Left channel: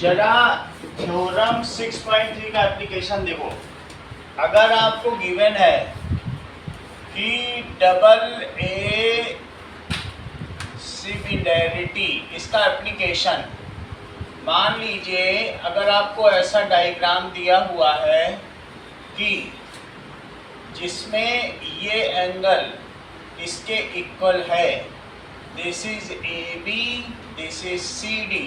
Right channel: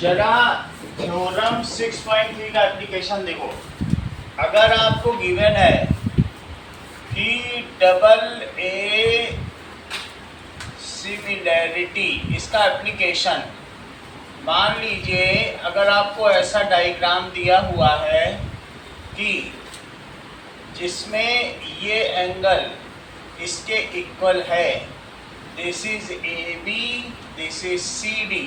जरा थ्योरम 6.3 का एप्लीकेशन देखो। अगर आपको गिवन है कि डबल ए सिमिलैरिटी, इसका एप्लीकेशन मान लीजिए अगर आपको ऐसा डायग्राम दिया हुआ है कि जिसमें ये एंगल इसके इक्वल है, this is A B, this is C D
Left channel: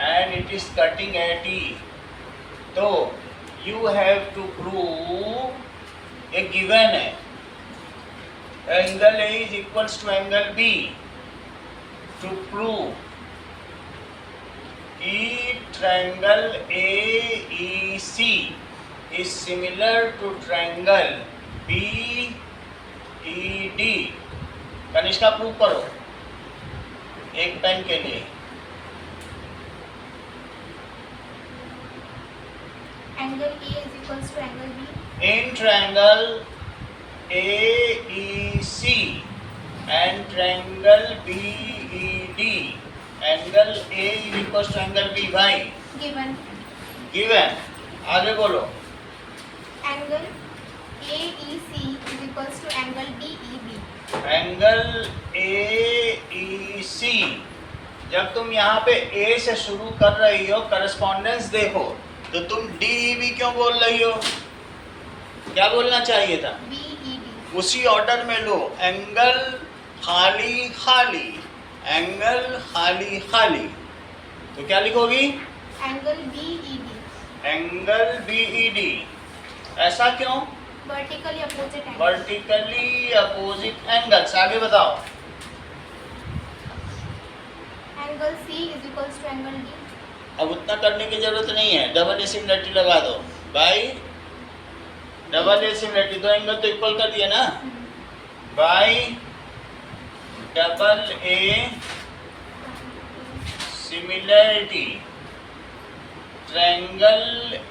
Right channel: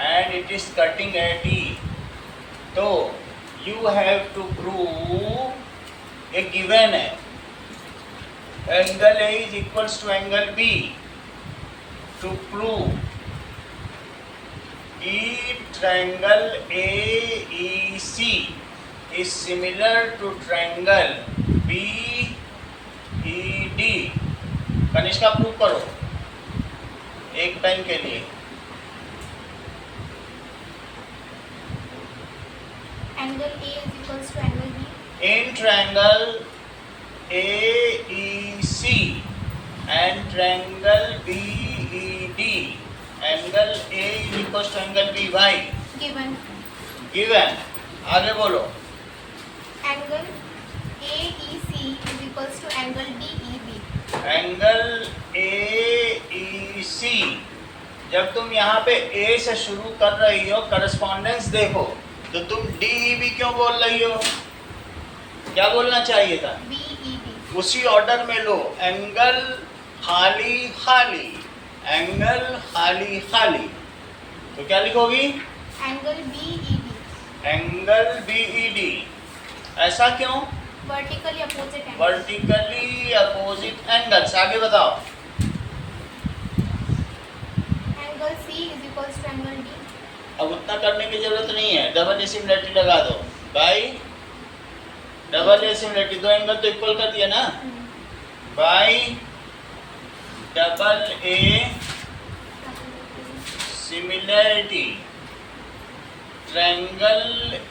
and it is cutting at E, तो यू हैव टू प्रूव, एक गिवन है angle A is equals to angle B, to prove कि triangle AEC is similar to triangle BED। Kanishka prove करो एक pen के लिए। Angle A is equals to angle B. In triangle AEC and triangle BED, angle A is equals to angle B। भाई Given given, आगे बोलो। angle AEC is equals to angle BEB. Angle AEC, जब तुम यहाँ पे A से शुरू कर रही हो, करस्पॉन्डेंस देखो, तो तुम DEB क्यों बोल रही हो? क्या बोलना चाहिए था? BEB. उसी ऑर्डर में लो, एंगल खाली खाली, एंगल खाली खाली, तो क्या लिखोगी? Angle BED. Angle BED। ऐसा क्यों? Vertically opposite angle. Vertically opposite angles. आगे बताओ। Angle C is equals to angle D. अब उतना करने की जरूरत नहीं है, डबल ए सिमिलरिटी लगा दो भाई। डबल ए सिमिलरिटी, दो एंगल तो इक्वल कर दिया ना भाई। Double a similarity, triangle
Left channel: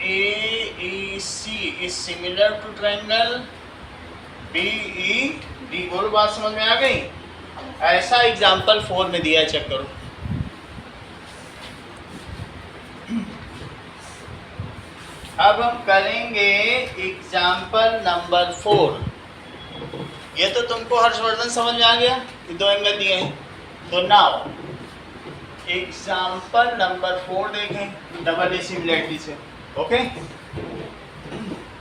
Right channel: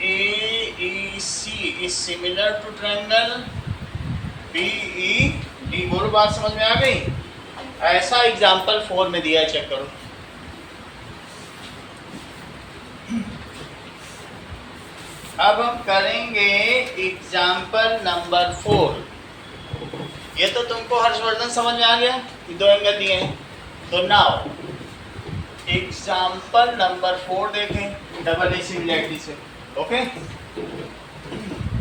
AEC is similar to triangle BED। बोलो, बात समझ में आ गई? ऐसा एग्जांपल 4 में दिया है, चेक करो। अब हम करेंगे एग्जाम्पल नंबर 4। ये तो तुमको हर्षवर्धन समझ में आ गया कि दो एंगल दिए हैं। तो नाउ एग्जाम्पल नंबर 4 देखें डबल ए सिमिलरिटी से। ओके,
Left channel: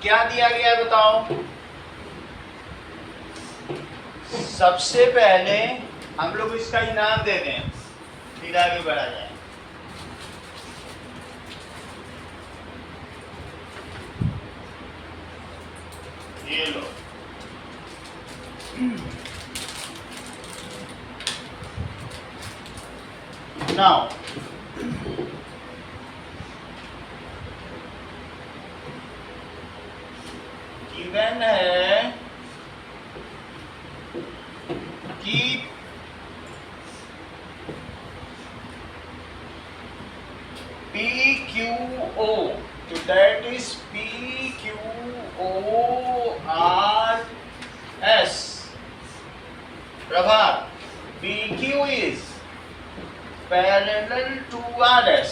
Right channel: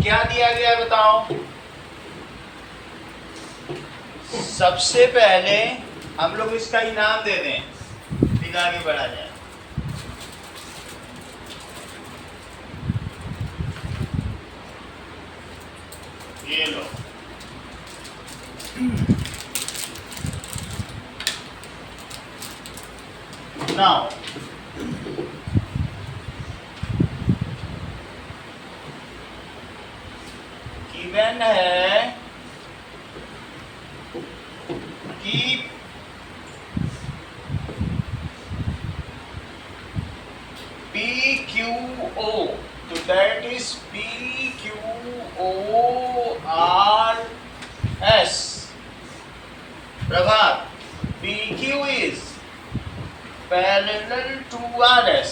क्या दिया गया है बताओ। सबसे पहले हम लोग इसका इनाम दे दें, फिर आगे बढ़ा जाए। ये लो, नाउ गिवन है कि PQO, तो that is PQORS। Prabhat, PQ is parallel to RS,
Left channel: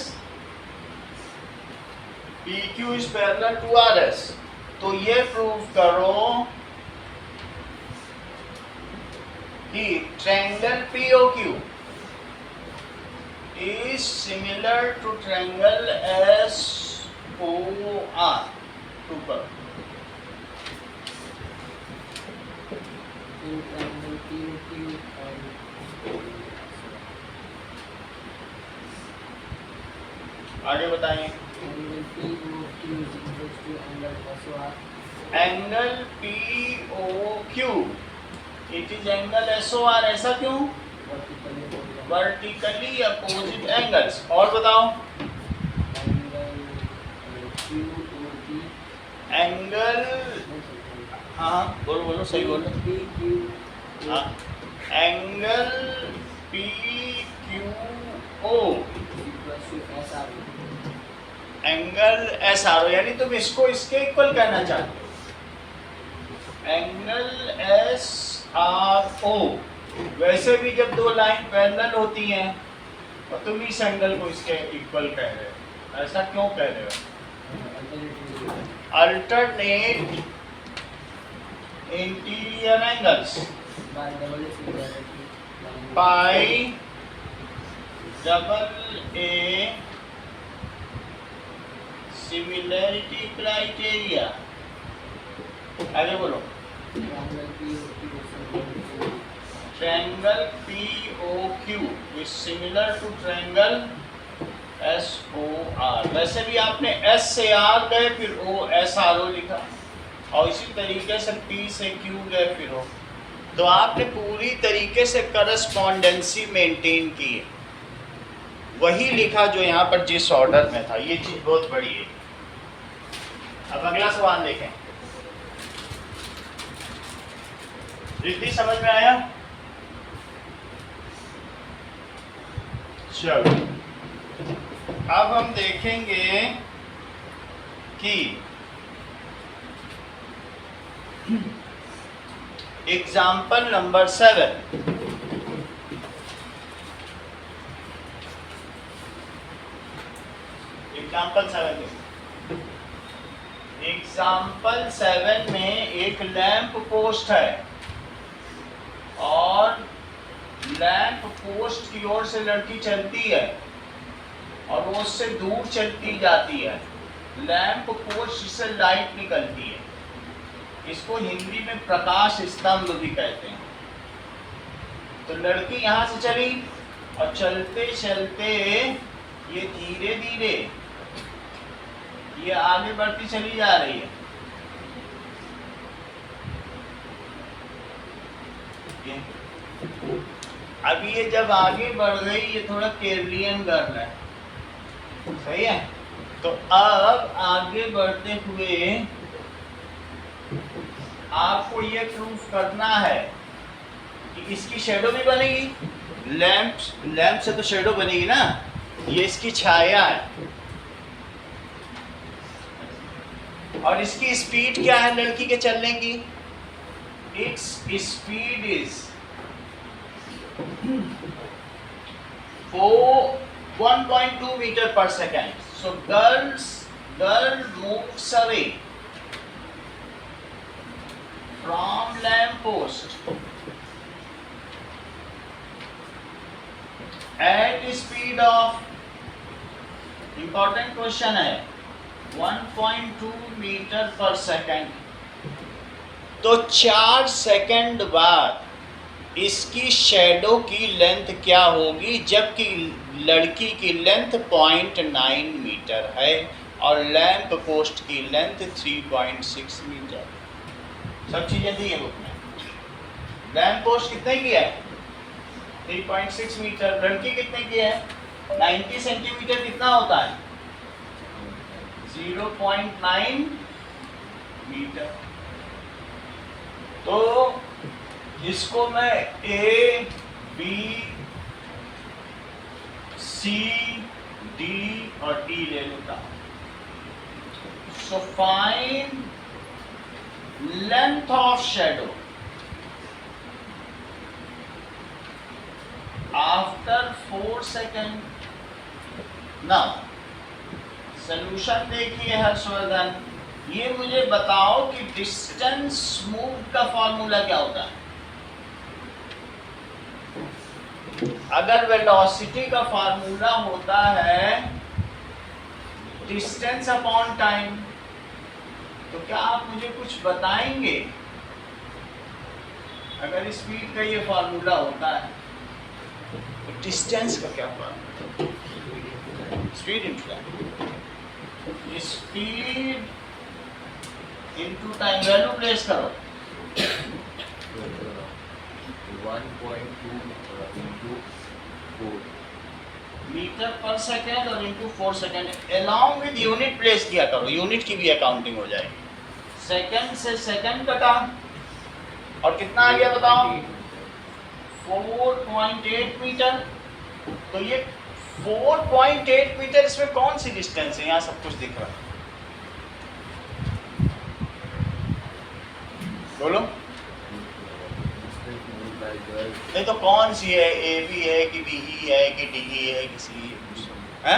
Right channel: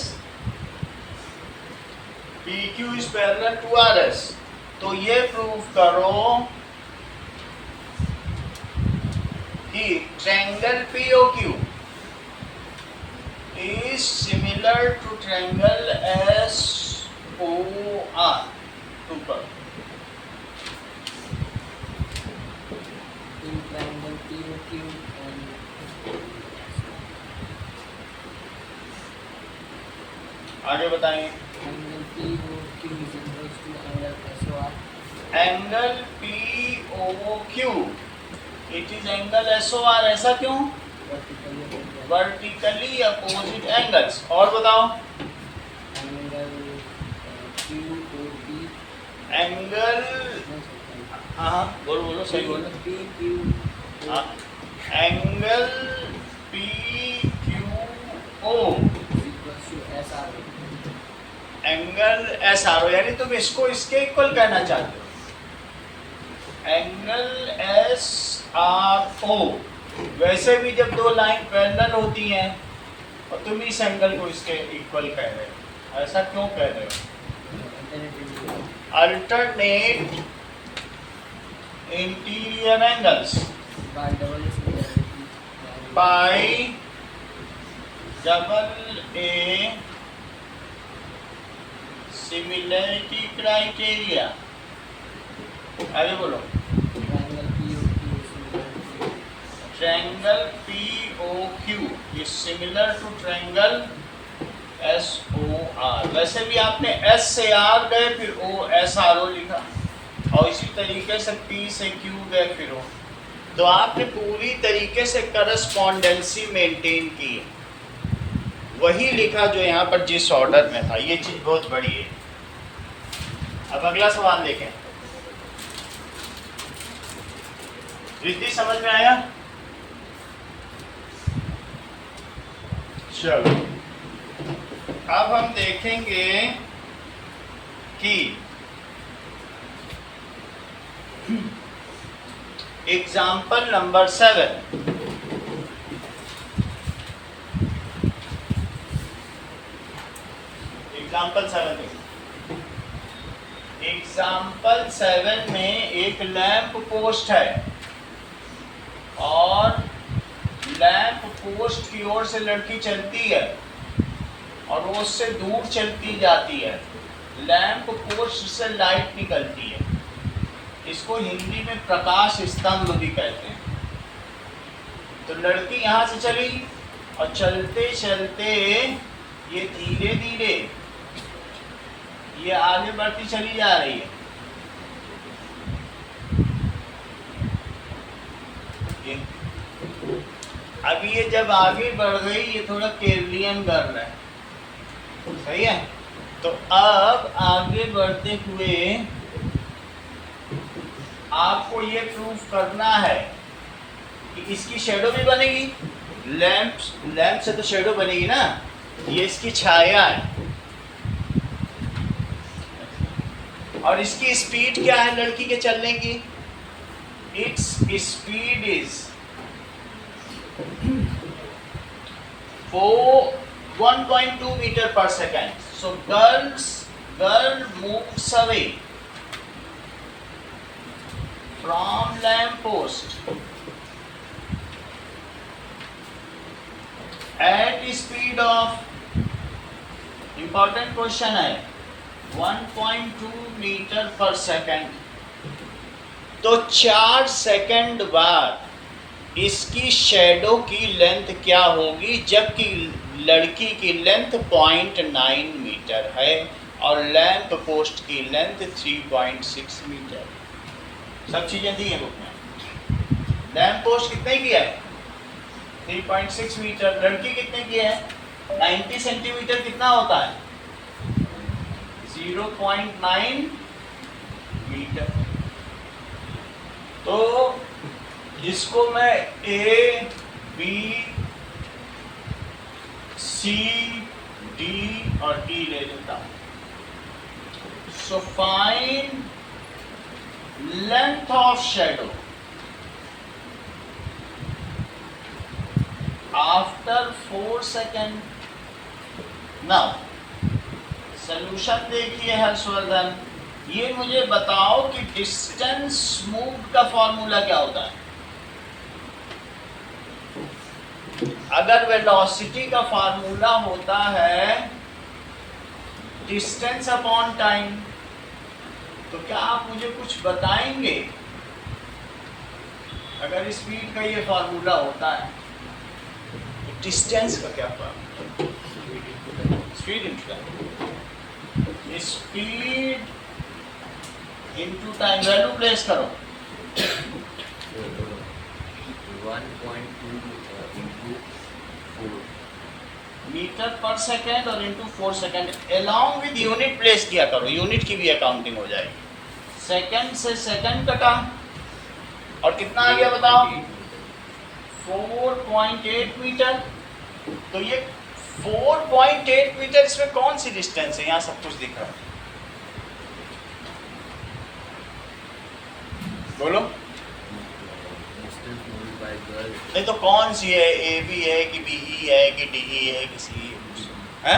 PQ is parallel to RS। तो ये प्रूव करो कि triangle POQ is similar to triangle SOR। Prove करो। In triangle POQ and आगे बताएं। angle POQ is equals to angle SOR. Angle POQ it is angle SOR। ऐसा क्यों? Vertically opposite angles. और बताओ। Angle QOP. एंगल, हाँ बोलो बोलो, सही बोलो। PQ. हाँ, angle PQO Equals to SR. Angle SRO, यानी तुम इसको इसके इक्वल कहना चाहते हो। Angle SRO। वैसे भी जब दो लाइन पैरेलल होती हैं और तुम इस एंगल को इसके इक्वल कह रहे हो, ऐसा क्यों कह रहे हो? Alternate interior angles by double a similarity criteria. आगे बोलो। Triangle POQ is similar to triangle SOR। वैसे भी आपने S से R गए फिर OSRO लिखा, और इसी तरीके से P से Q गए फिर O। तो आपने पूरी तरीके से करस्पॉन्डेंसी मेंटेन की है, वही लिखा जो यहाँ पर जिस ऑर्डर में था। ये चीज बहुत बड़ी है। अब अगला सवाल देखें। रिद्धि समझ में आया? चलो अब हम देखेंगे कि एग्जाम्पल नंबर 7। एग्जाम्पल 7 में एक लैंप पोस्ट है और लैंप पोस्ट की ओर से लड़की चलती है और वो उससे दूर चलती जाती है। लैंप पोस्ट से लाइट निकलती है। इसको हिंदी में प्रकाश स्तंभ भी कहते हैं। तो लड़की यहाँ से चली और चलते चलते ये धीरे धीरे ये आगे बढ़ती चली जा रही है। अभी ये जब आगे बढ़ गई, ये थोड़ा केरलियन गर्ल है, सही है। तो अब आगे बढ़ते हुए आपको ये प्रूफ करना है कि इसकी शेडो भी बनेगी। लैंप से तो शेडो बनेगी ना, ये इसकी छाया है। और इसकी स्पीड क्या है लड़की के चलने की? Its speed is 1.2 meter per second. So girl moves away from lamp post at speed of, important question है, 1.2 meter per second। तो 4 सेकंड बाद इसकी शेडो की लेंथ क्या होगी, जबकि लड़की की लेंथ 0.9 मीटर है और लैंप पोस्ट की लेंथ 3.6 मीटर। सब चीजें दी है बुक में। लैंप पोस्ट कितने की है? 3.6 मीटर। लड़की कितने की है? 90 सेंटीमीटर। कितना होता है? 0.9 मीटर। तो इसको मैं A, B, C, D और E ले लेता हूं। So find length of shadow after 4 second. Now solution देखिए हर्षवर्धन, ये मुझे बताओ कि डिस्टेंस मूव्ड का फॉर्मूला क्या होता है? अगर वेलोसिटी का फॉर्मूला होता है डिस्टेंस अपॉन टाइम, तो क्या आप मुझे कुछ बताएंगे? अगर स्पीड का ये फॉर्मूला होता है तो डिस्टेंस का क्या formula? Speed into time. Speed into time. Value place करो। 1.2 into 4 मीटर पर सेकेंड और into 4 second. Along with unit place किया करो, यूनिट की भी अकाउंटिंग हो जाएगी। सेकेंड से सेकेंड कटा और कितना आ गया बताओ? 4.8 मीटर। तो ये 4.8 मीटर, इसमें कौन सी डिस्टेंस है? यहाँ सब कुछ दिख रहा है, बोलो। distance moved by नहीं तो कौन सी है, ए बी है कि बी ई है कि डी ई है कि सी है?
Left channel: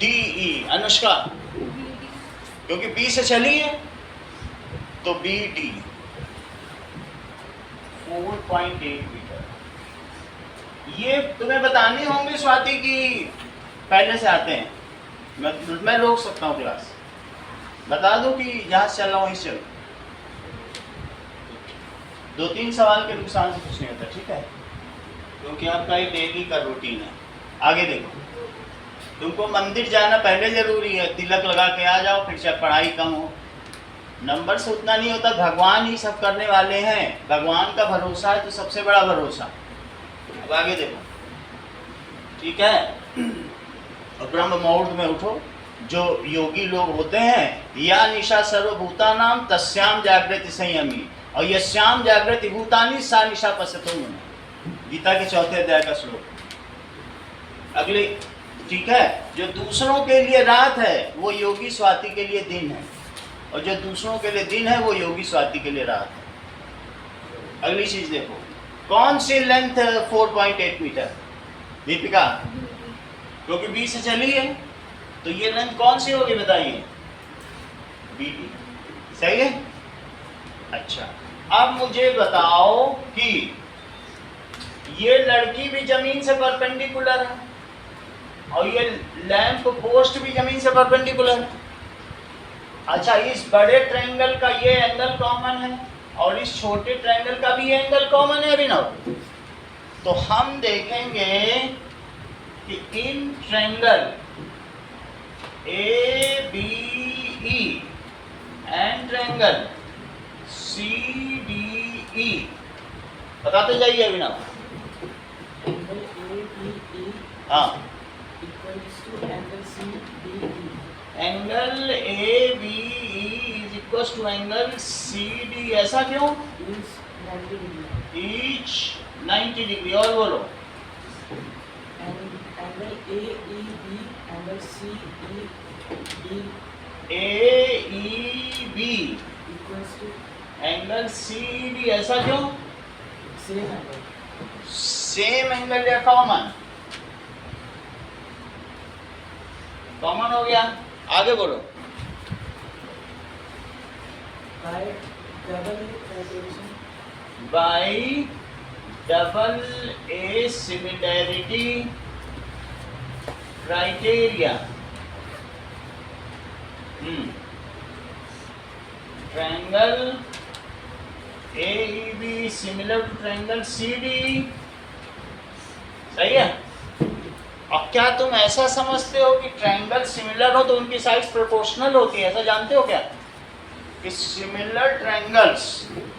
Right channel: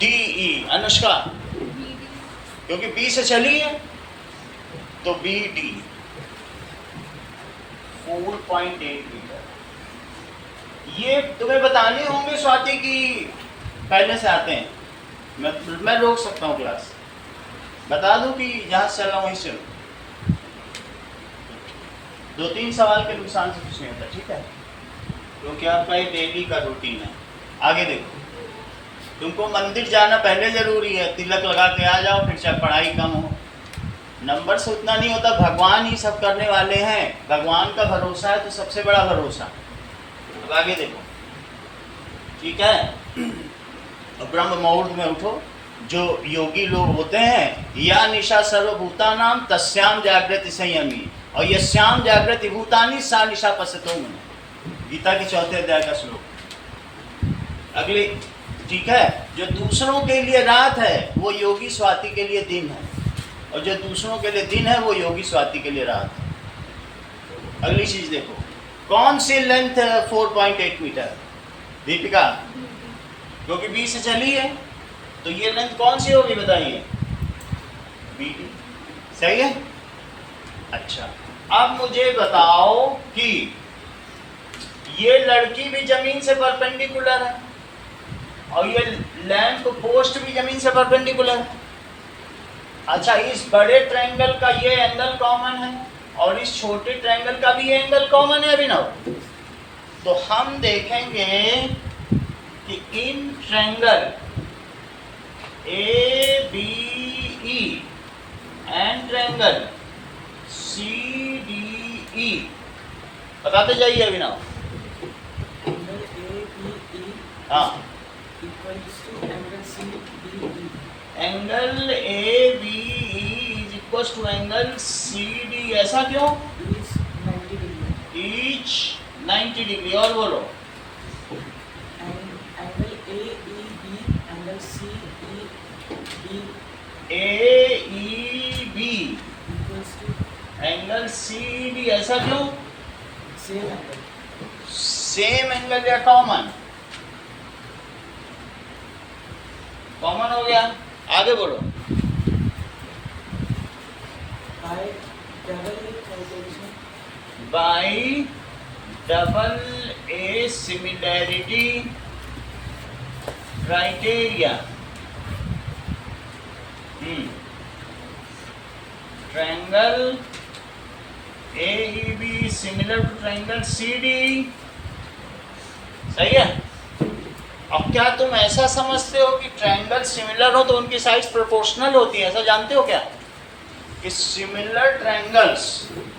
D E. अनुष्का, क्योंकि बी से चली है तो बी डी 4.8 मीटर। ये तुम्हें बताने होंगे स्वाति की पहले से आते हैं। मैं रोक सकता हूँ क्लास, बता दूं कि जहाँ से चल रहा हूँ वहीं से चलो। 2-3 सवाल के नुकसान से कुछ नहीं होता, ठीक है, क्योंकि आपका ये डेली का रूटीन है। आगे देखो, तुमको मंदिर जाना पहले जरूरी है, तिलक लगा के आ जाओ, फिर चाहे पढ़ाई कम हो। नंबर से उतना नहीं होता, भगवान ही सब करने वाले हैं। भगवान का भरोसा है तो सबसे बड़ा भरोसा। अब आगे देखो, ठीक है। और ब्रह्म मुहूर्त में उठो। जो योगी लोग होते हैं, या निशा सर्वभूतानाम तस्याम जागृति संयमी और यस्याम जागृति भूतानि सा निशा पश्यतो मुने। गीता के 4थे अध्याय का श्लोक। अगले, ठीक है, जो दूसरों के लिए रात है वो योगी स्वाति के लिए दिन है, और जो दूसरों के लिए दिन है वो योगी स्वाति के लिए रात है। अगली चीज देखो, कौन सी लेंथ 4.8 मीटर? दीपिका, क्योंकि बी से चली है तो ये लेंथ कौन सी होगी बताइए? B D. सही है। अच्छा, अब मुझे बताओ कि ये लड़की भी जमीन से परपेंडिकुलर है और ये लैंप पोस्ट भी जमीन से परपेंडिकुलर है। अच्छा, इस बड़े ट्रायंगल का ये एंगल कॉमन है और इस छोटे ट्रायंगल का भी ये एंगल कॉमन है अभिनव। तो हम देखेंगे कि in triangle A B E and triangle C D E, बताते जाइए अभिनव। Angle ABE हाँ, equals to angle CDE. Angle A B E is equal to angle C D. ऐसा क्यों? Is 90 degree. Each 90 degree. और बोलो, And angle AEB, angle CED A E B equals to angle C D. ऐसा क्यों? same angle. Same angle या common? Common हो गया। आगे बोलो। By double A criteria. By double A similarity criteria, triangle AEB similar to triangle CD। सही है। अब क्या तुम ऐसा समझते हो कि ट्रायंगल सिमिलर हो तो उनकी साइड्स प्रोपोर्शनल होती है? ऐसा जानते हो क्या कि similar triangles,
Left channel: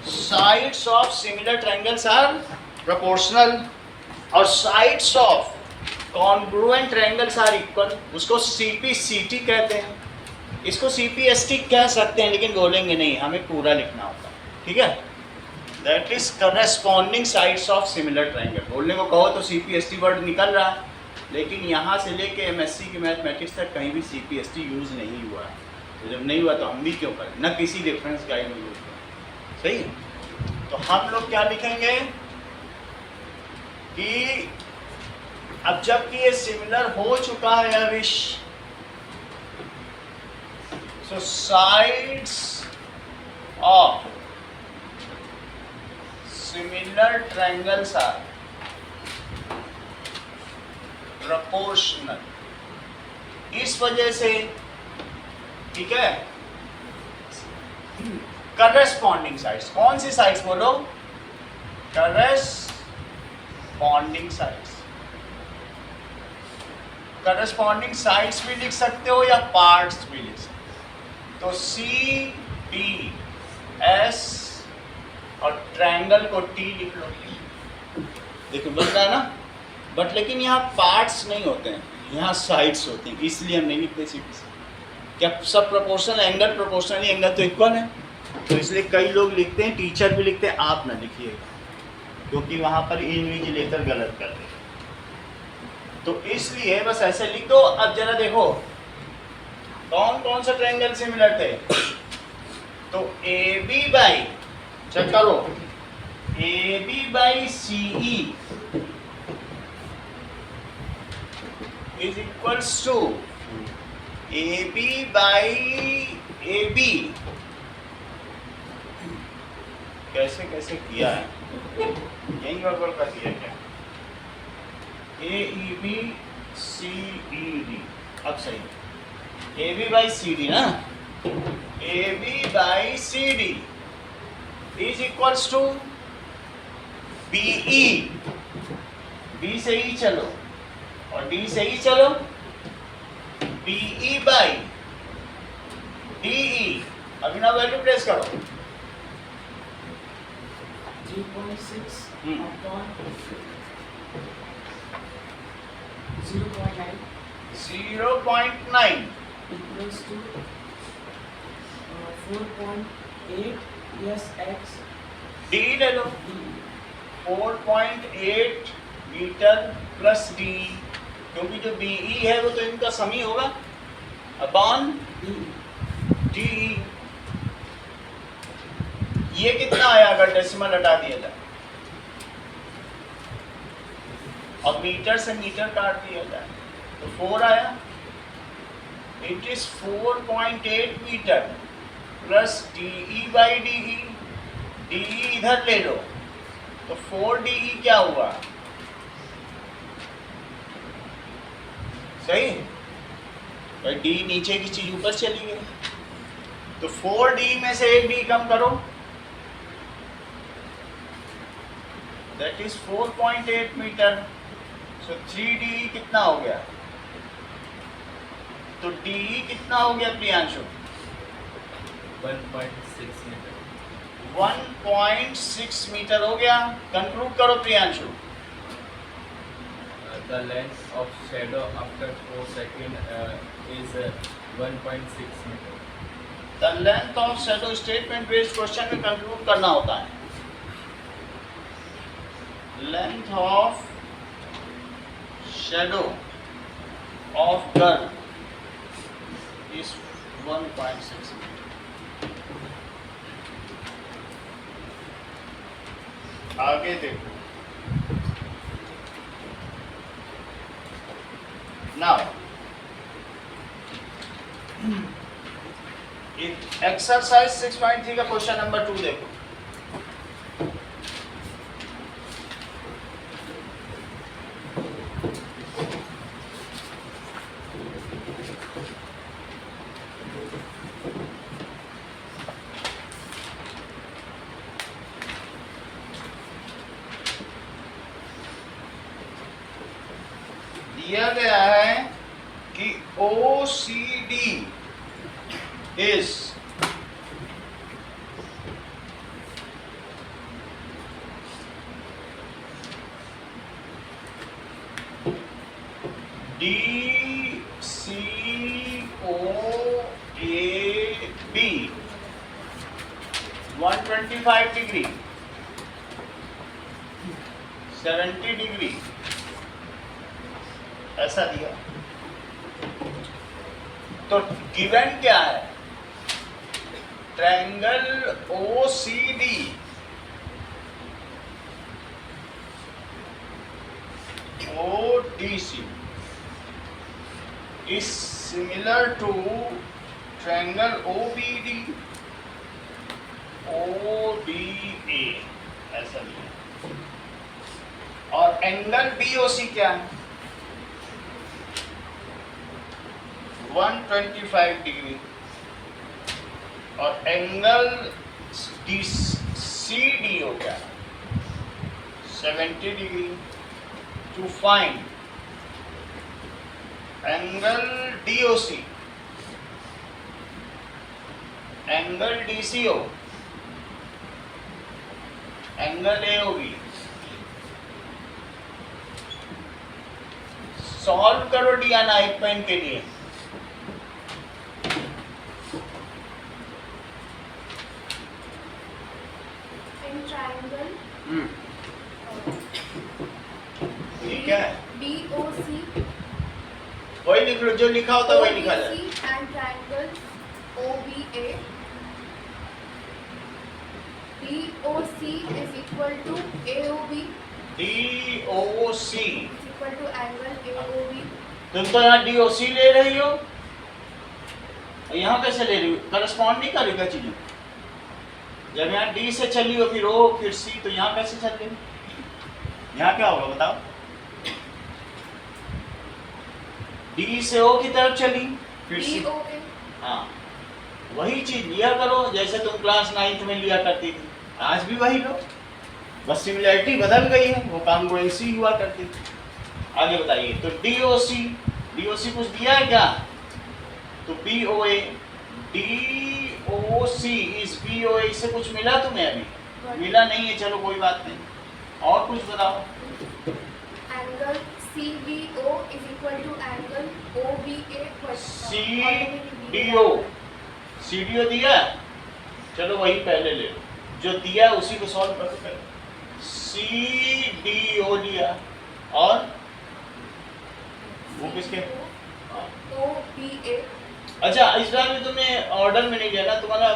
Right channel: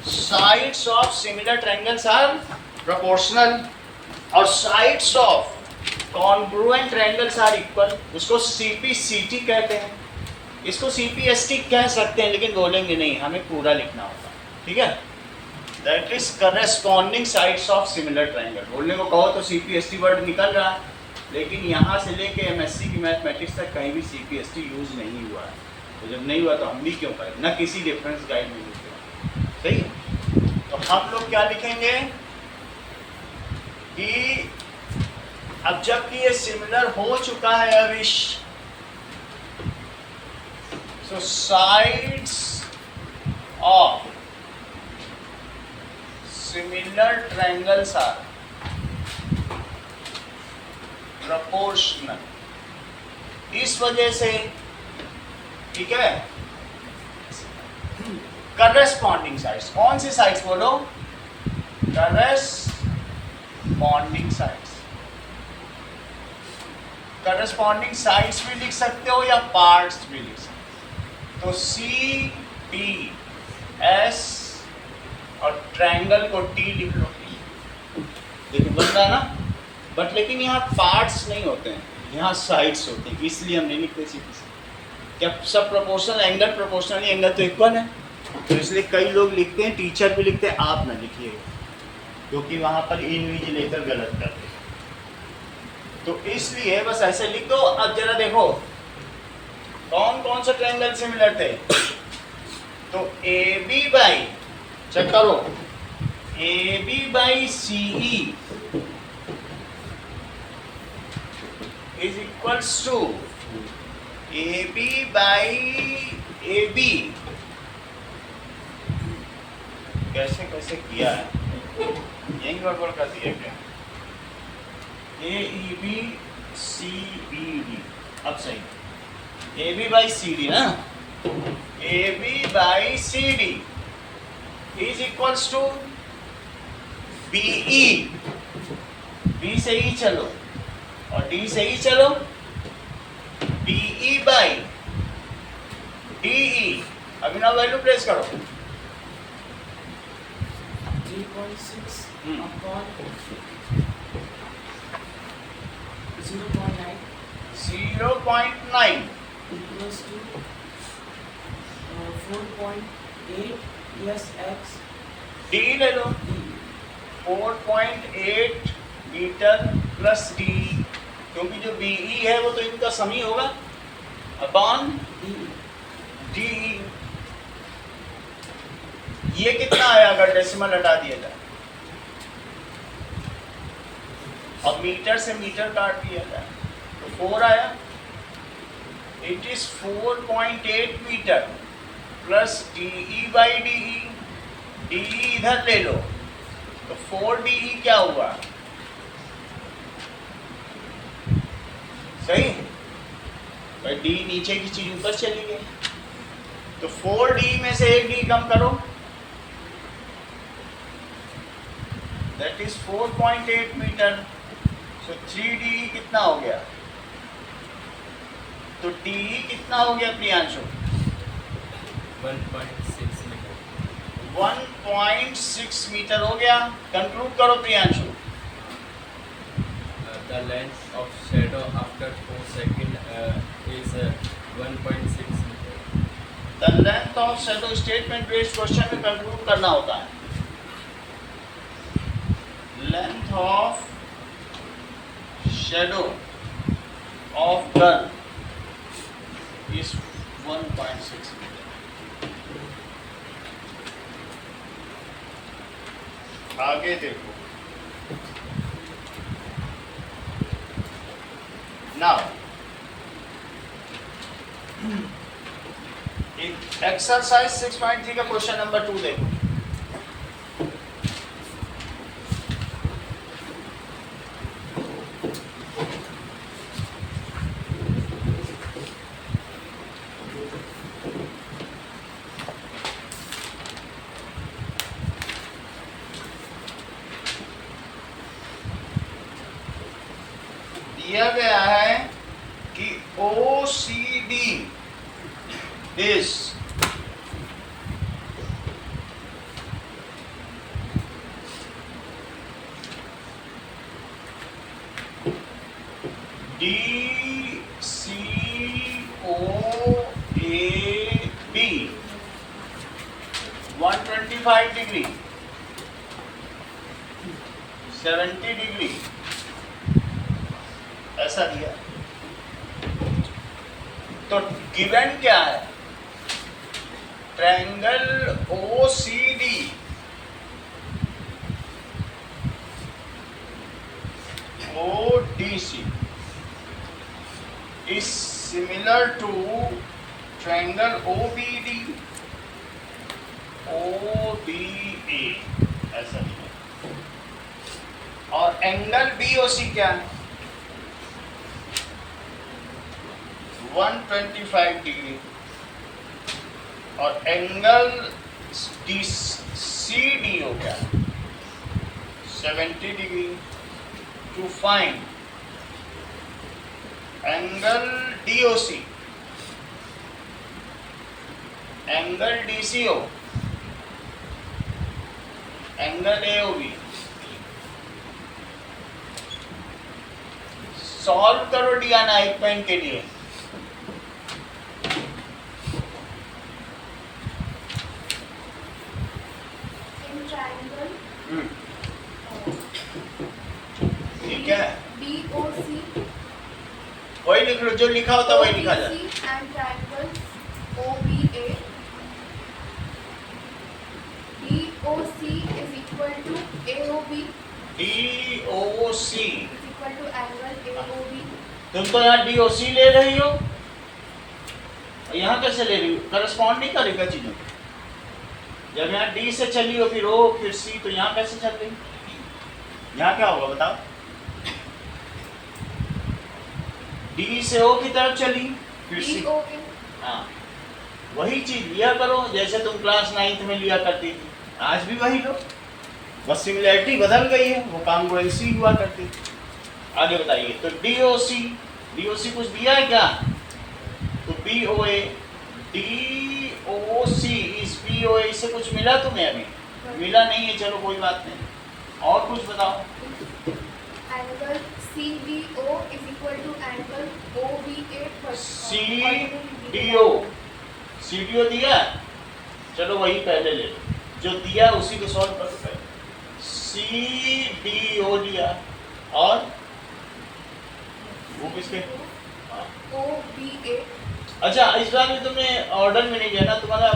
sides of similar triangles are proportional और sides of congruent triangles are equal. उसको CPCT कहते हैं, इसको CPST कह सकते हैं, लेकिन बोलेंगे नहीं, हमें पूरा लिखना होगा, ठीक है। That is corresponding sides of similar triangle. बोलने को कहो तो CPST वर्ड निकल रहा है, लेकिन यहाँ से लेके MSc की मैथमेटिक्स तक कहीं भी CPST यूज नहीं हुआ है। तो जब नहीं हुआ तो हम भी क्यों करें? न किसी रेफरेंस गाइड में यूज हुआ। सही है। तो हम लोग क्या लिखेंगे कि अब जबकि ये सिमिलर हो चुका है अविश, so sides of similar triangles are proportional। इस वजह से, ठीक है, करस्पॉन्डिंग साइड्स, कौन सी साइड्स बोलो? Corresponding sides. करस्पॉन्डिंग साइड्स भी लिख सकते हो या पार्ट्स भी लिख सकते हो। तो CDS और ट्रायंगल को T लिख लो। देखो बन रहा है ना, बट लेकिन यहाँ पार्ट्स नहीं होते हैं, यहाँ साइड्स होती हैं, इसलिए हम नहीं लिखते CPC। क्या सब प्रोपोर्शनल? एंगल प्रोपोर्शनल, एंगल तो इक्वल है, तो इसलिए कई लोग लिखते हैं, टीचर भी लिखते हैं। आप ना लिखिएगा, क्योंकि वहाँ पर इनविजिलेटर गलत करते हैं, तो इसलिए बस ऐसे लिख दो। अब जरा देखो कौन कौन सा ट्रायंगल सिमिलर थे। तो AB बाई, चेक करो, AB by CE is equals to AB by AB. कैसे कैसे किया है, यही गड़बड़ कर दिया क्या? AEB CBD, अब सही AB by CD ना, AB by CD is equals to BE, B से ही चलो और D से ही चलो, BE by DE, अभी ना वैल्यू प्लेस करो, 3.6 Hmm. upon 0.9 0.9, equals to 4.8 SX D ले लो, D. 4.8 मीटर प्लस D, क्योंकि जो BE है वो तो इनका सम ही होगा, अपॉन D. DE. ये कितना आया अगर डेसिमल हटा दिया जाए, अब मीटर से मीटर काट दिया जाए तो 4 आया, it is 4.8 meter plus DE by DE, DE इधर ले लो तो 4DE क्या हुआ, सही भाई, D नीचे की चीज ऊपर चली गई, तो 4D में से एक D कम करो, that is 4.8 metre, so 3DE कितना हो गया, तो DE कितना हो गया प्रियांशु, 1.6 मीटर. 1.6 मीटर हो गया, कंक्लूड करो Priyanshu, The length of shadow after 4 seconds is 1.6 meter. The length of shadow statement based question में कंक्लूड करना होता है, length of shadow of gun is 1.6 meter. आगे देखो, नाउ एक्सरसाइज 6.3 का क्वेश्चन नंबर 2 देखो, दिया गया है कि OCD is DCOAB 125 degree 70 degree ऐसा दिया, तो गिवन क्या है, triangle OCD ODC is similar to triangle OBD OBA, ऐसा दिया, और एंगल BOC क्या है, 125 डिग्री, और एंगल CD हो गया 70 degree. To find angle DOC, angle DCO, angle AOB, solve करो डियाना एक पॉइंट के लिए. In triangle ठीक है, DOC वही लिख लो, जो लिखा होता वही लिखा जाए. and triangle OBA, DOC is equal equal to AOB DOC, is equal to angle AOB. तुम तो यहाँ DOC ले रही हो और यहाँ कैसे ले रही हो? करस्पॉन्ड नहीं करेगा चीजों को। जब यहाँ D से चली हो फिर O फिर C, तो यहाँ कैसे चल रही? यहाँ क्या होगा बताओ? D से O की तरफ चली फिर C। DOA. हाँ, वही चीज लिया करो जैसे तुम क्लास 9th में लिया करती थी, आज भी वही लो, बस सिमिलैरिटी बदल गई है, वो कॉन्ग्रुएंसी हुआ करती थी। आगे बताइए, तो DOC कुछ दिया है क्या? तो BOA, DOC इस BOA से कुछ मिला तुम्हें अभी? मिला नहीं है, चलो कोई बात नहीं, और कुछ बताओ। Angle CDO is equal to angle OBA plus CDO दिया है? चलो वही पहले ले लो, जो दिया है उसी को सॉल्व करो पहले। CDO लिया और वो किसके? हाँ। OBA अच्छा, इस बार भी तुमने ऑर्डर में नहीं दिया ना, तुम्हारा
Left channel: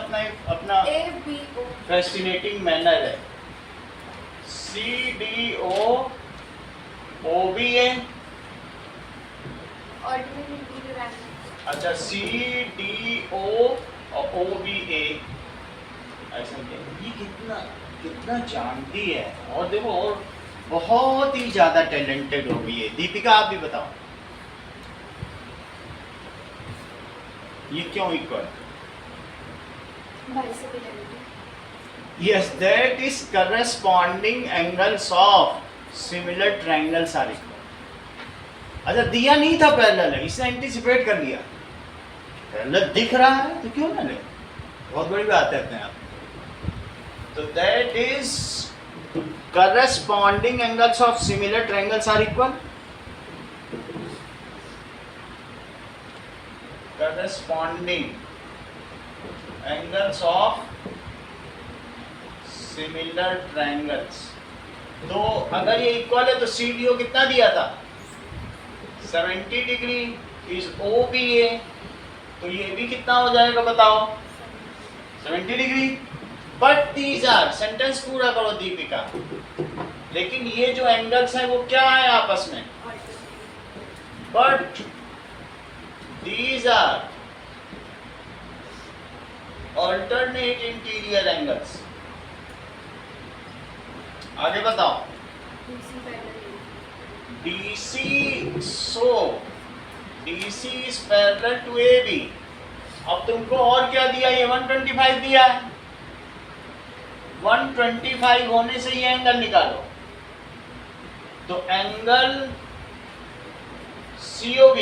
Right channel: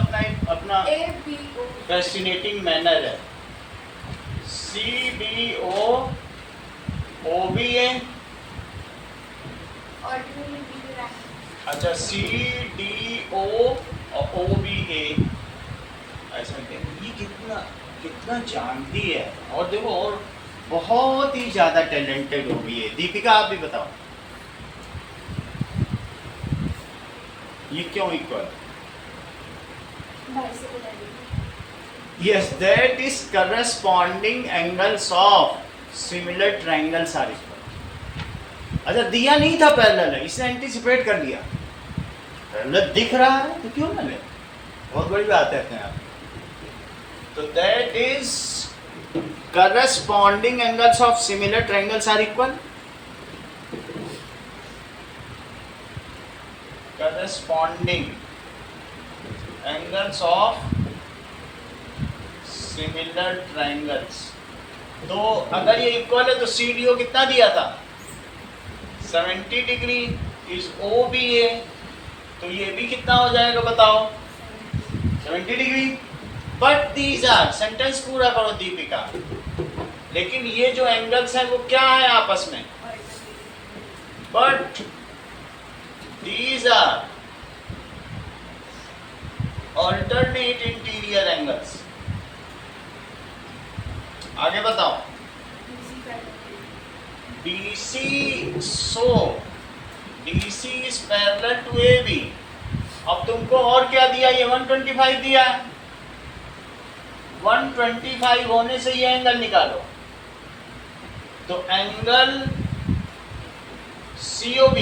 अपना ABO. फैसिनेटिंग मैनर है। CDO OBA, Ordinary B rank. अच्छा CDO और OBA, ऐसा क्या? ये कितना जानती है, और देखो और बहुत ही ज्यादा टैलेंटेड हो गई है। दीपिका आप भी बताओ, ये क्यों equal? Bicycle angle. Yes, that is corresponding angles of similar triangles are equal. अच्छा, दिया नहीं था पैरेलल है, इसने एंटीसिपेट कर लिया। पैरेलल दिख रहा है तो क्यों ना ले, बहुत बड़ी बात है अपने आप। तो that is corresponding angles of similar triangles are equal. Corresponding angles of similar triangles. तो अगर ये इक्वल है तो CDO कितना दिया था? 70 डिग्री इज OBA, तो ये भी कितना हो जाएगा बताओ? 70 degree. But these are, sentence पूरा करो दीपिका, लेकिन ये जो एंगल्स हैं वो क्या है आपस में? But these are alternate interior angles. आगे बताओ। DC parallel. DC, so DC is parallel to AB. अब तुमको और क्या दिया? ये 125 दिया है, 125 होने से ये एंगल निकालो, तो एंगल COB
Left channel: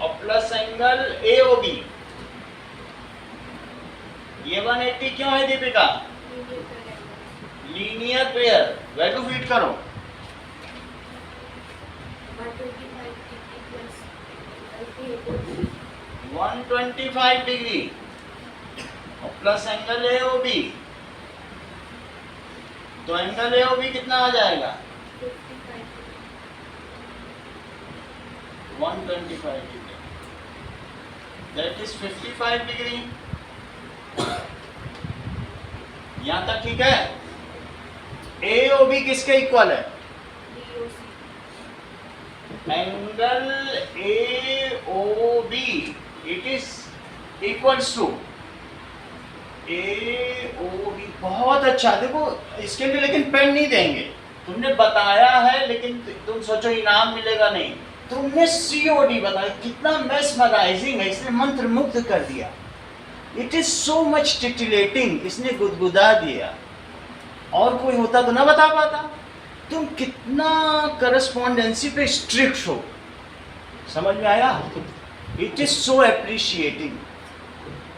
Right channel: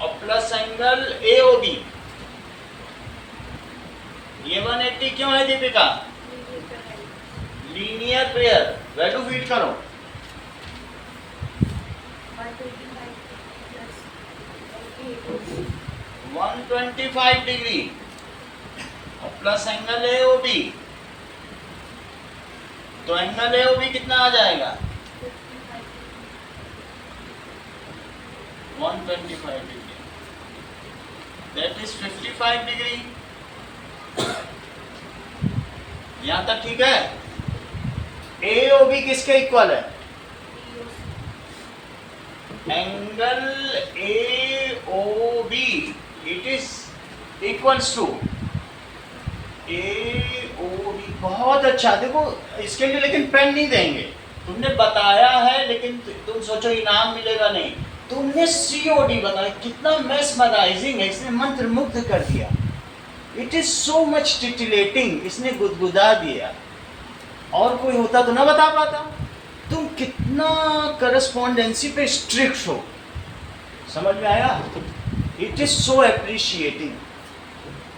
और प्लस एंगल AOB, ये 180 क्यों है Deepika? Linear pair, value feed करो। 125 डिग्री और प्लस एंगल AOB, तो एंगल AOB कितना आ जाएगा? 125 डिग्री, that is 55 डिग्री। यहां तक ठीक है? AOB किसके इक्वल है? Angle AOB it is equals to AOB। बहुत अच्छा, देखो इसके लिए लेकिन पेन नहीं देंगे, तुमने बताया है लेकिन तुम सोचो इनाम मिलेगा नहीं। तुमने COD बताया, कितना मेस्मराइजिंग है, इसने मंत्र मुग्ध कर दिया। इट इज सो मच टिटिलेटिंग, इसने गुदगुदा दिया। और कोई होता तो ना बता पाता। तुम कितना करस्पॉन्डेंसी पे स्ट्रिक्ट हो, समझ में आया? It is so appreciating.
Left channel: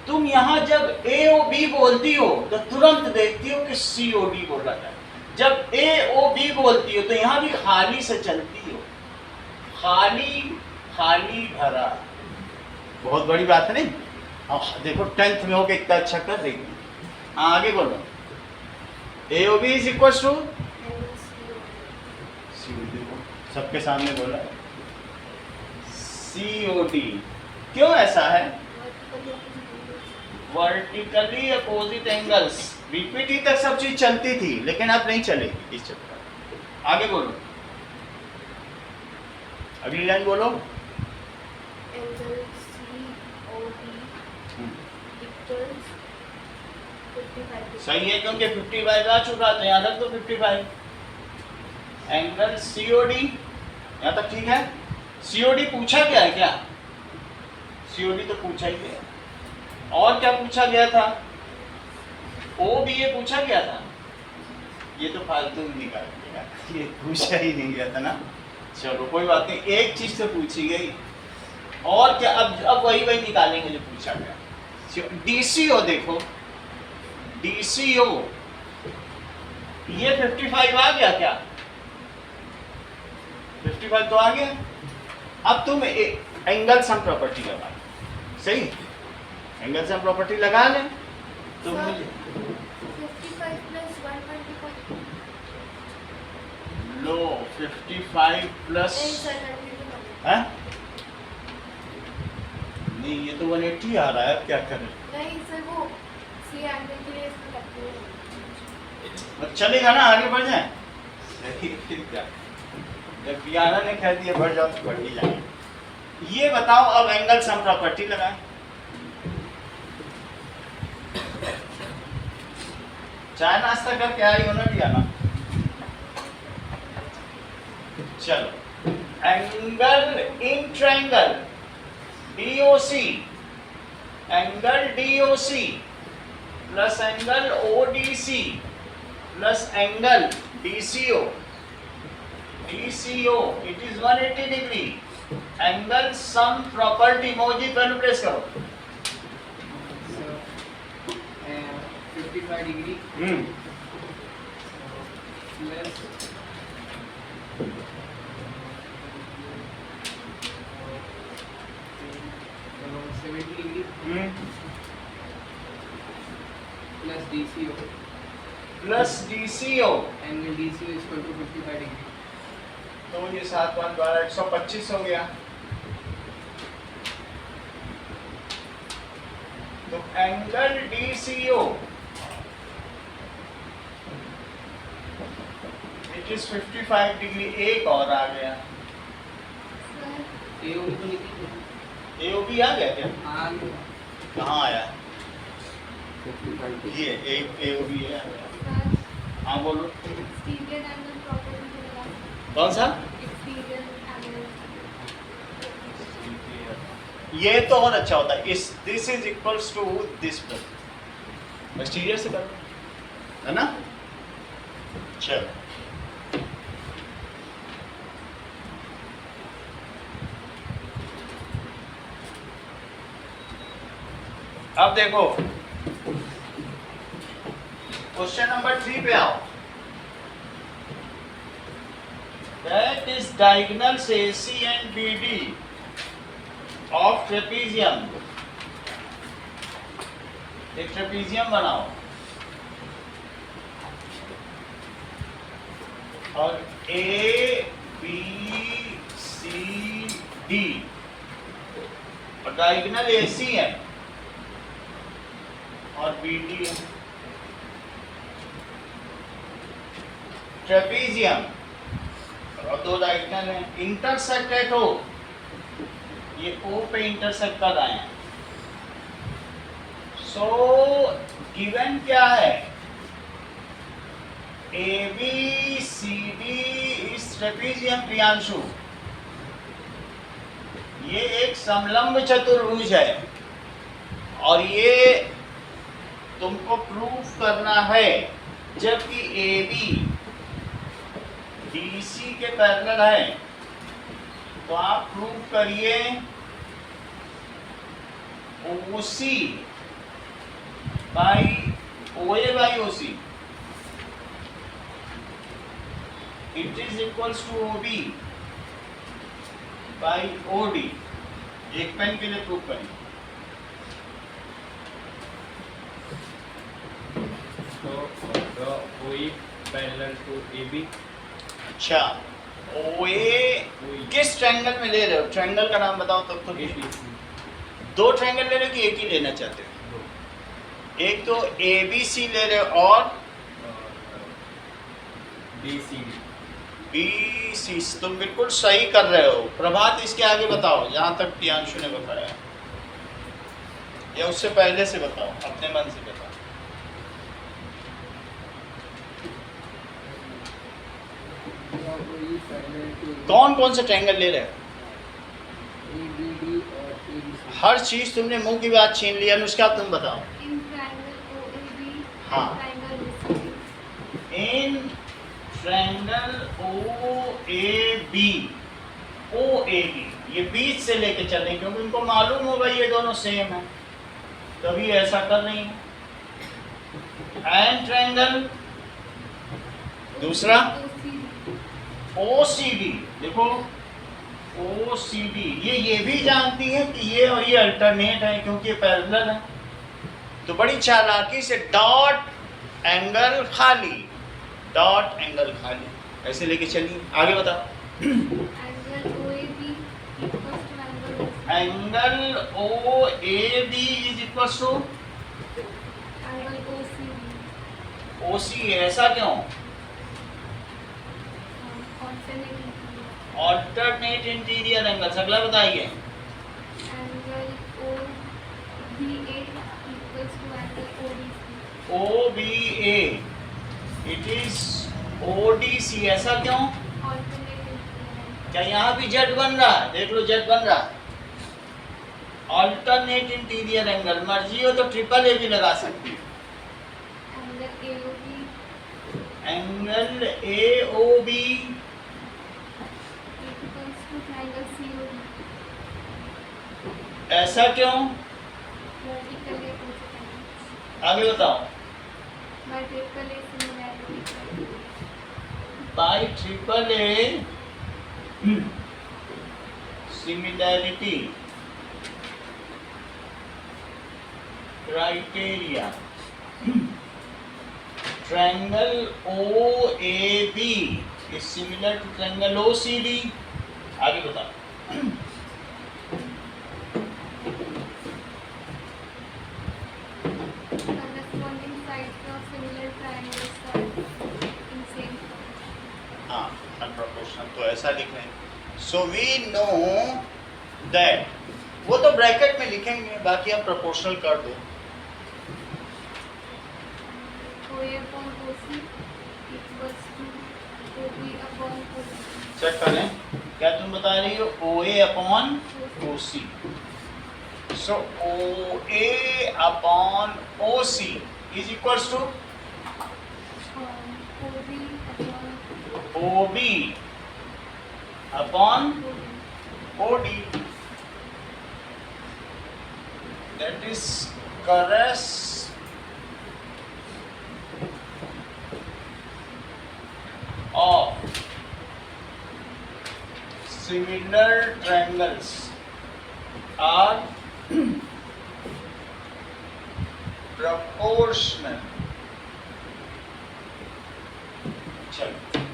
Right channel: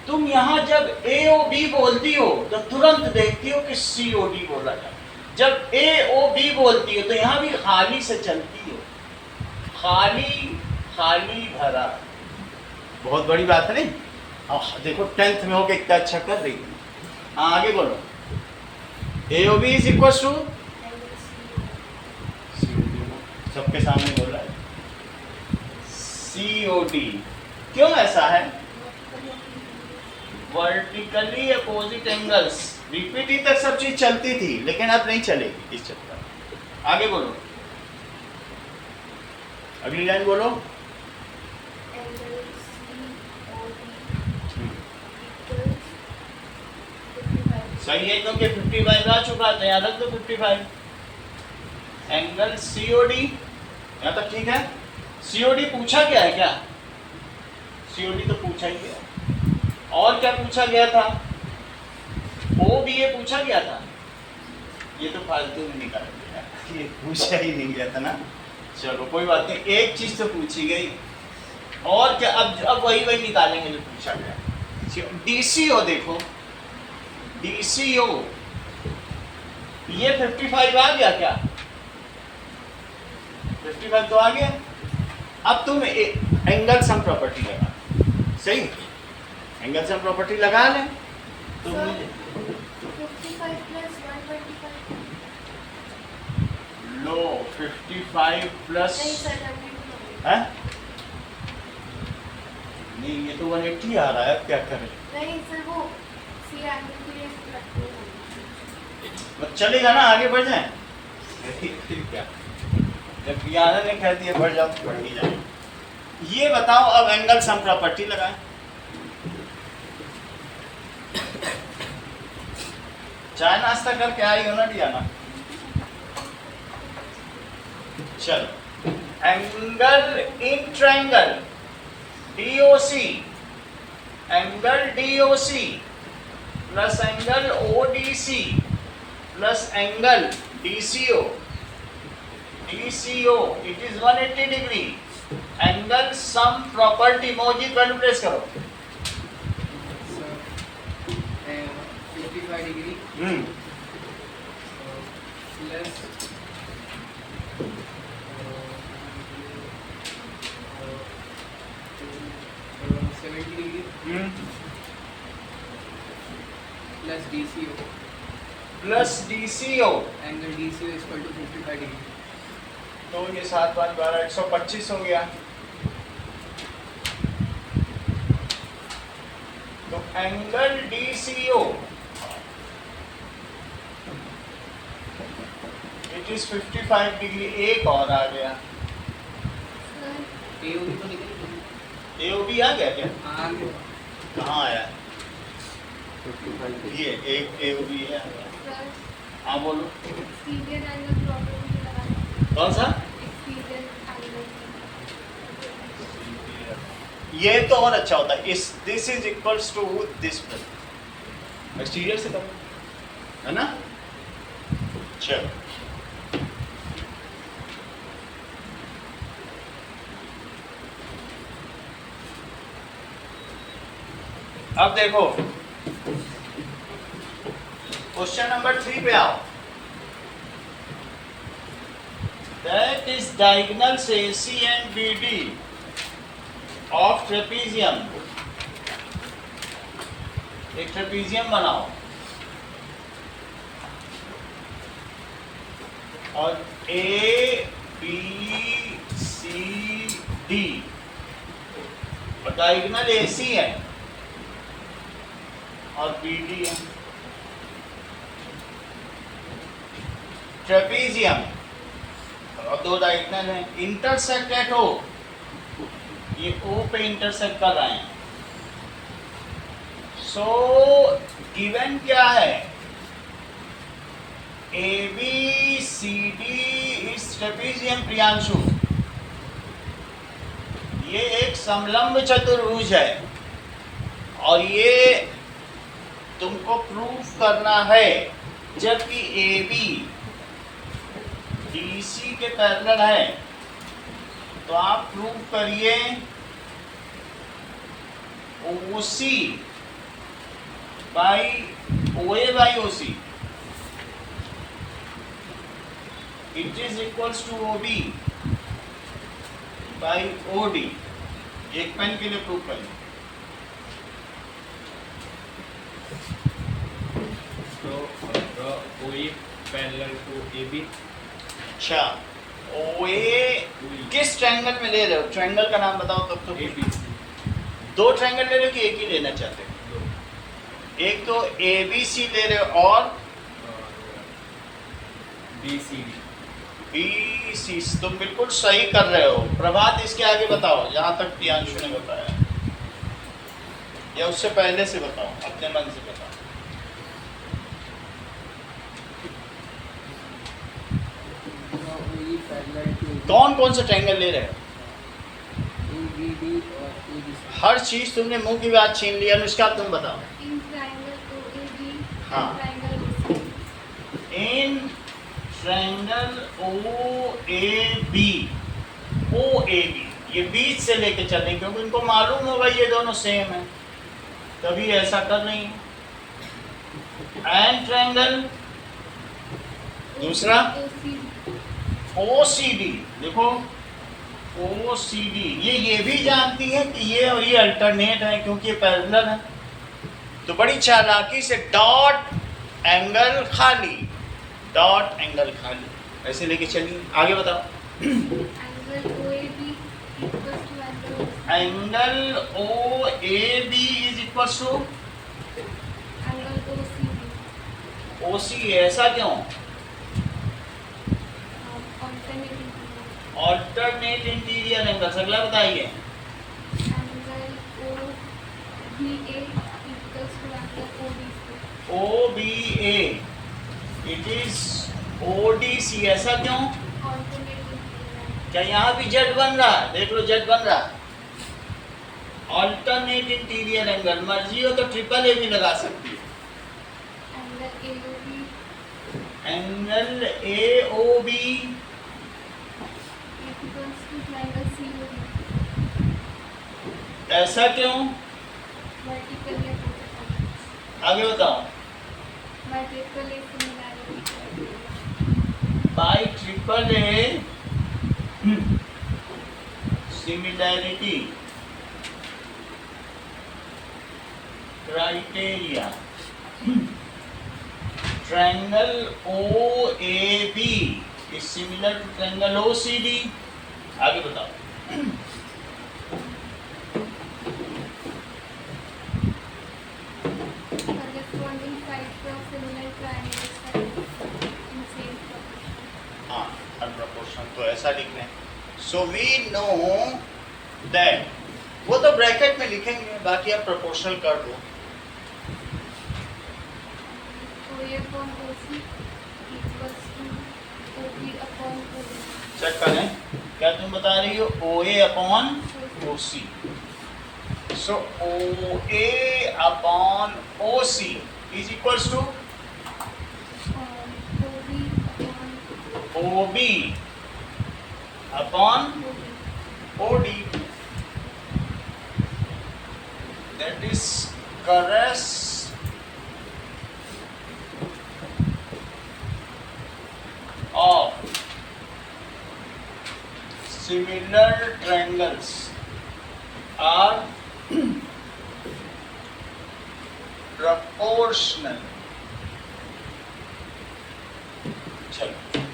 तुम यहाँ जब AOB बोलती हो तो तुरंत देखती हो कि COD बोला जाए। जब AOB बोलती हो तो यहाँ भी खाली से चलती हो, खाली खाली भरा। बहुत बड़ी बात है नहीं? अब देखो 10th में होके इतना अच्छा कर रही है। हाँ आगे बोलो। AOB इज इक्वल टू, सबके सामने बोला है, COD। क्यों ऐसा है? वर्टिकली अपोजिट एंगल्स बीपीटी तक सब चीज चलती थी, लेकिन अब नहीं चलेगी इस चक्कर में। आगे बोलो, अगली लाइन बोलो। Angle COD equals 55. सही है, क्योंकि 55 आ चुका था, यहाँ रख दो 55। एंगल सीओडी, यहाँ तक ठीक है। सीओडी पूछा गया है क्या? सीओडी तो पूछा ही गया। और क्या पूछा गया था? ओ भी ये पूछा गया था। ये तो फालतू में निकाल दिया, ये पूछा ही नहीं गया था ना। चलो कोई बात नहीं, एक चीज तो पूछी गई। और क्या, अब वही निकालेंगे जो पूछा गया। डीसीओ देखो, डीसीओ ये 55 आ गया क्या? 55 तो आ गया। अब तुम एंगल सम प्रॉपर्टी लगा, सही, एंगल सम प्रॉपर्टी लगा लें तो Sir, मुझे 55 plus 125. लो 55 प्लस नहीं सर, कंफ्यूजन हो गई। है, नहीं ये तो 180 आ रहा है, अब क्या करें? नहीं सर, वो सी एंगल के लिए इसको रखते हैं। बस चलेगा ना, आगे बढ़ जाए। फिर क्या, जब बियाना ने कह दिया बढ़ जाओ तो बढ़ ही जाए। ये बताओ अब एंगल सम प्रॉपर्टी लगाएं। चाय नाश्ता करके आई हो ना दियाना? चलो, angle in triangle DOC, angle DOC plus angle ODC plus angle DCO, DCO it is 180 degree. Angle sum property मोजी पेन प्रेस करो। So, 55 degree plus 70 degree plus DCO. Plus DCO, Angle DCO is equal to 55 degree. तो ये 7 5 12 125 हो गया। तो angle DCO it is 55 degree. एक और आ गया, सर, AOB तो निकल AOB आ गया क्या? आ गया। कहाँ आया? ये एक AOB है। सर, हाँ बोलो, एक्सटीरियर एंगल प्रॉपर्टी से लगा। कौन सा? Exterior angle. ये तो और अच्छा होता है, इस this is equals to this plus exterior से करो, है ना? चलो, अब देखो क्वेश्चन नंबर 3 पे आओ। That is diagonals AC and BD of trapezium. एक ट्रेपीजियम बनाओ और ABCD और डायगोनल AC है और BD है। ट्रेपीजियम और दो डायगोनल है, इंटरसेक्ट एट O, ये O पे इंटरसेक्ट कर रहे हैं। सो गिवन क्या है? ABCD इस ट्रेपीजियम प्रियांशु, ये एक समलंब चतुर्भुज है और ये तुमको प्रूफ करना है। जबकि AB DC के पैरेलल है, तो आप प्रूव करिए OC by OA by OC it is equals to OB by OD। एक पेन के लिए प्रूव करिए। So draw OE parallel to AB. अच्छा, OA किस ट्रायंगल में ले रहे हो? ट्रायंगल का नाम बताओ तब तो। ABC. दो ट्रायंगल ले रहे हो कि एक ही लेना चाहते हो? एक तो ABC ले रहे हो और BCD। BC, तुम बिल्कुल सही कर रहे हो। प्रभात इसके आगे बताओ जहाँ तक प्रियांशु ने बताया, या उससे पहले से बताओ, अपने मन से बताओ। OE पैरेलल टू कौन कौन से ट्रायंगल ले रहे हो? ABD और ABC। हर चीज तुमने मुंह की बात छीन ली। अनुष्का तुम बताओ। इन ट्रायंगल OAB हाँ। Triangle OCD। In triangle OAB ये बीच से लेके चल रही, क्योंकि इनको मालूम होगा ये दोनों सेम है, तभी ऐसा कर रही है। एंड ट्रायंगल दूसरा OCD, देखो OCD ये भी जानती है कि ये और ये अल्टरनेट है, क्योंकि ये पैरेलल है। तो बड़ी चालाकी से डॉट एंगल खाली, डॉट एंगल खाली ऐसे लेके चलिए। आगे बताओ। Angle OAB equals to angle OAB is equal to angle OCD। OC, ऐसा क्यों? Alternate alternate interior angles. अगला बताइए। Angle OBA equals to angle ODC। OBA it is ODC, ऐसा क्यों? Alternate interior. क्या यहाँ भी जेड बन रहा है? देख लो जेड बन रहा है। ऑल्टरनेट इंटीरियर एंगल, मर्जी हो तो ट्रिपल A भी लगा सकती है। Angle AOB angle AOB equals to triangle COD। ऐसा क्यों? Vertically opposite angles. आगे बताओ। Vertically similarity. By triple A similarity criteria, triangle OAB is similar to triangle OCD। आगे बताओ। Corresponding sides of similar triangles are in same proportion। हाँ, अनप्रोपोर्शनल तो ऐसा लिख रहे हैं। सो वी नो दैट, वो तो ब्रैकेट में लिखेंगे, बाकी आप प्रोपोर्शनल कर दो। OA upon OC equals to OB upon OB। Check करें, क्या तुम बता रही हो? OA upon OC। So OA upon OC is equals to OB upon OB upon OB। OD। That is correct of similar triangles are proportional। चलो,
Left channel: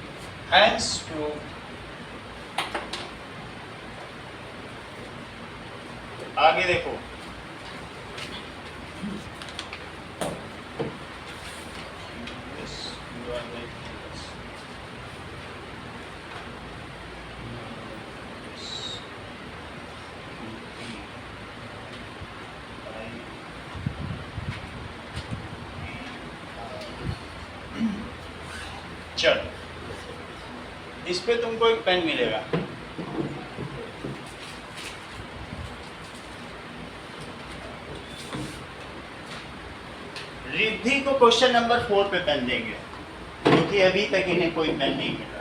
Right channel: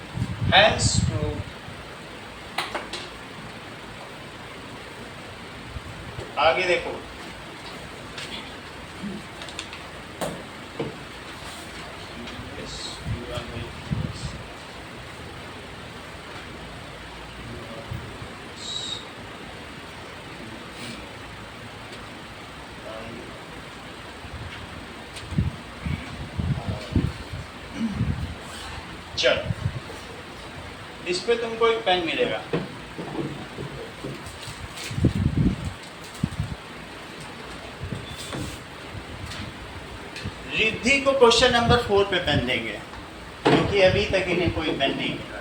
hence proved। आगे देखो। Yes, you are very close। चलो, इस पे तुमको एक pen मिलेगा। रिद्धि को क्वेश्चन नंबर 4 पे पेन देंगे, क्योंकि अभी तक इन्हें कोई पेन नहीं मिला।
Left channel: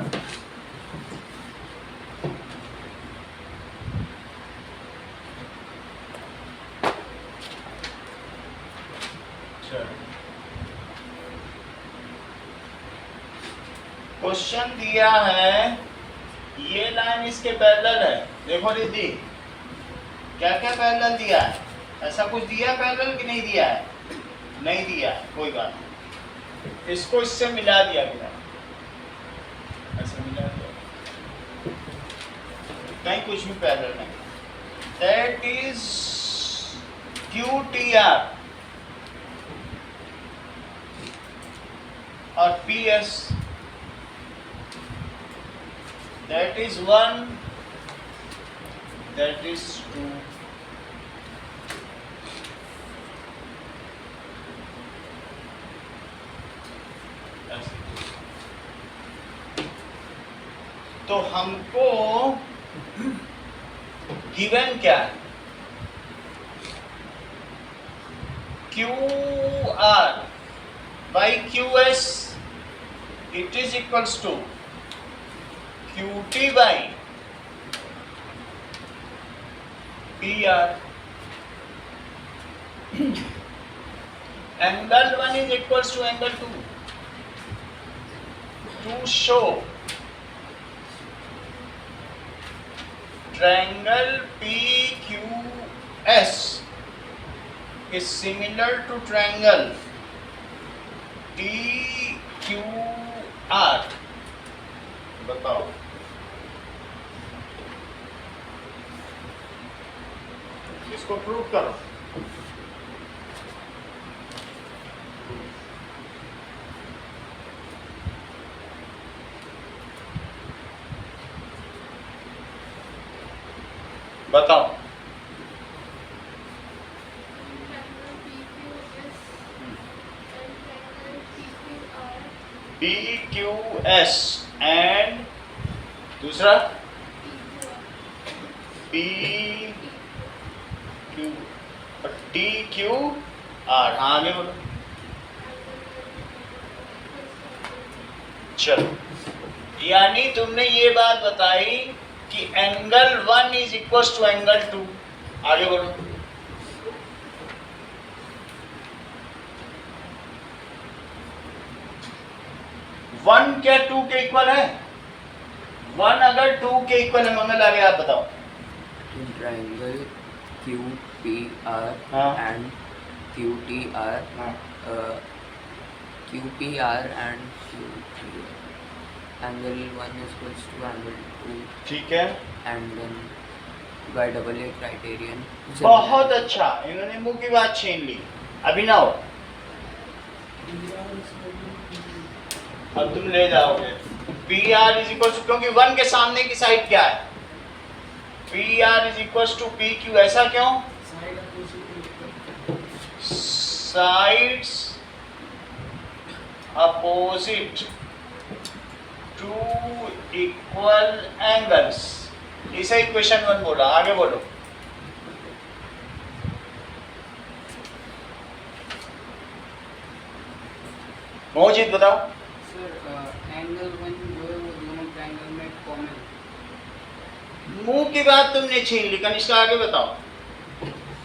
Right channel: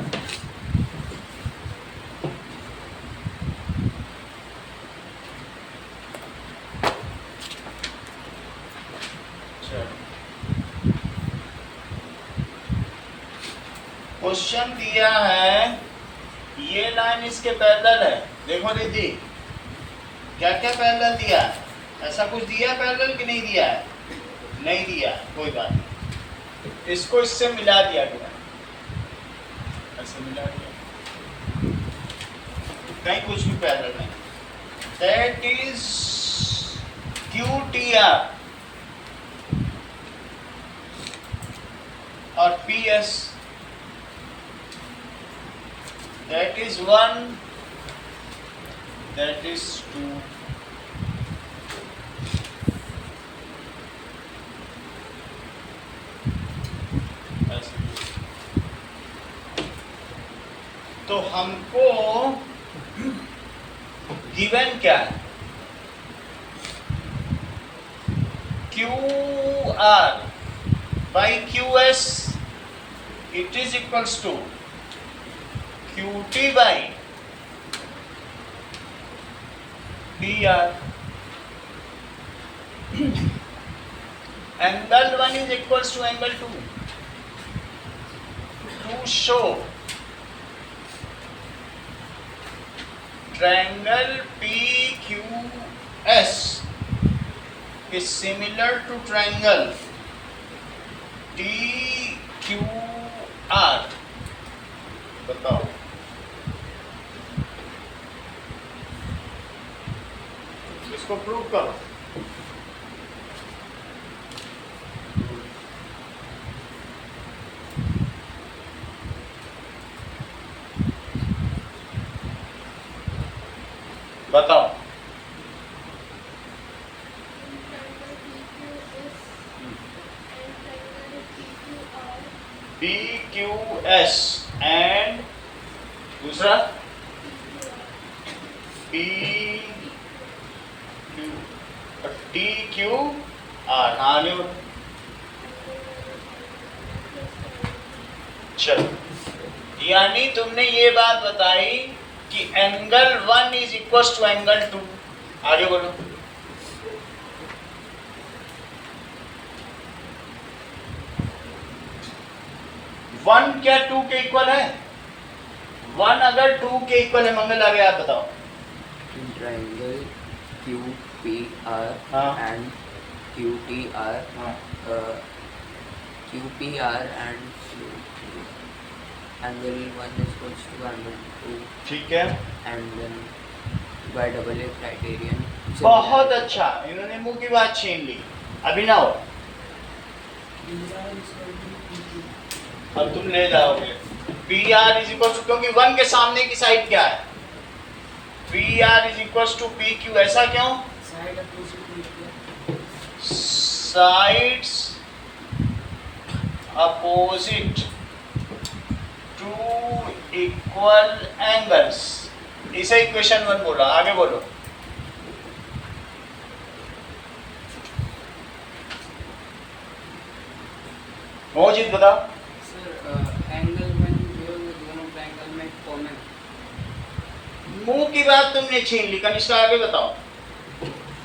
क्वेश्चन दिया है, ये लाइन इसके पैरेलल है। देखो रिद्धि, क्या क्या पैरेलल दिया है? ऐसा कुछ दिया है पैरेलल कि नहीं दिया है? नहीं दिया है, कोई बात नहीं। इसको इससे मिला दिया गया, ऐसे मिला दिया, कहीं कुछ भी पैरेलल नहीं। दैट इज QTR, और PS, that is 1, that is 2. तो हमको गिवन क्या है? QR by QS, it is equals to QT by PR. Angle 1 is equals to angle 2. To show triangle PQS is similar to triangle TQR. बताओ, इसको prove करो. बताओ. PQS and दूसरा PQ TQR. आगे बढ़ो. चलो, यानी तुमने ये बात बताई कि angle 1 is equal to angle 2. आगे बढ़ो. वन क्या 2 के इक्वल है? 1 अगर 2 के इक्वल है, मंगल आगे आप बताओ. In triangle QPR हाँ. and QTR, हाँ. QPR and QTR, angle 1 is equals to angle 2, ठीक है, and then by double A criterion. बहुत अच्छा. इन्होंने मुंह की बात छीन ली. अभिनव, अब तुम ले जाओगे. PR इज इक्वल टू, क्योंकि 1 के सामने की साइड क्या है? PR is equal to PQ. ऐसा क्यों? Side opposite sides opposite to equal angles. इसे इक्वेशन 1 बोला. आगे बोलो. मोहजित बताओ. सर एंगल 1 जो है वो दोनों ट्रायंगल में कॉमन. मुंह की बात तुमने छीन ली. कनिष्का आगे बताओ.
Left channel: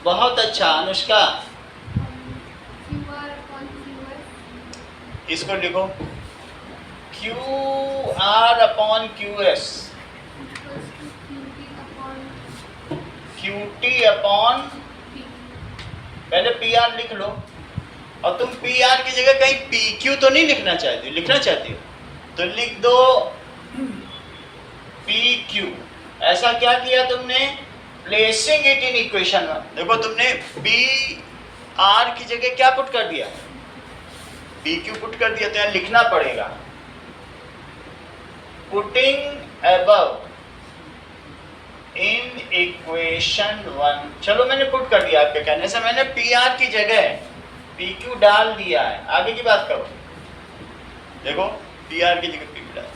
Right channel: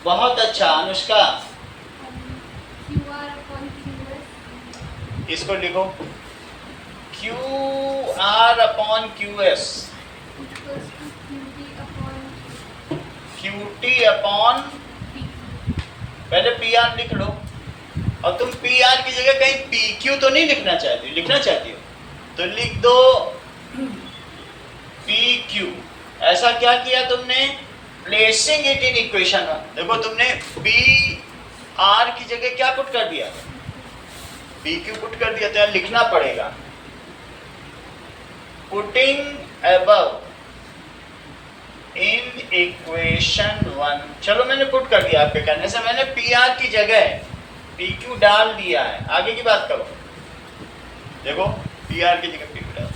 बहुत अच्छा. अनुष्का, QR upon QS इसको लिखो. QR upon QS, equals to QT upon QT upon, PQ. पहले PR लिख लो. और तुम PR की जगह कहीं PQ तो नहीं लिखना चाहती हो? लिखना चाहती हो तो लिख दो PQ. ऐसा क्या किया तुमने? Placing it in equation 1. देखो, तुमने PR की जगह क्या पुट कर दिया? PQ पुट कर दिया. तो यहाँ लिखना पड़ेगा पुटिंग अबव इन इक्वेशन 1. चलो, मैंने पुट कर दिया. आपके कहने से मैंने PR की जगह PQ डाल दिया है. आगे की बात करो. देखो, PR की जगह PQ डाल.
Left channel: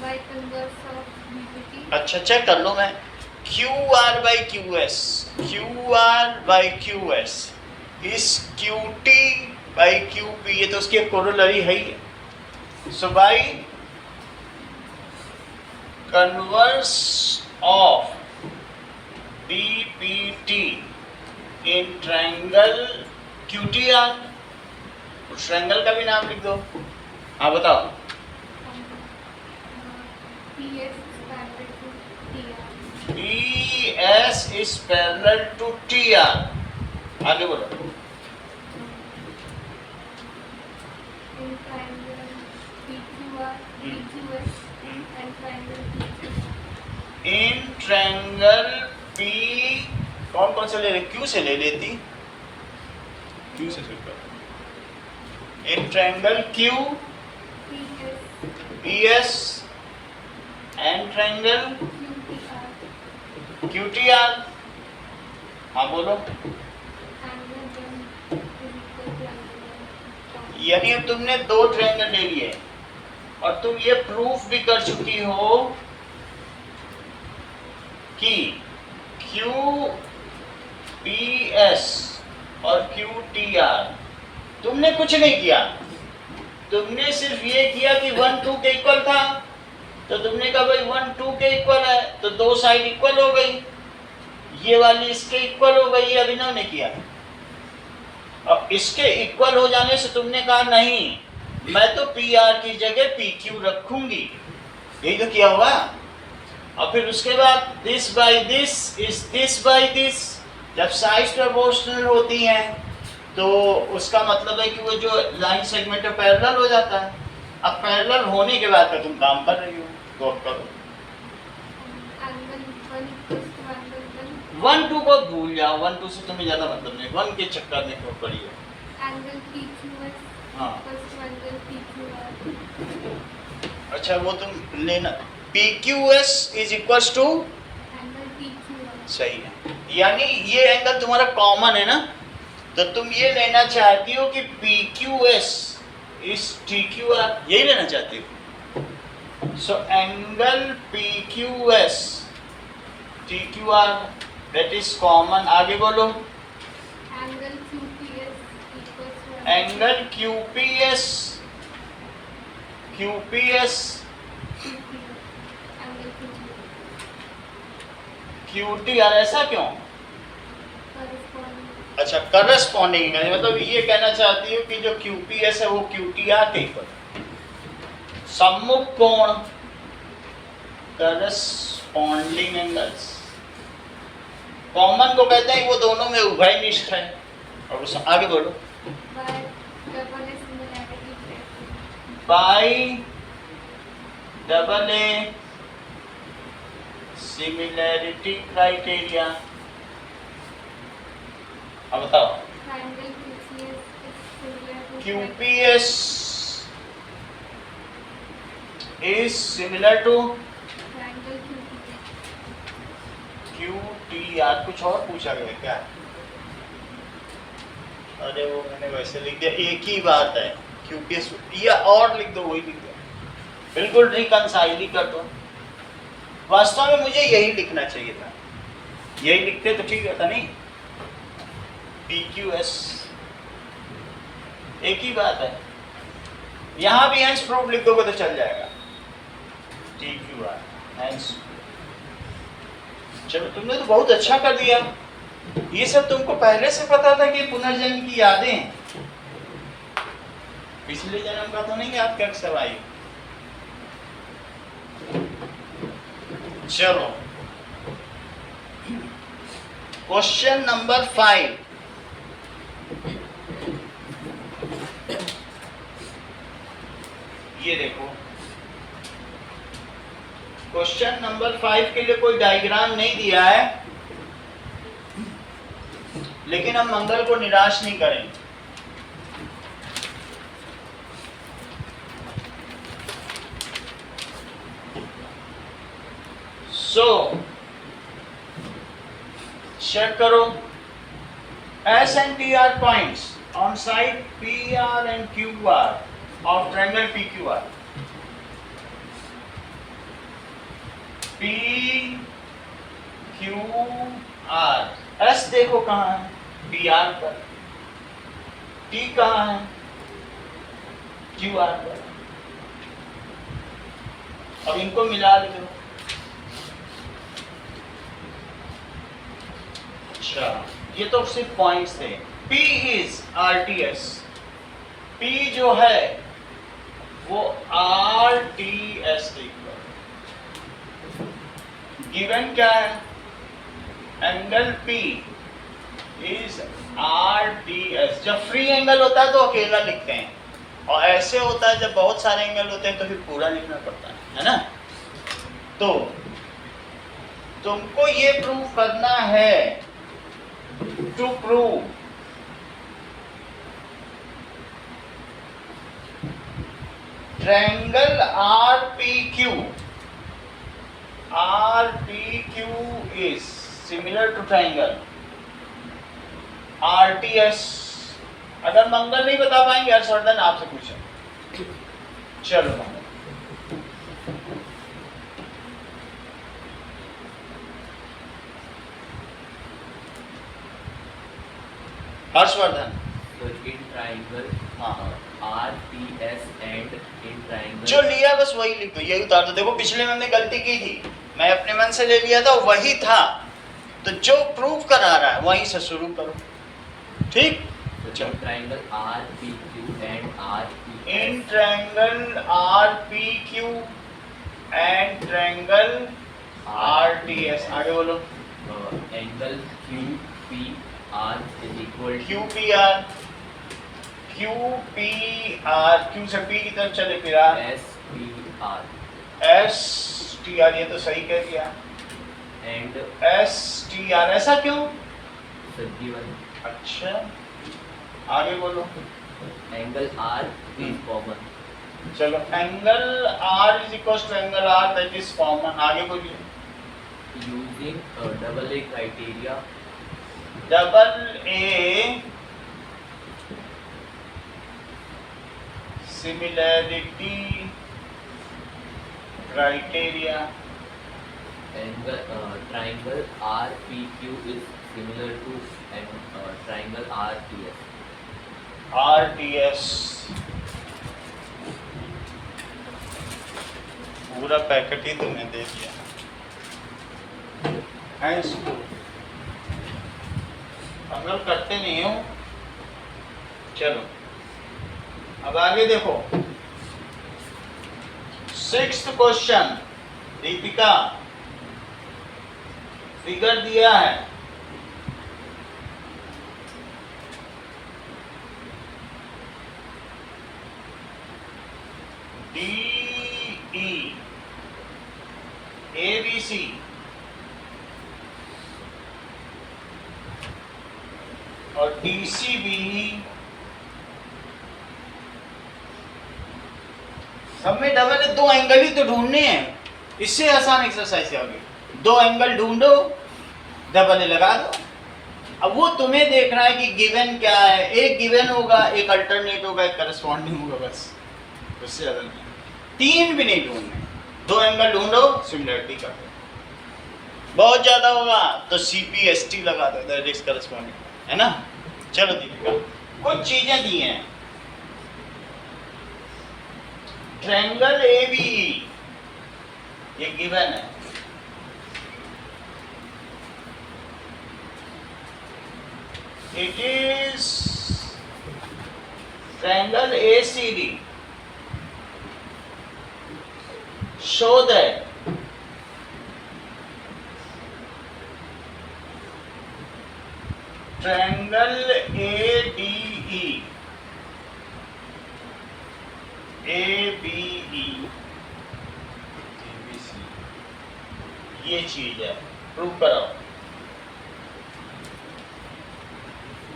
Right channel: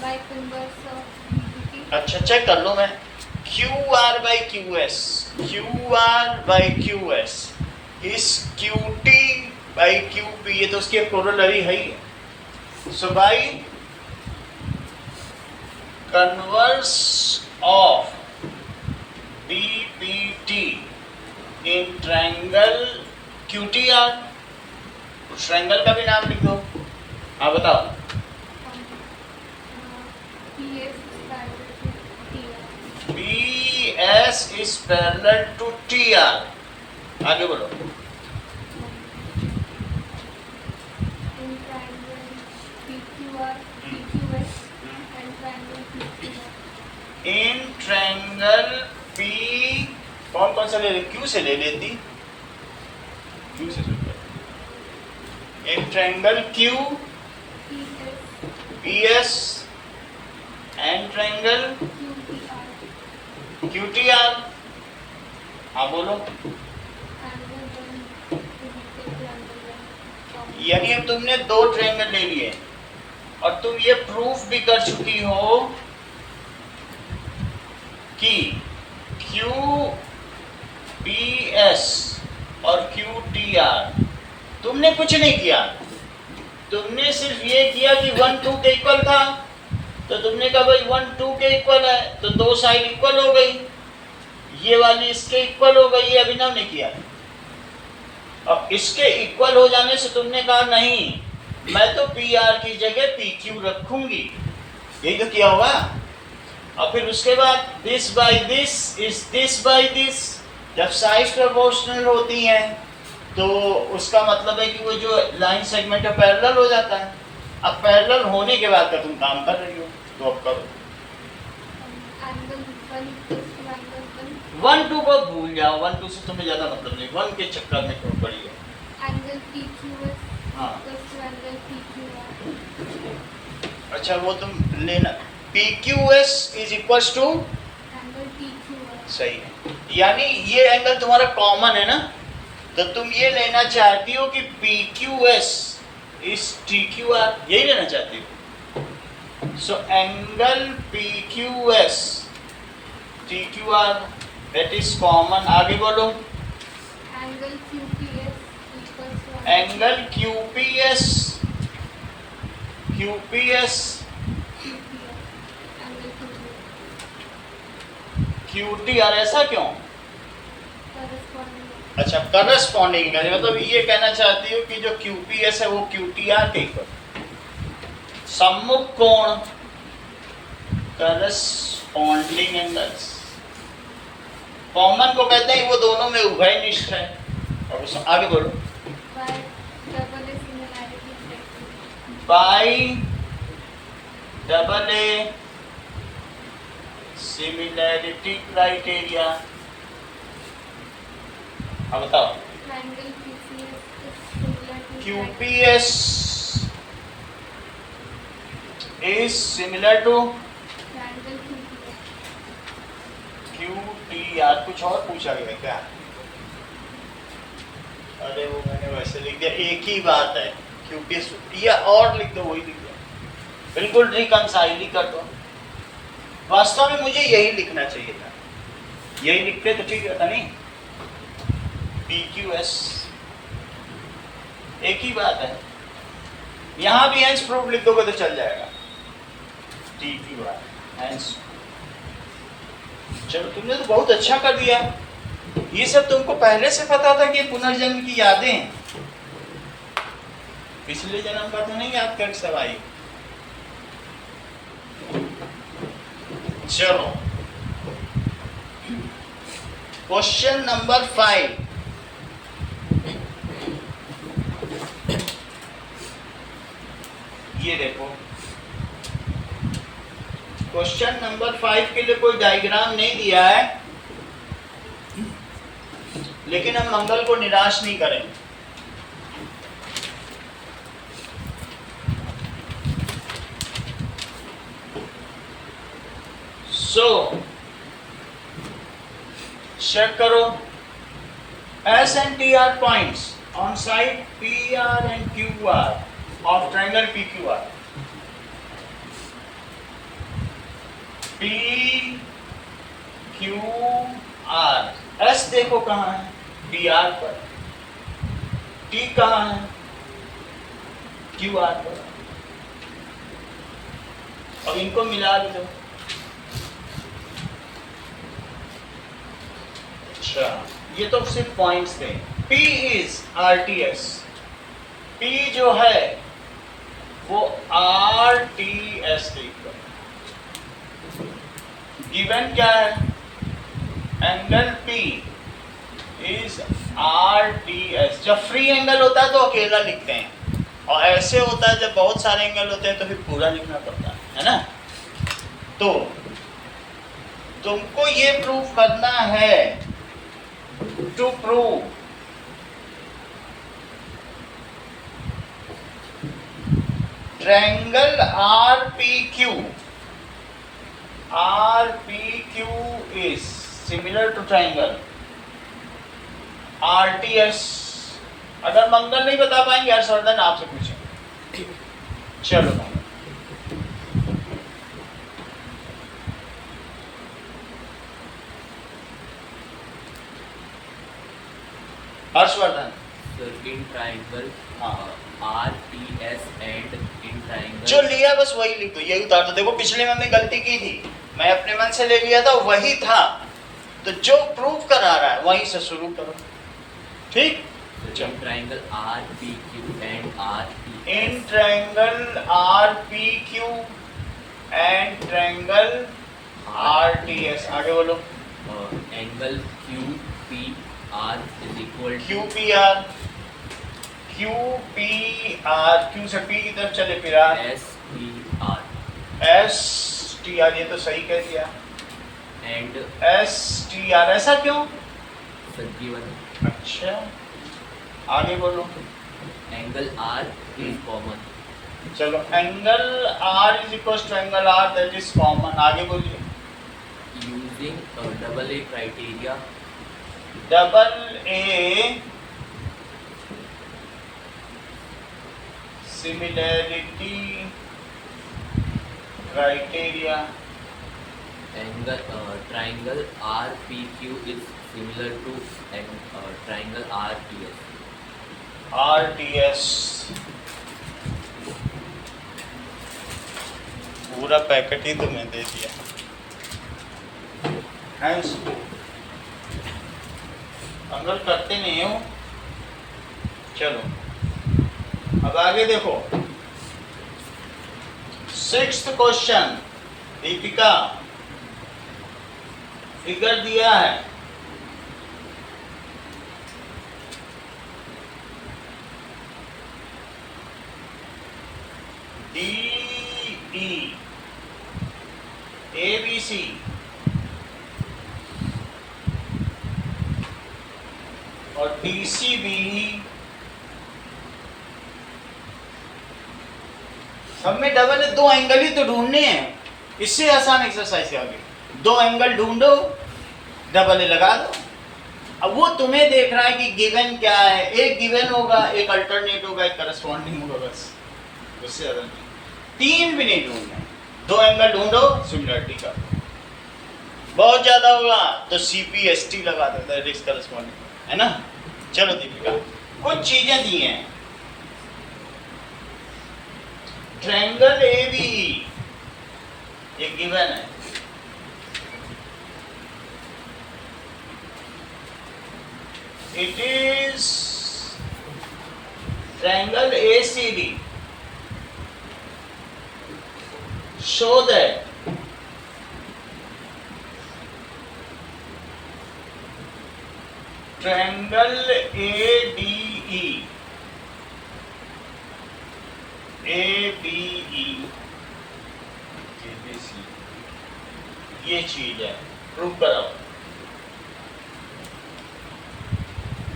By converse of BT. अच्छा, चेक कर लो. मैं QR by QS, QR by QS is QT by QP. ये तो उसकी एक कोरोलरी है ही. So by converse of BPT in triangle QTR. उस ट्रायंगल का भी नाम लिख दो. हाँ, बताओ. PS is parallel to TR. PS is parallel to TR. आगे बोलो. In triangle PQR, PQS and triangle PQR. In triangle P कौन कौन सा ले रहे? Q से ले लेती. Q से शुरू करो. एक triangle Q PS, P S and triangle QTR, Q T R. हाँ बोलो। angle 1 is equal to angle 1. यानी अब तुमने दो ट्रायंगल ले लिए और तुम ये प्रूफ भी कर चुकी हो कि क्यू पी एस और क्यू टी आर, तुमने कुछ नहीं किया, तुमने सिर्फ ये किया कि 1 2 के इक्वल था, तो तुमने कहा भाई 1 2 के इक्वल है, तो दो साइड इक्वल हो गई, ये वाली इसके इक्वल हो गई, ये अभिनव ने किया। अब इसके इक्वल हो जाने से तुमने कहा नहीं, मैं तो पी आर की जगह पी क्यू रखूंगी, यही तो किया होगा। और फिर उसके बाद this by this is this by this, जब साइड्स प्रोपोर्शनल होती हैं तो उसका मतलब है कि वो जो लाइन सेगमेंट है पैरेलल हो जाता है। अब पैरेलल होने के बाद का तुम काम कर रही हो, तो अब करो। Angle 1 equals to angle 1. 1 2 को भूल जाओ, 1 2 से तुम्हें ज्यादा मतलब नहीं, 1 के चक्कर में क्यों पड़ी हो। Angle PQS हाँ। equals to angle PQR. अच्छा वो तुम लेना, P Q S is equals to, Angle PQR. सही है, यानी ये एंगल तुम्हारा कॉमन है ना, तो तुम ये लेना चाहती हो कि P Q S is T Q R, यही लेना चाहती हो। So angle P Q S T Q R that is common. आगे बोलो। Angle QPS equals to angle Q P S QPR. Angle QPR. Q T R, ऐसा क्यों? Corresponding. अच्छा corresponding है, मतलब ये कहना चाहती हो कि जो QPS है वो QTR के इक्वल। सम्मुख कोण करस्पॉन्डिंग एंगल्स, कॉमन को कहते हैं वो दोनों में उभयनिष्ठ है। और उस आगे बोलो। By double A similarity criteria. Bye double A similarity criteria. अब बताओ। Triangle QPS is similar to QPS is similar to triangle QPS. QTR। कुछ और पूछा गया क्या? अरे वो मैंने वैसे लिख दिया, एक ही बात है, QPS या और लिख दो, वही लिख दिया, बिल्कुल रिकंसाइल ही कर दो। वास्तव में मुझे यही लिखना चाहिए था, यही लिखते तो ठीक रहता नहीं। PQS एक ही बात है, यहाँ भी हेंस प्रूफ लिख दोगे तो चल जाएगा। TQR hence. चलो तुमने तो बहुत अच्छा कर दिया, ये सब तुमको पहले से पता था कि पुनर्जन्म की यादें हैं, पिछले जन्म का तो नहीं याद कर सब आई। चलो क्वेश्चन नंबर 5। ये देखो क्वेश्चन नंबर 5 के लिए कोई डायग्राम नहीं दिया है, लेकिन हम मंगल को निराश नहीं करेंगे। सो चेक करो S and T R points on side P R and Q R of triangle P Q R. P Q R, S देखो कहाँ है, पी आर पर, टी कहाँ है, क्यू आर पर। अब इनको मिला भी दो। अच्छा ये तो सिर्फ पॉइंट्स थे। P इज RTS, P जो है वो RTS के इक्वल। गिवन क्या है? Angle P is RTS। जब फ्री एंगल होता है तो अकेला लिखते हैं, और ऐसे होता है जब बहुत सारे एंगल होते हैं तो फिर पूरा लिखना पड़ता है ना। तो तुमको ये प्रूव करना है, to prove triangle RPQ. RPQ is similar to triangle RTS. अगर मंगल नहीं बता पाएंगे हर्षवर्धन आपसे पूछें. चलो मंगल. हर्षवर्धन. So in triangle, हाँ. RTS and in triangle. जो लिया बस वही लिख दो, यही उतार दो. देखो पिछले में हमने गलती की थी, मैं अपने मन से ले लिया था, वही था. तो जो प्रूव करा रहा है वहीं से शुरू करो. ठीक. So in triangle RPQ and RTS. In triangle RPQ and triangle RTS. आगे बोलो. Angle QPR is equal to QPR. QPR. Q से P की तरफ चले फिर R. SPR STR. ये तो सही कह दिया. and STR. ऐसा क्यों? so given अच्छा, आगे बोलो. angle R is common. चलो, angle R is equal to angle R that is common. आगे बोलिए. Using double A criteria, double A similarity criteria. triangle RPQ is similar to triangle RTS. RTS. पूरा packet ही तुमने दे दिया है इसको. अंगल करते नहीं हो. चलो अब आगे देखो. 6th question. दीपिका, फिगर दिया है. DE ABC और DCBE. सब में डबल है. दो एंगल ही तो ढूंढने हैं. इससे आसान एक्सरसाइज क्या होगी? दो एंगल ढूंढो, डबल लगा दो. अब वो तुम्हें देखना है कि गिवन क्या है. एक गिवन होगा, एक अल्टरनेट होगा, एक करस्पॉन्डिंग होगा, बस. उससे ज्यादा नहीं. तीन भी नहीं ढूंढने. दो एंगल ढूंढो, सिमिलरिटी का. बहुत ज्यादा होगा तो CPST लगा दो, दैट इज करस्पॉन्डिंग, है ना. चलो दीपिका, कुछ चीजें दी हैं. ट्रायंगल ABE ये गिवन है. It is triangle ACD. show that triangle ADE ये चीज है. प्रूव कराओ.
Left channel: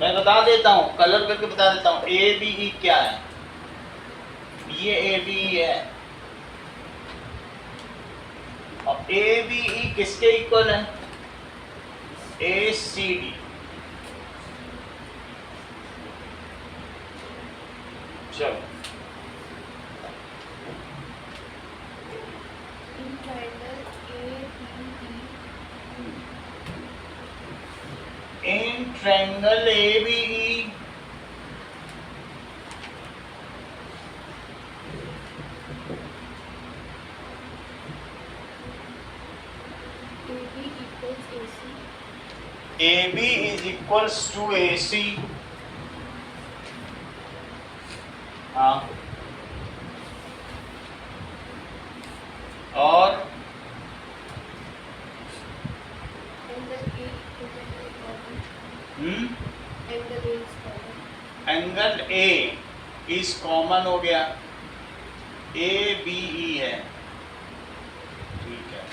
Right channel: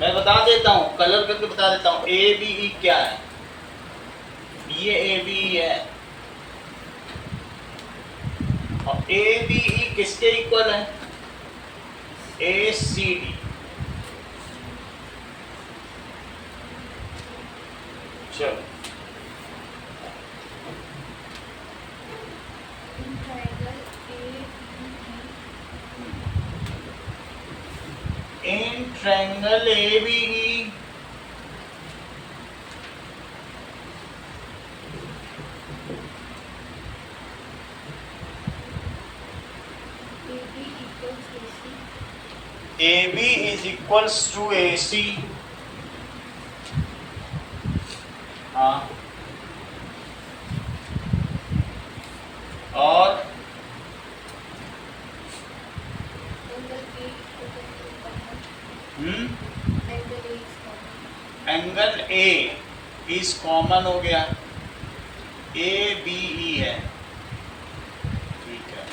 मैं बता देता हूँ, कलर करके बता देता हूँ. ABE क्या है? ये ABE है. और ABE किसके इक्वल है? ACD. चलो. In triangle ABE. In triangle ABE AB AB is equals AC. equals to AC. हाँ. और Angle A equals angle common. Angle A is common. Angle A is common हो गया. ABE है. ठीक है.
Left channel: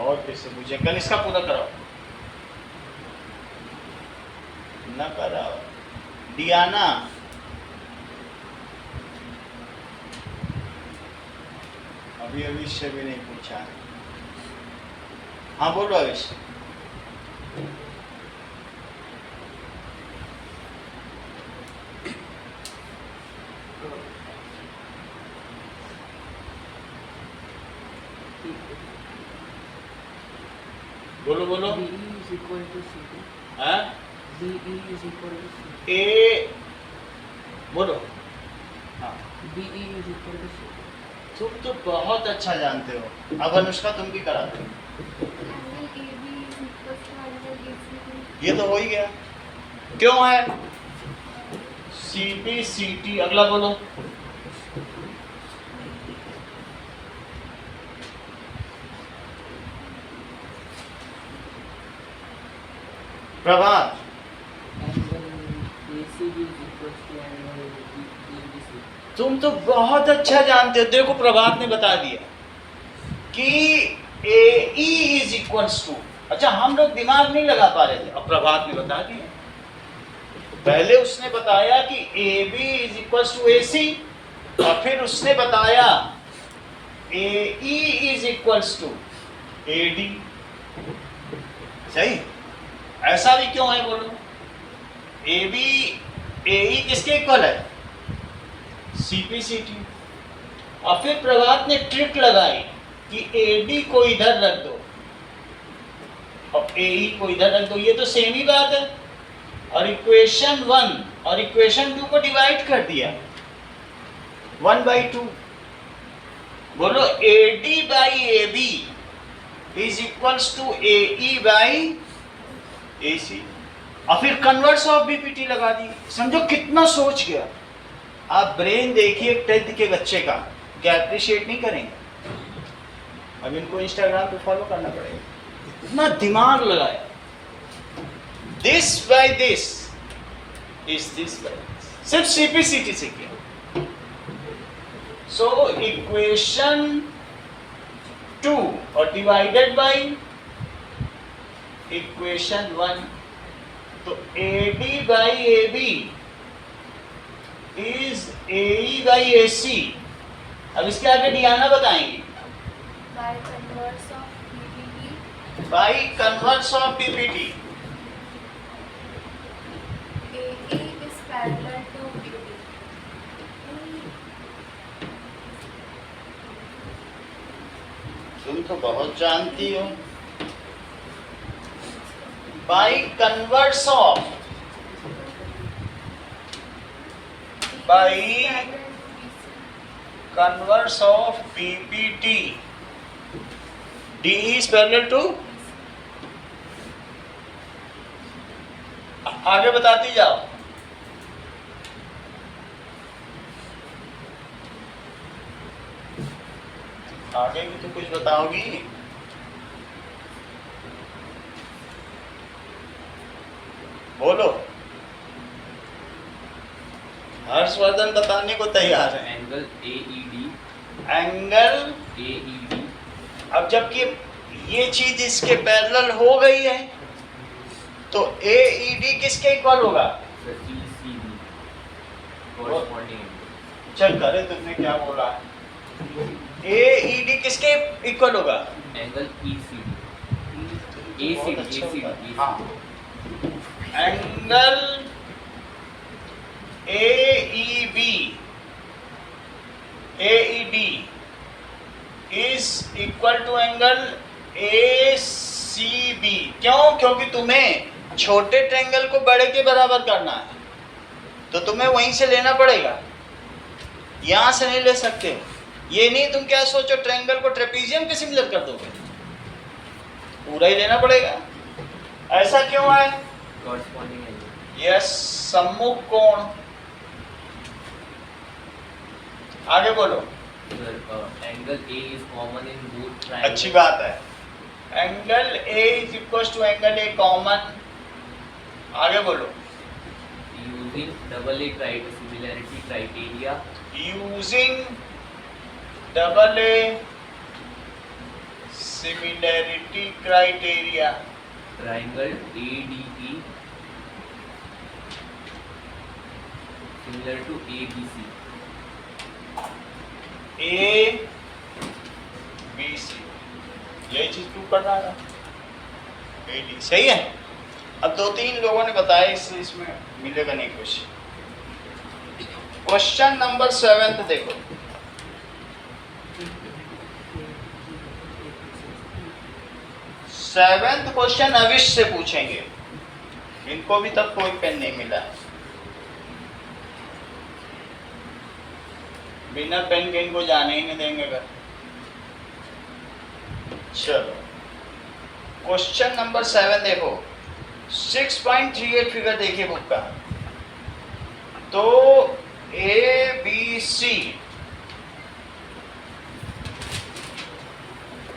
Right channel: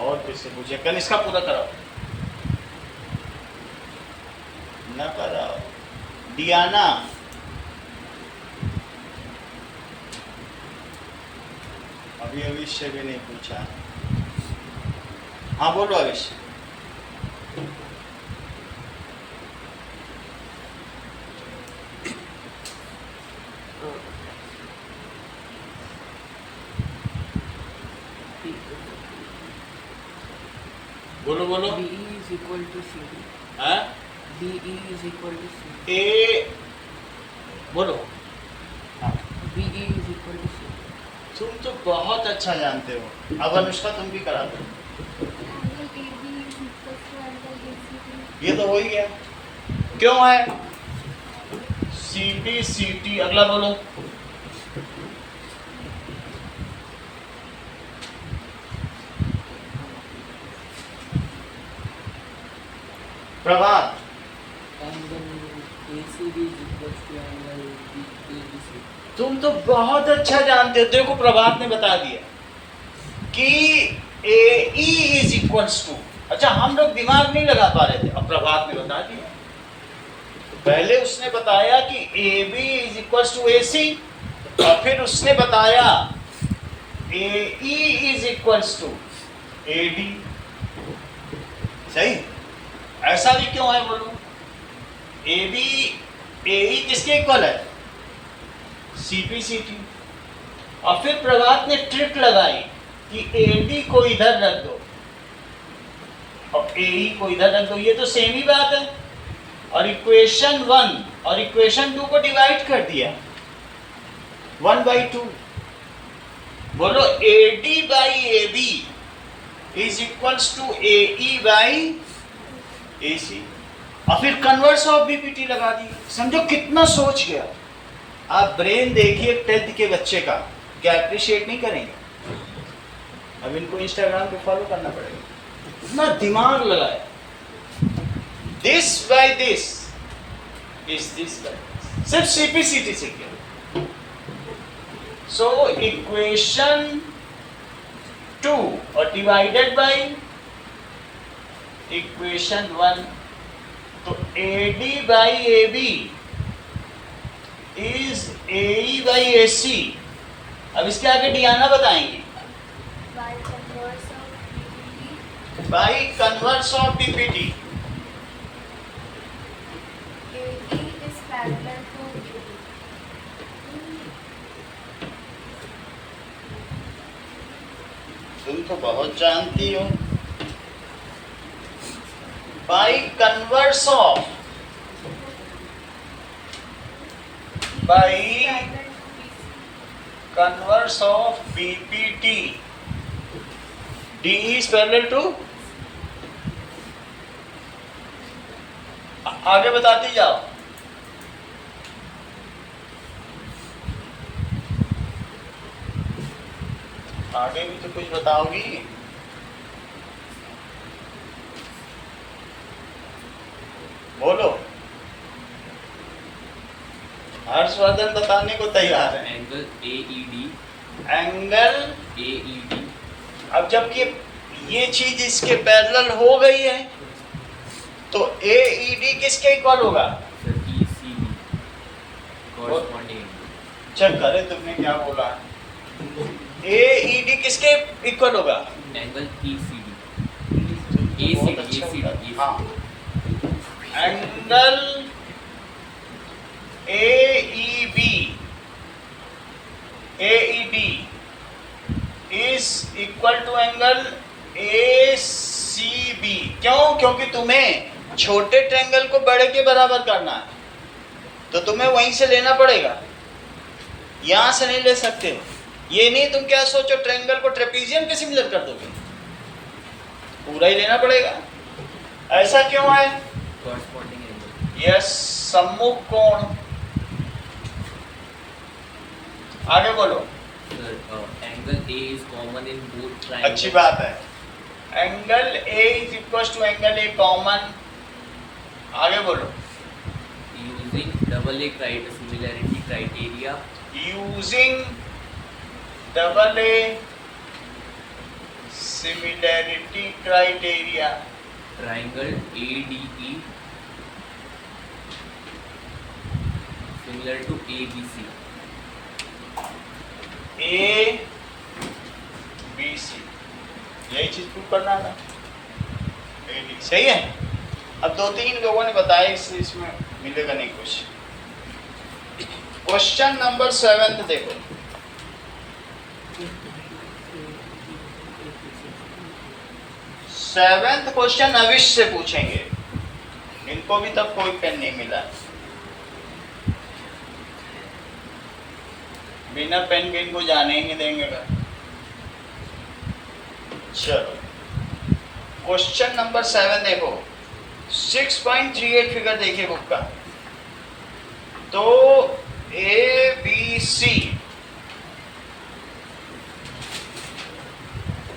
और किससे पूछे? कल इसका पूरा कराओ. न कर डियाना, अभी अविश्य भी नहीं पूछा है। हाँ बोलो अविश्य। बोलो बोलो। BE is equal to CD. हाँ BE is equal to CD. ए बोलो। हाँ BE is equal to CD. तुम तो बहुत अच्छा जानते हो। अब अनुष्का तुम भी करा दो। Angle AB is equal to angle ACD. ये तो हो ही गया। क्यों है? CD CT, अगला बोलो। प्रभात, Angle ACB is equal to angle ABC. तुम तो बहुत अच्छा जानते हो। देखो प्रभात ने बता दिया कि AE इज इक्वल्स टू, अच्छा हम लोग दिमाग नहीं लगा पा रहे थे, अब प्रभात ने बता दिया। पहले उसने बताया कि AB is equals to AC, और फिर उसने बताया AE is equals to AD। सही? ऐसा भी क्यों है बोलो? AB AE किसके इक्वल है? CP CT। और फिर प्रभात ने ट्रिक लगाई कि AD को इधर रख दो और AE को इधर रख दो, ये तो सेम ही बात है। और इक्वेशन 1 और इक्वेशन 2 को डिवाइड कर दिया 1/2। बोलो AD by AB is equals to AE by AC। और फिर कन्वर्स ऑफ BPT लगा दी। समझो कितना सोच गया। आप ब्रेन देखिए 10th के बच्चे का, क्या अप्रिशिएट नहीं करेंगे? अब इनको इंस्टाग्राम पे फॉलो करना पड़ेगा, इतना दिमाग लगाया। This by this is this by this, सिर्फ CPCT से किया। सो इक्वेशन 2 और डिवाइडेड बाय इक्वेशन 1, तो AD by AB is AE by AC। अब इसके आगे डियाना बताएंगे। By converse of BPT, by converse of BPT, AE is parallel to BPT. तुम तो बहुत जानती हो। By converse of, by Parallel to BC. Converse of BPT, DE is parallel to, आगे बताती जाओ। आगे भी तो कुछ बताओगी। बोलो। हर्षवर्धन बताने को तैयार है। एंगल AED, एंगल, AED, अब जबकि ये चीज इसके पैरेलल हो गई है तो AED किसके इक्वल होगा? ECD, corresponding चेक करे तुमने क्या बोला। AED किसके इक्वल होगा? एंगल ECD, बहुत ACD, अच्छा ACD, होता है। हाँ, angle AEB, AED is equal to angle ACB। क्यों? क्योंकि तुम्हें छोटे ट्रायंगल को बड़े के बराबर करना है, तो तुम्हें वहीं से लेना पड़ेगा, यहां से नहीं ले सकते हो। ये नहीं तुम क्या सोचो ट्रायंगल को ट्रेपीजियम के सिमिलर कर दोगे, पूरा ही लेना पड़ेगा। ऐसा क्यों है? corresponding angle, यस, सम्मुख कोण। आगे बोलो। sir, angle A is common in both triangles. अच्छी बात है। Angle A is equal to angle A common. आगे बोलो। Using double A similarity criteria, using double A similarity criteria, triangle ADE similar to ABC. A B C, यही चीज prove करना था। A D सही है। अब दो तीन लोगों ने बताया, इसमें मिलेगा नहीं कुछ। क्वेश्चन नंबर 7 देखो, 7th क्वेश्चन अविश से पूछेंगे। इनको भी तब कोई पेन नहीं मिला, बिना पेन के इनको जाने ही नहीं देंगे घर। चलो क्वेश्चन नंबर 7 देखो, 6.38 फिगर देखिए बुक का। तो ए बी सी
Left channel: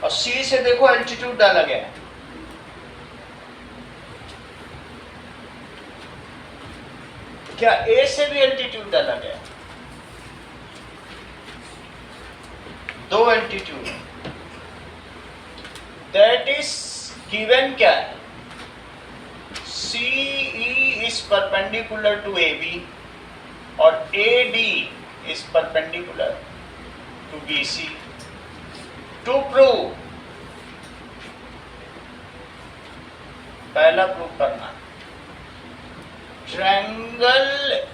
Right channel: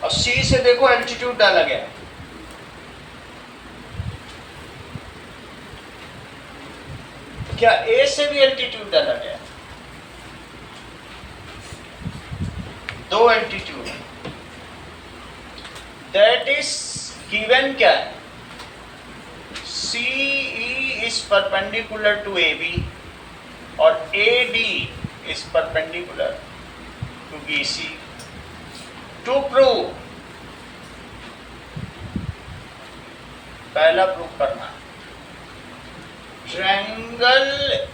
और सी से देखो एल्टीट्यूड डाला गया है। क्या ए से भी एल्टीट्यूड डाला गया है? दो एल्टीट्यूड है। दैट इज गिवन क्या है? C E is perpendicular to A B और A D is perpendicular to B C. To prove, पहला प्रूव करना, triangle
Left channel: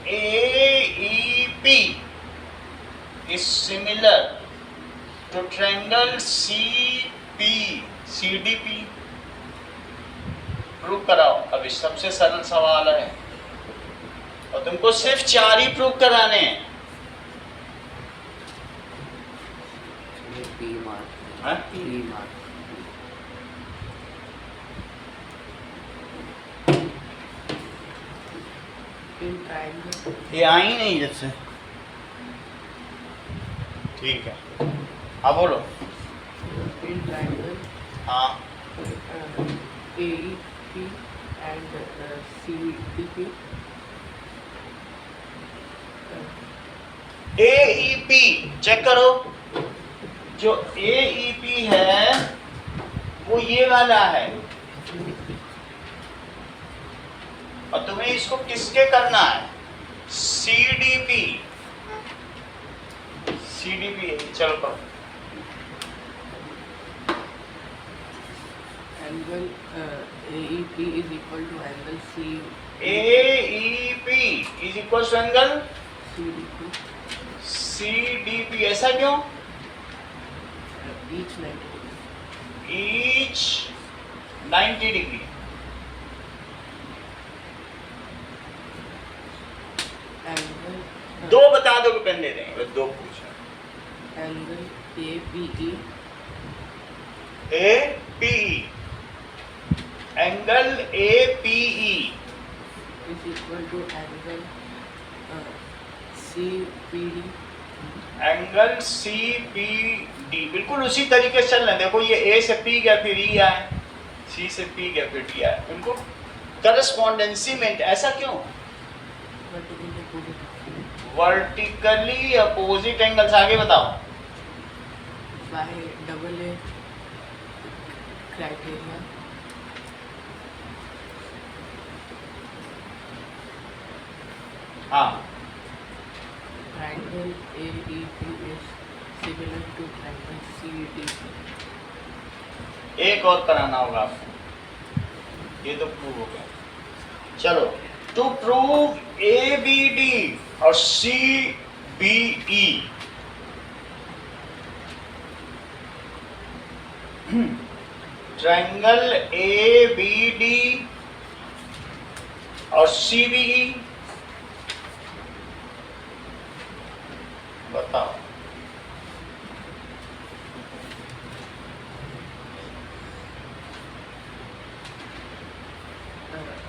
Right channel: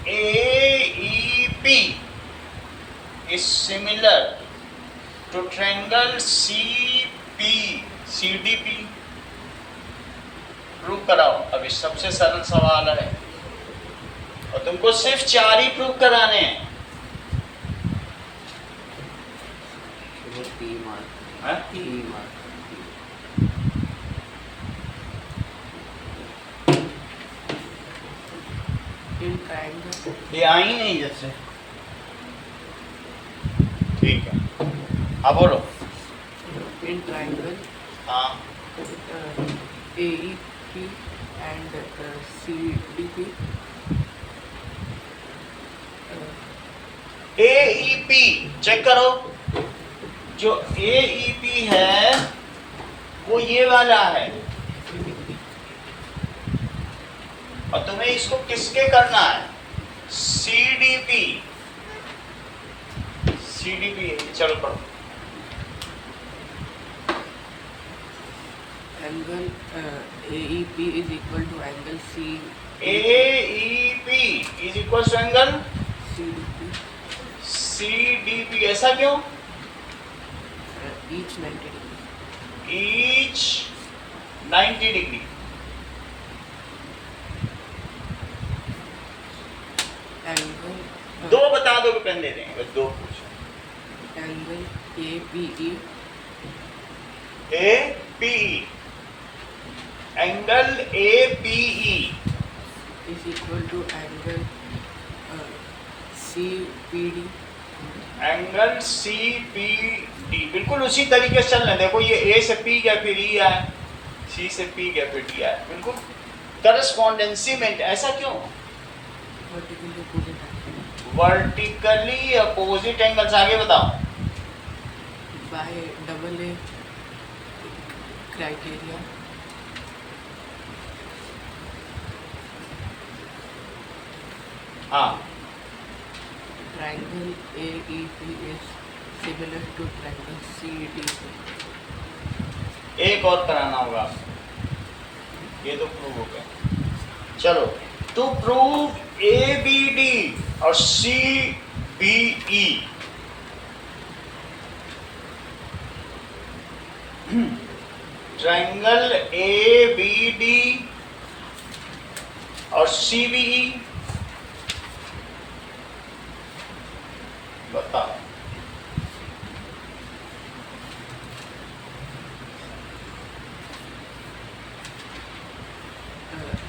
AEP is similar to triangle CDP। Prove कराओ। अभी सबसे सरल सवाल है और तुमको सिर्फ 4 ही प्रूव कराने हैं। ये 3 मार्क। हाँ? 3 मार्क। In triangle, ये आई नहीं जब से। ठीक है, अब बोलो। in triangle, हाँ, AEP and CDP. AEP check करो। जो AEP है वो ये वाला है और तुम्हें इसको किसके करना है? CDP। चलो करो। Angle AEP is equal to angle AEP is equal to angle CDP. CDP। ऐसा क्यों? Each 90 degree. Each 90 degree. Angle दो बता दो, पेन दे देंगे, बस दो पूछो। angle APE APE, angle APE is equal to angle CPD. Angle CPD। बिल्कुल उसी तरीके से चलना। देखो ये A से P गया, फिर E आए, C से P गया, फिर D आए। बिल्कुल करस्पॉन्डेंसी में। ऐसा क्यों? Vertically opposite. Vertically opposite angles. आगे बताओ। By double A criteria. हाँ, Triangle AEP is similar to triangle CDP. एक और कराना होगा आपको। ये तो प्रूव हो गया। चलो, टू प्रूव ABD और CBE, ट्रायंगल ABD और CBE बताओ।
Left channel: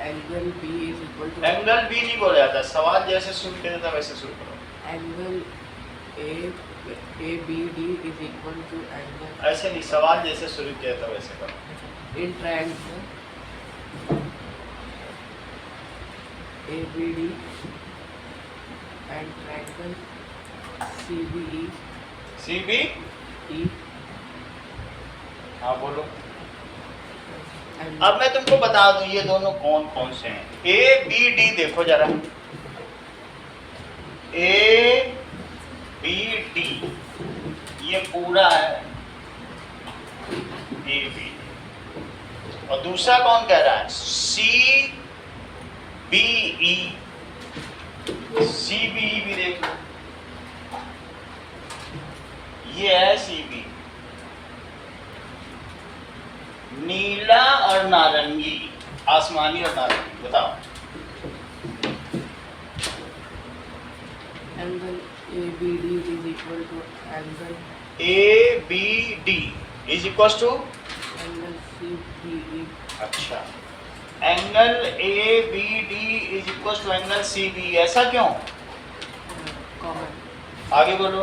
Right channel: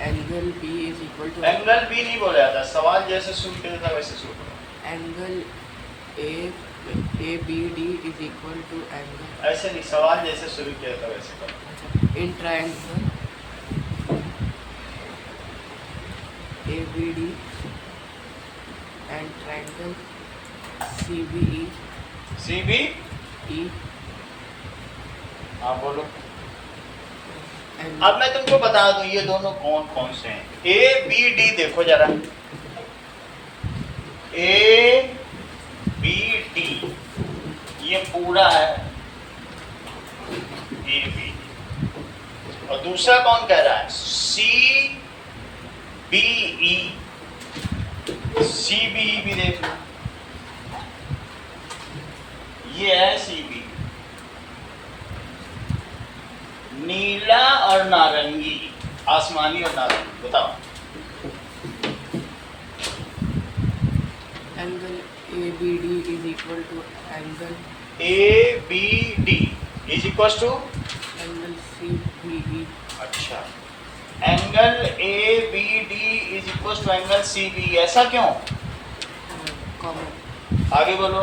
Angle B is equal to angle B नहीं बोला जाता, सवाल जैसे शुरू किया था वैसे शुरू करो। angle ABD is equal to angle ऐसे नहीं, सवाल जैसे शुरू किया था वैसे करो। in triangle ABD and triangle CBE. CBE, हाँ बोलो। And अब मैं तुमको बता दूं ये दोनों कौन कौन से हैं। ABD देखो जरा, ए बी डी, ये पूरा है ए बी डी। और दूसरा कौन कह रहा है? सी बी ई, सी बी ई भी देख लो, ये है सी बी। नीला और नारंगी, आसमानी और नारंगी, बताओ। Angle ABD is equal to angle A B D is equal to, CBE. अच्छा, angle A B D is equal to angle C B, ऐसा क्यों? Common. आगे बोलो।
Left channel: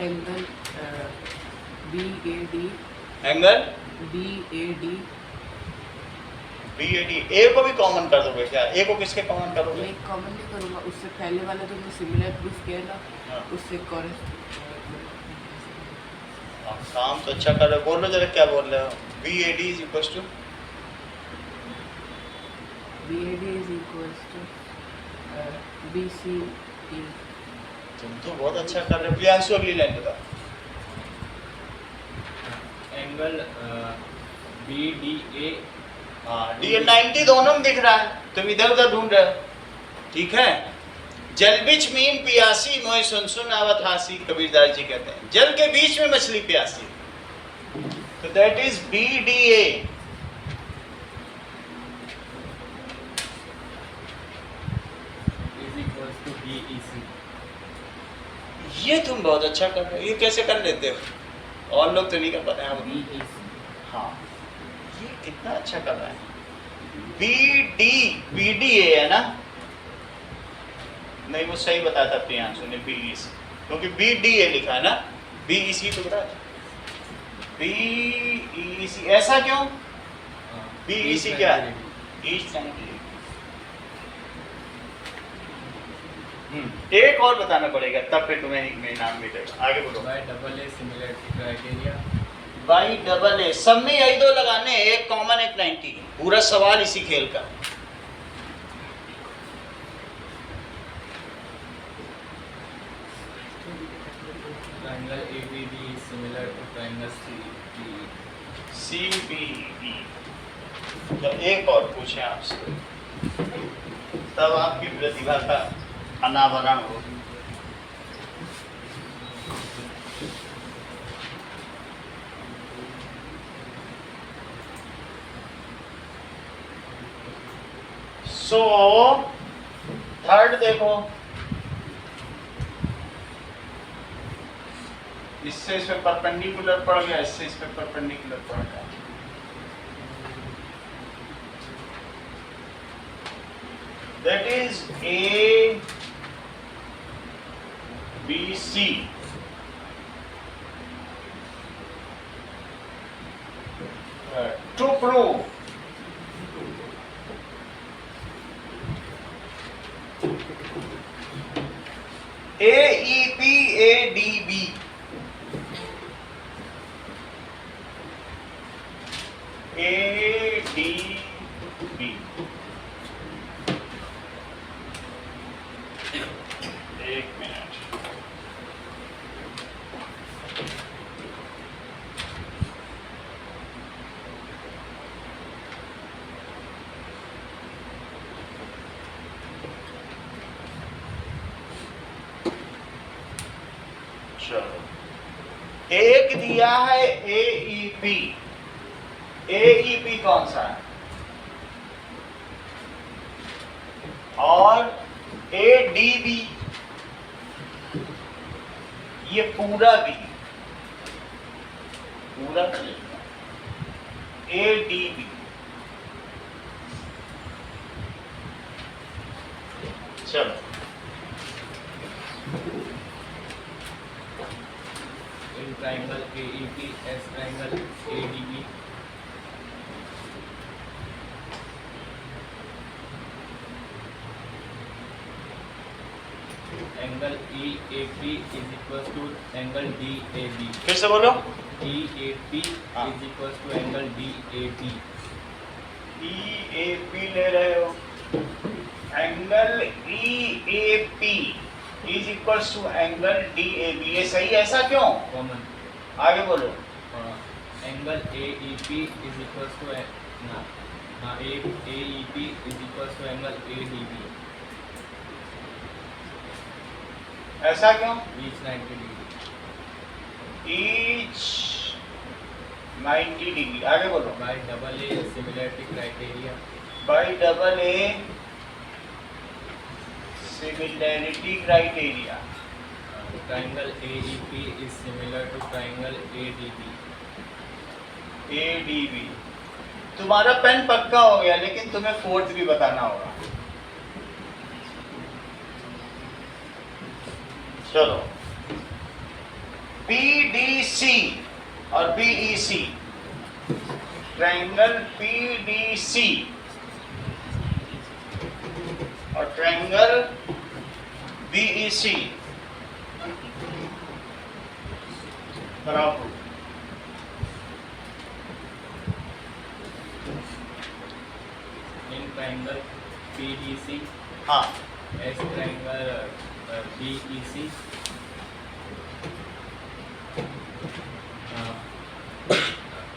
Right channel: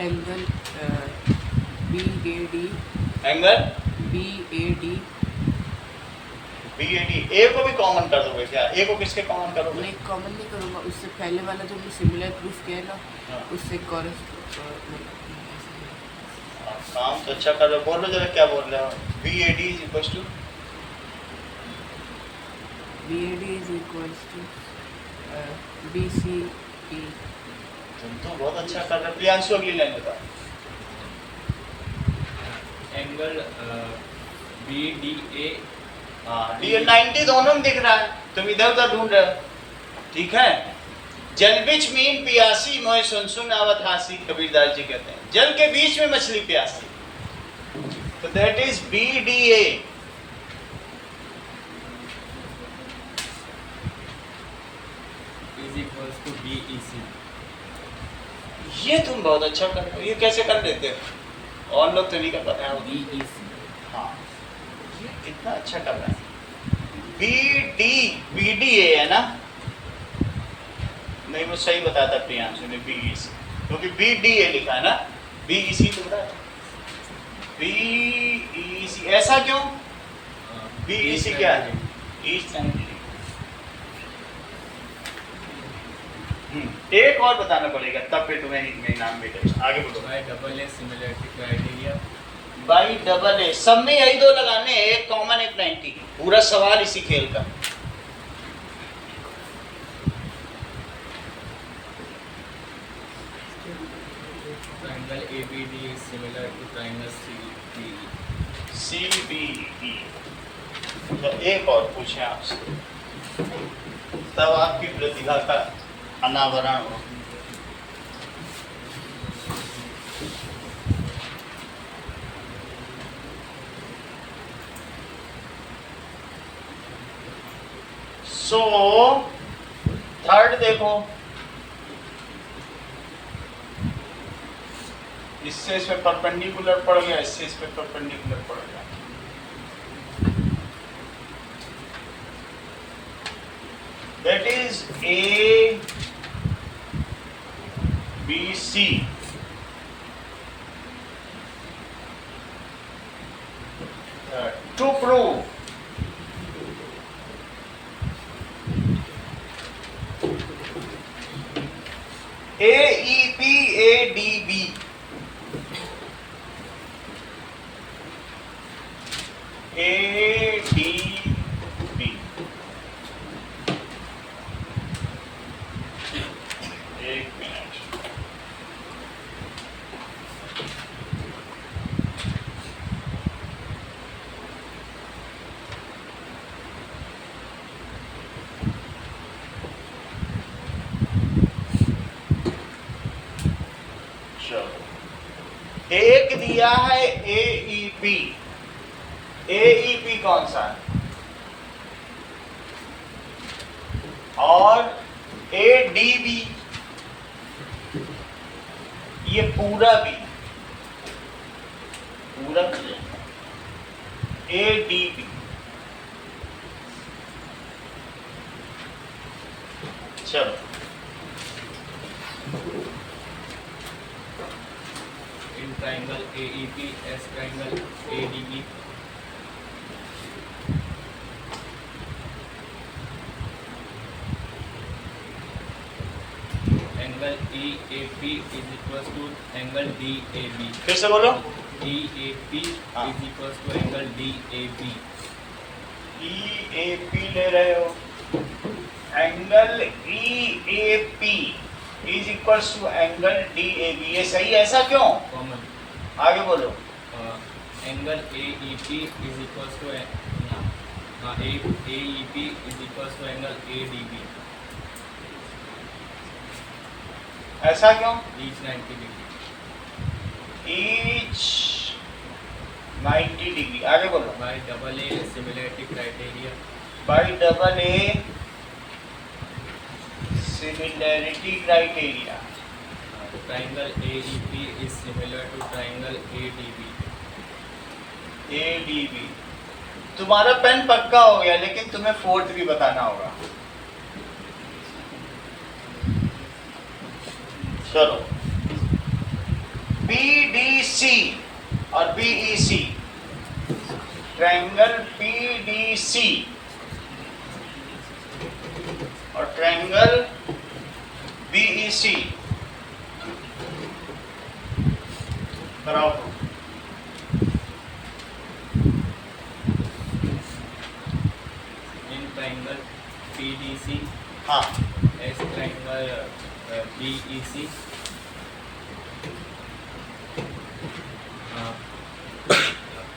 Angle BAD angle BAD B A D, ए को भी common कर दोगे क्या? ए को किसके कॉमन करोगे? नहीं कॉमन नहीं करूँगा, उससे पहले वाला जो हमने सिमिलर प्रूफ किया है ना, हाँ। उससे आप काम तो अच्छा कर रहे हो, बोलो जरा क्या बोल रहे हो। B A D is equal to, BAD is equals to BCE. तुम तो बहुत अच्छा कर रहे हो। प्रियांशु अगली लाइन बता। एंगल बी डी ए, हाँ, डी 90 दोनों में दिख रहा है, तुम इधर उधर ढूंढ रहे हो, ठीक है। जल बिच मीन पियासी मोय सुन सुन आवत हासी, कबीरदास जी कहते हैं, जल के बीच में मछली प्यासी, तो that is B D A. Is equals to B E C. ये तुम बहुत अच्छा कर रहे हो, ये कैसे कर लेते हो? और लोग तो नहीं कर पाते हैं। बी ई सी। हाँ, ये कितना अच्छा कर रहा है। बी डी ए है ना? नहीं, वो सही बताया था प्रियांशु ने, बी ई सी, क्योंकि बी डी ए लिखा है ना, बी ई सी तो बताया, बी ई सी, ऐसा क्यों? बी ई सी क्या है? East angle. एक और बताना पड़ेगा, तब फिर तुम्हें नाम मिलेगा। आगे बोलो। Bye double a similarity criteria. By double ए, सब में यही दो लगाने हैं, एक कॉमन एक 90, पूरा सवाल इसी खेल का। Triangle ABD is similar to triangle CBE. C B E. तो एक और पूछे आपसे, तब आपकी प्रतिभा का अनावरण हो। सो थर्ड देखो, इससे इस पे परपेंडिकुलर पड़ गया, इससे इस पे परपेंडिकुलर पड़ गया। That is A B C, to prove AEP ADB, ADB, एक मिनट, चलो। एक दिया है AEP, AEP कौन सा है? और ADB, ये पूरा भी, पूरा भी ADB। चलो, In triangle AEP as triangle ADB. Angle DAP is equals to angle DAB. फिर से बोलो. DAP हाँ. is equals to angle DAB. EAP ले रहे हो. Angle EAP is equals to angle DAB. ये सही है, ऐसा क्यों? Common. आगे बोलो. Angle AEP is equals to AEP is equals to angle ADB. ऐसा क्यों? Each 90 degree. Each 90 degree. आगे बोलो. By double A similarity criteria. By double A similarity criteria. Triangle AEP is similar to triangle ADB. ADB. तुम्हारा pen पक्का हो गया, लेकिन तुम्हें फोर्थ भी बताना होगा. चलो. PDC और BEC. ट्रायंगल PDC और ट्रायंगल BEC. कराओ. In triangle PDC, हाँ. as triangle BEC,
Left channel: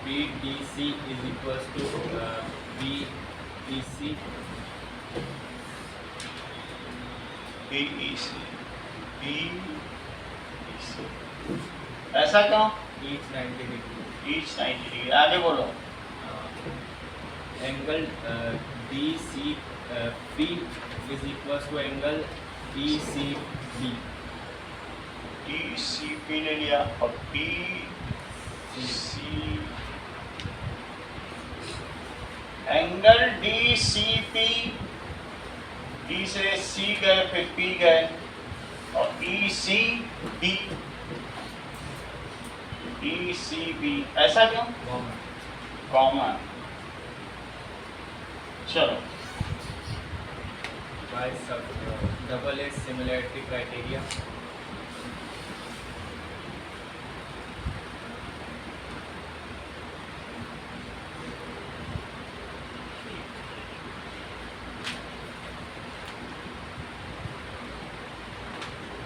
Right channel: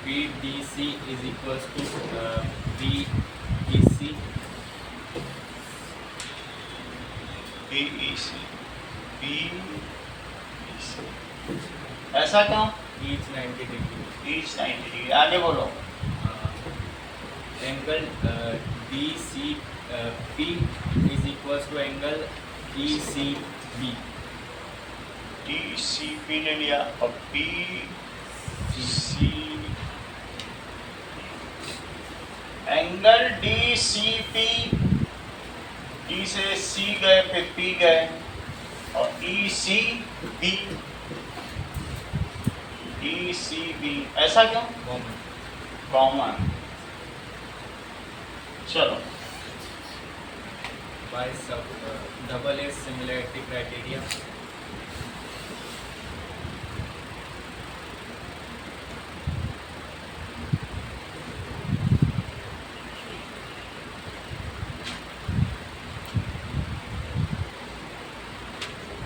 PDC is equals to BEC. BEC. ऐसा क्यों? Each 90 degree. Each 90 degree. आगे बोलो. Angle DCP is equals to angle ECB. DCP ले लिया और BC. एंगल DCP, D से C गए फिर P गए और ECB. ऐसा क्यों? Common. कॉमन. चलो. By double A similarity criteria.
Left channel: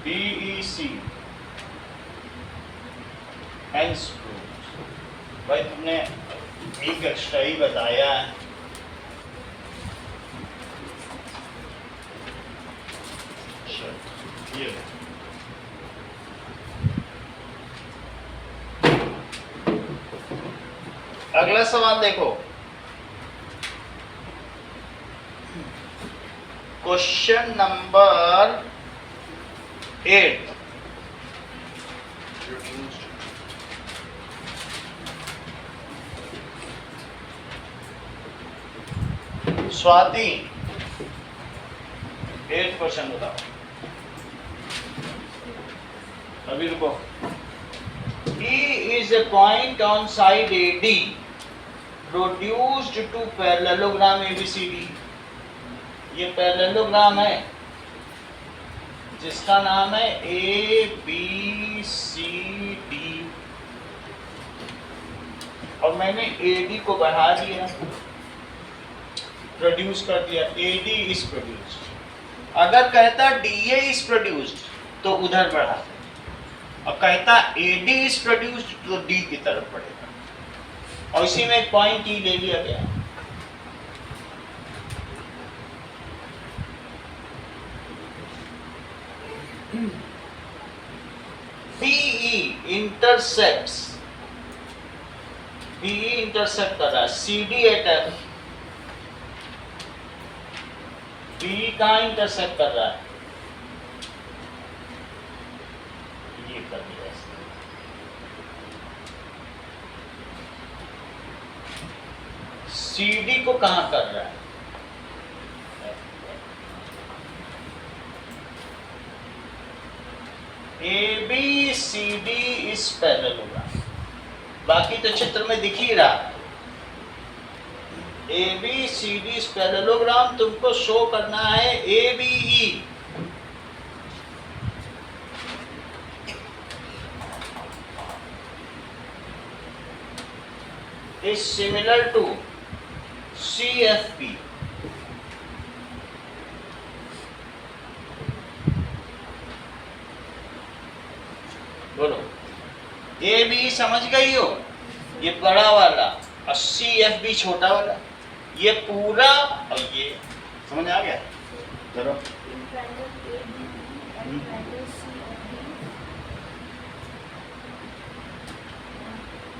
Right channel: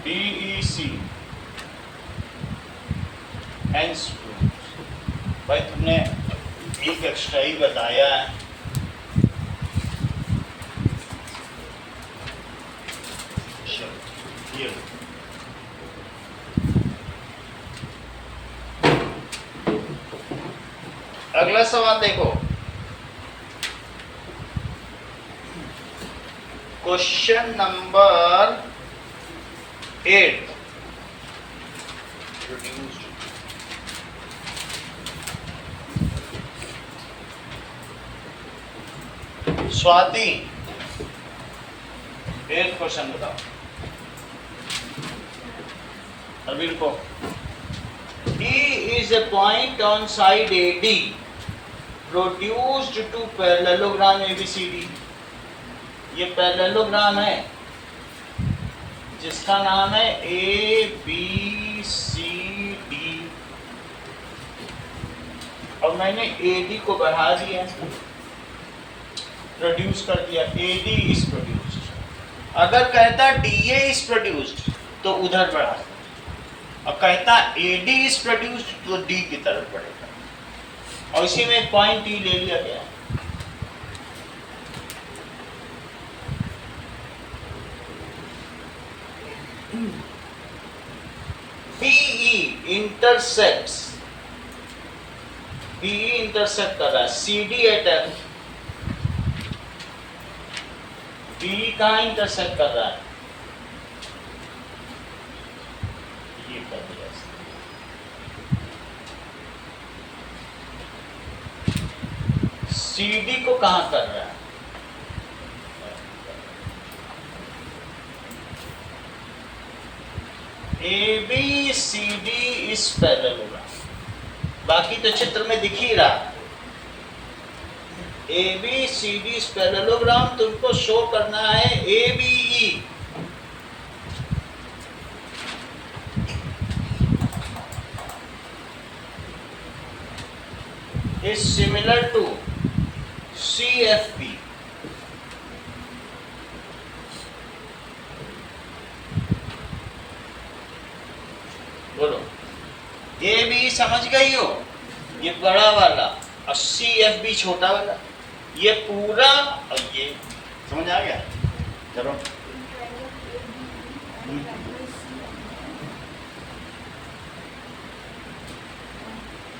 BEC hence proof. भाई तुमने एक एक्स्ट्रा ही बताया है. ये अगला सवाल देखो. Question number 8. Swati, 8th question बताओ. अभी रुको. E is a point on side AD produced to parallelogram ABCD. ये पैरेललोग्राम है जिसका नाम है ABCD और मैंने AD को बढ़ा दिया, प्रोड्यूस कर दिया. AD is produced. अगर कहता DA इज प्रोड्यूस्ड तो उधर बढ़ा, और कहता AD इज प्रोड्यूस्ड तो D की तरफ बढ़ेगा. और इसी में एक पॉइंट E ले लिया गया. PE इंटरसेक्ट्स, PE इंटरसेक्ट कर रहा है CD एट F. PE कहाँ इंटरसेक्ट कर रहा है? ये कर दिया इसने. CD को कहाँ कर रहा है? ABCD is parallelogram. बाकी तो चित्र में दिख ही रहा. ABCD is parallelogram. तुमको शो करना है ABE. is similar to CFP. बोलो, ए बी समझ गई हो, ये बड़ा वाला और CFB छोटा वाला, ये पूरा और ये समझ आ गया? चलो In triangle ABB and triangle CFB,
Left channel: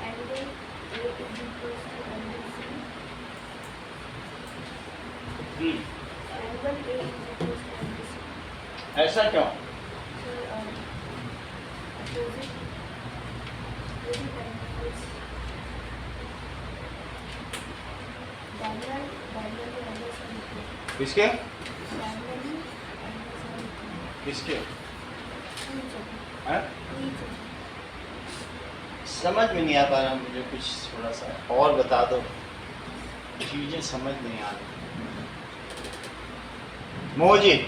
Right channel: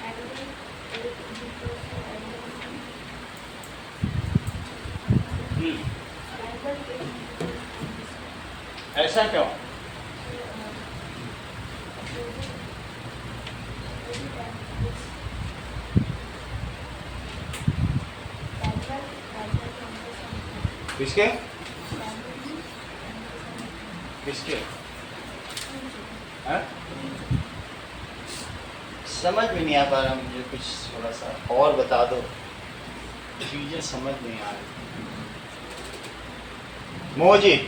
angle A is equals to angle C. Angle A is equals to angle C. ऐसा क्यों? So, opposite angles. Diagonal angles are equal. किसके? Diagonally angles are equal. किसके? Each other. हैं? Each other. समझ में नहीं आ पा रहा मुझे, कुछ थोड़ा सा और बता दो, चीजें समझ नहीं आ रही। मोहजिद,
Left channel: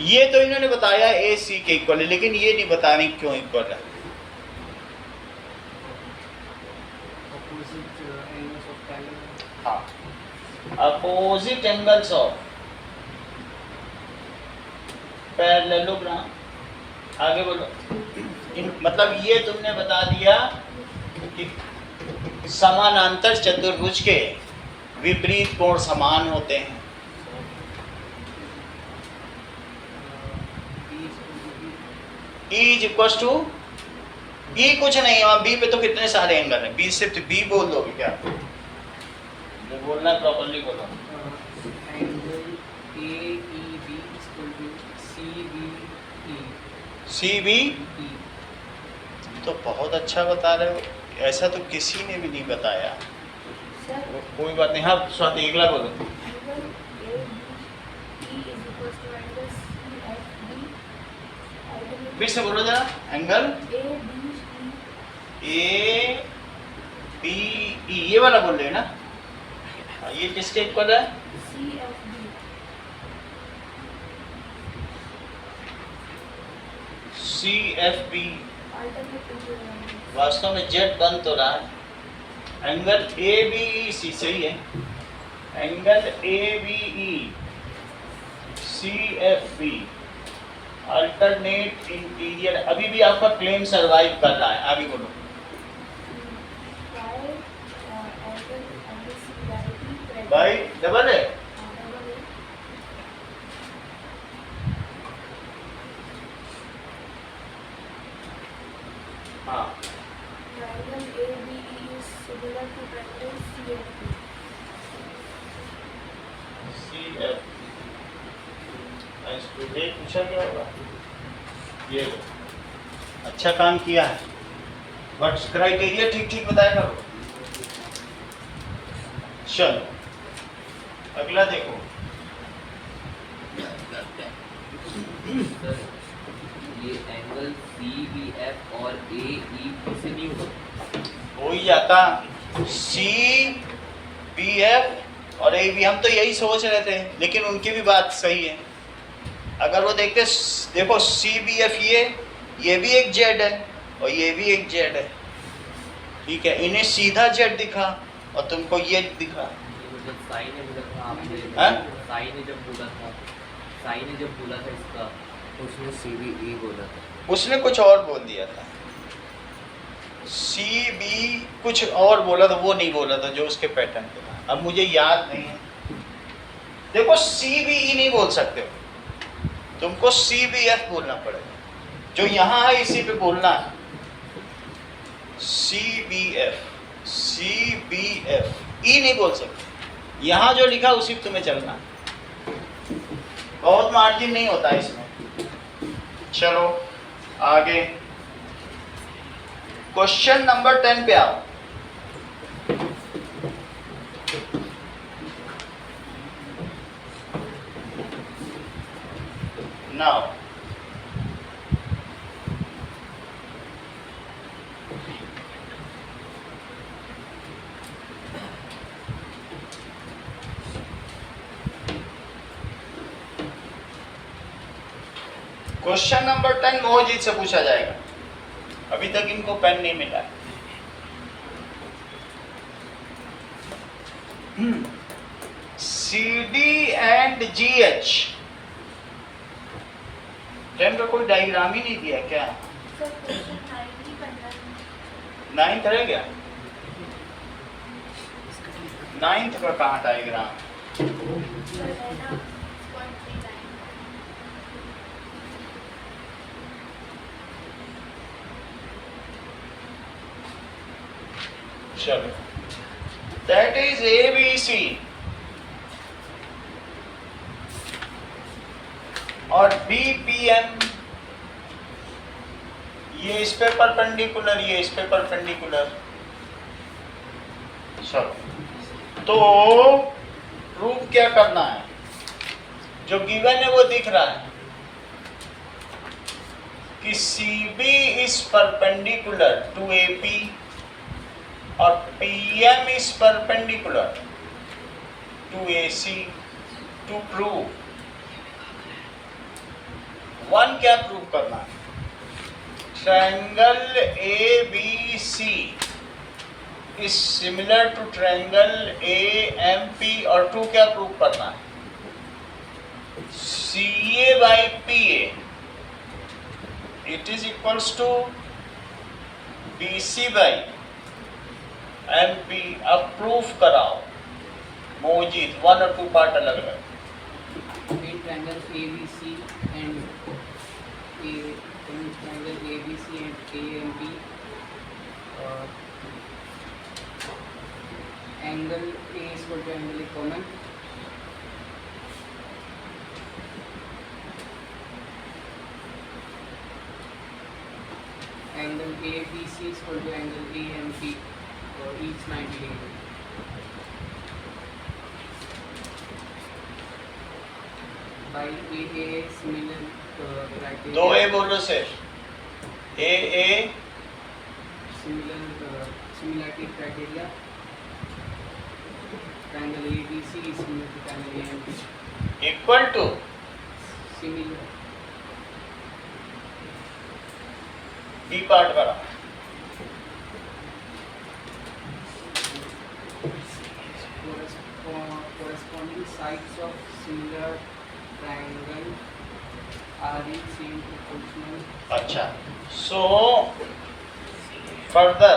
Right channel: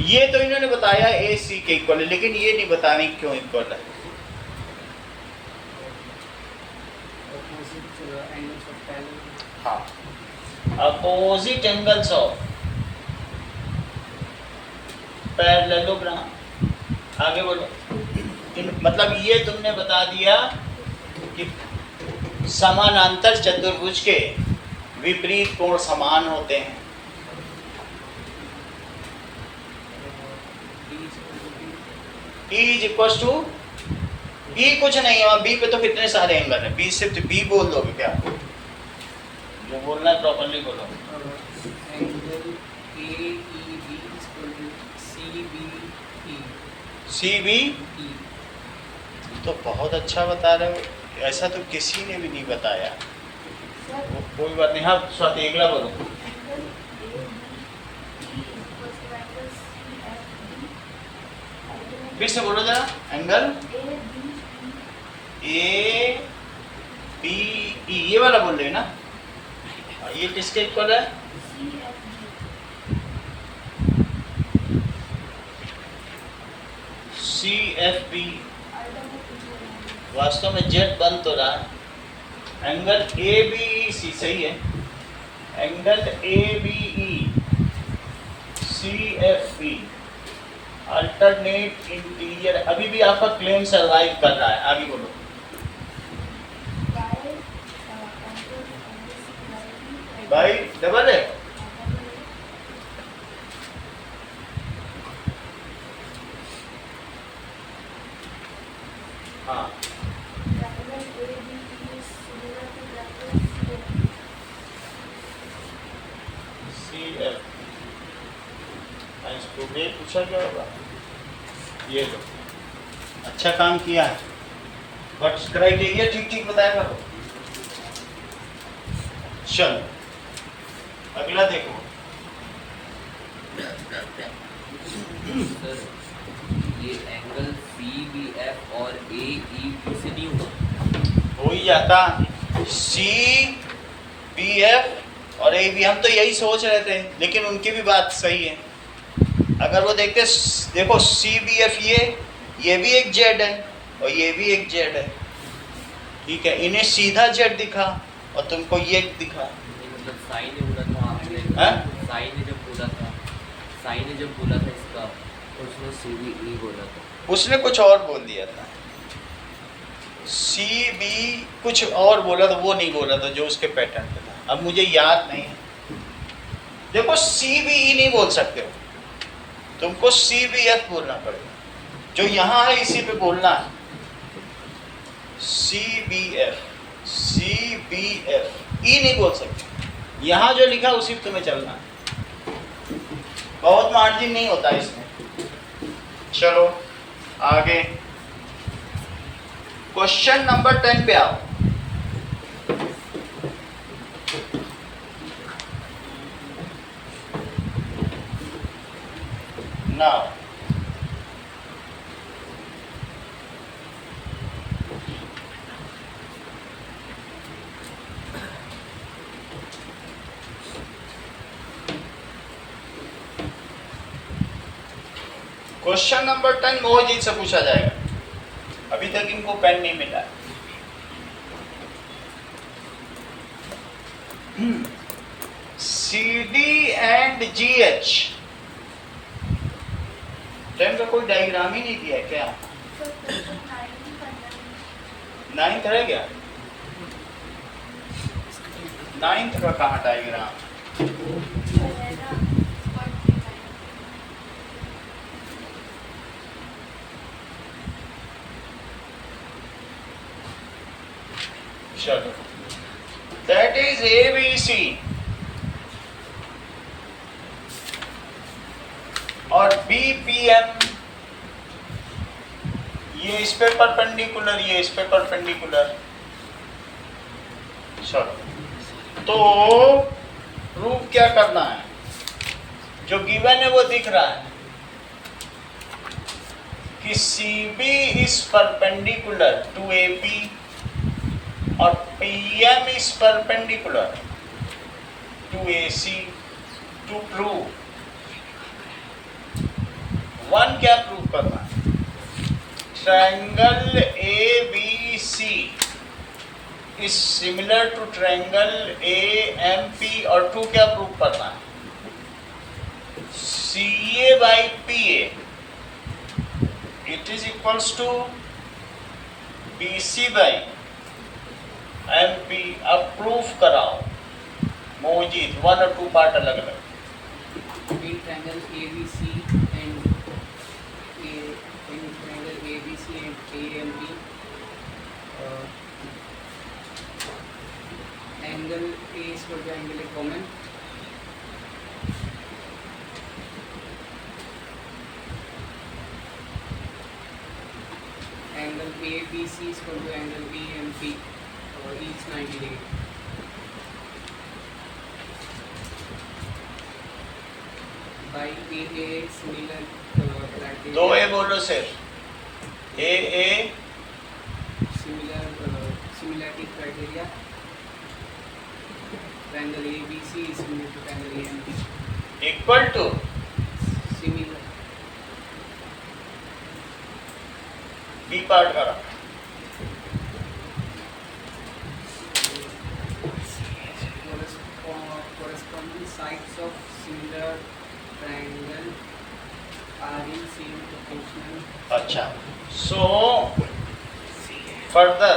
ये तो इन्होंने बताया ए सी के इक्वल है, लेकिन ये नहीं बता रही क्यों इक्वल है। opposite angles of parallel. हाँ, अपोजिट एंगल्स ऑफ पैरेललोग्राम। आगे बोलो। मतलब ये तुमने बता दिया कि समानांतर चतुर्भुज के विपरीत कोण समान होते हैं। B is equal to B. E is equal to B, कुछ नहीं है बी पे तो कितने सारे एंगल हैं, बी सिर्फ बी बोल दोगे क्या? जो बोलना है प्रॉपर्ली बोलो। Angle AEB is equal to CBE. CB E. तो बहुत अच्छा बता रहे हो, ऐसा तो किसी ने भी नहीं बताया। Sir, कोई बात नहीं। हाँ स्वाति अगला बोलो। angle ABE is equals to angle CFB. Ultimately, फिर से बोलो जरा। Angle ABE A B E, ये वाला बोल रहे हैं ना? हाँ, ये किसके इक्वल है? CFB. CFB। Ultimately, वास्तव में जेड बन तो रहा है। Angle A B E C सही है। Angle A B E C F B alternate interior. अभी भी आपका क्लेम सरवाइव कर रहा है। आगे बोलो। भाई डबल है। हाँ सी एफ स्टूडेंट पूछा क्या होगा? ये लो, अच्छा काम किया है, बट क्राइटेरिया ठीक ठीक बताया करो। चलो अगला देखो। सर ये एंगल CBF और AE से नहीं हुआ। हो ही जाता। सी बी एफ और ए बी, हम तो यही सोच रहे थे, लेकिन उनकी भी बात सही है। अगर वो देखते, देखो सी बी एफ ये भी एक जेड है और ये भी एक जेड है, ठीक है। इन्हें सीधा जेड दिखा और तुमको ये दिखा। ये मतलब साई ने बोला था आपने, हैं? साई ने जब बोला था इसका, उसने CBE बोला था। उसने कुछ और बोल दिया था, सी बी कुछ और बोला था, वो नहीं बोला था जो उसके पैटर्न पे था। अब मुझे याद नहीं है। देखो सी बी ई नहीं बोल सकते हो, तुमको सी बी एफ बोलना पड़ेगा। जो यहाँ है इसी पे बोलना है। C B F, C B F, E नहीं बोल सकते। यहाँ जो लिखा उसी पे तुम्हें चलना है। बहुत मार्जिन नहीं होता इसमें। चलो आगे क्वेश्चन नंबर 10 पे आओ। नाउ क्वेश्चन नंबर 10 मोहजीत से पूछा जाएगा। अभी तक इनको पेन नहीं मिला। CD एंड GH, टेन का कोई डायग्राम ही नहीं दिया क्या? सर क्वेश्चन 90 15 नाइन्थ रह गया, नाइन्थ का कहाँ डायग्राम? रहेगा स्पॉट पे टाइम। चलो, दैट इज ABC और BPM, ये इस पे परपेंडिकुलर, ये इस पे परपेंडिकुलर। चलो, तो प्रूफ क्या करना है? जो गिवन है वो दिख रहा है कि CB is perpendicular to AP और PM is perpendicular to AC। To prove one, क्या प्रूव करना है? Triangle ABC is similar to triangle AMP, और टू क्या प्रूव करना है? CA by PA it is equals to BC by MP। अब proof कराओ मोजीद, वन और टू पार्ट अलग अलग। In triangle ABC and AMP, angle A is equal to angle A common. Angle ABC is equal to angle AMP, each 90 degree. By AA similar criteria. दो ए बोलो सिर्फ, AA Similarity criteria. Triangle ABC is similar to triangle AMP. Equal to, Similar. B part करा। Corresponding sides of similar triangle are in same proportional. अच्छा, so further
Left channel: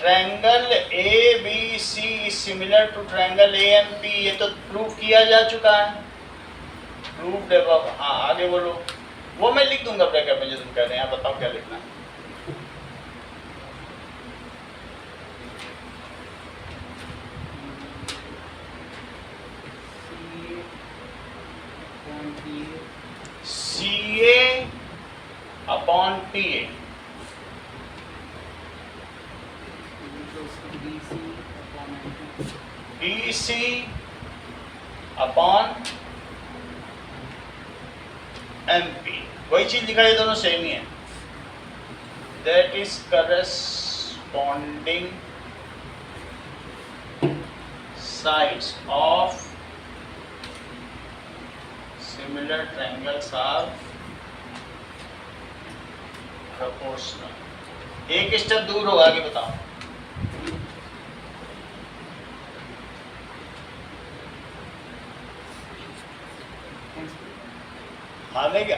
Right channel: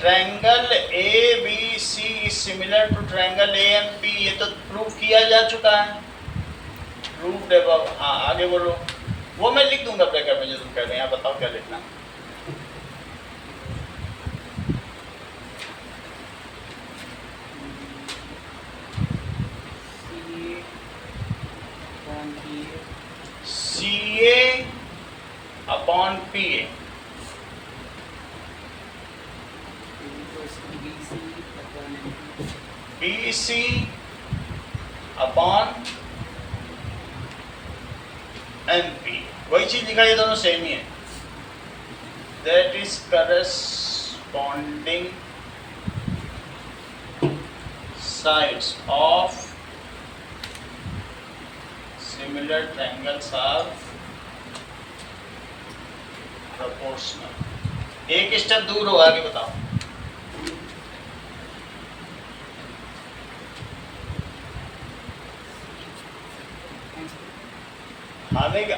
triangle ABC is similar to triangle AMP, ये तो prove किया जा चुका है, proved above. हाँ आगे बोलो, वो मैं लिख दूंगा ब्रैकेट में जो तुम कह रहे हैं, यहाँ बताओ क्या लिखना है। CA upon PA BC upon MP, वही चीज लिखा, ये दोनों सेम ही है। That is corresponding sides of similar triangles are proportional। एक स्टेप दूर हो, आगे बताओ।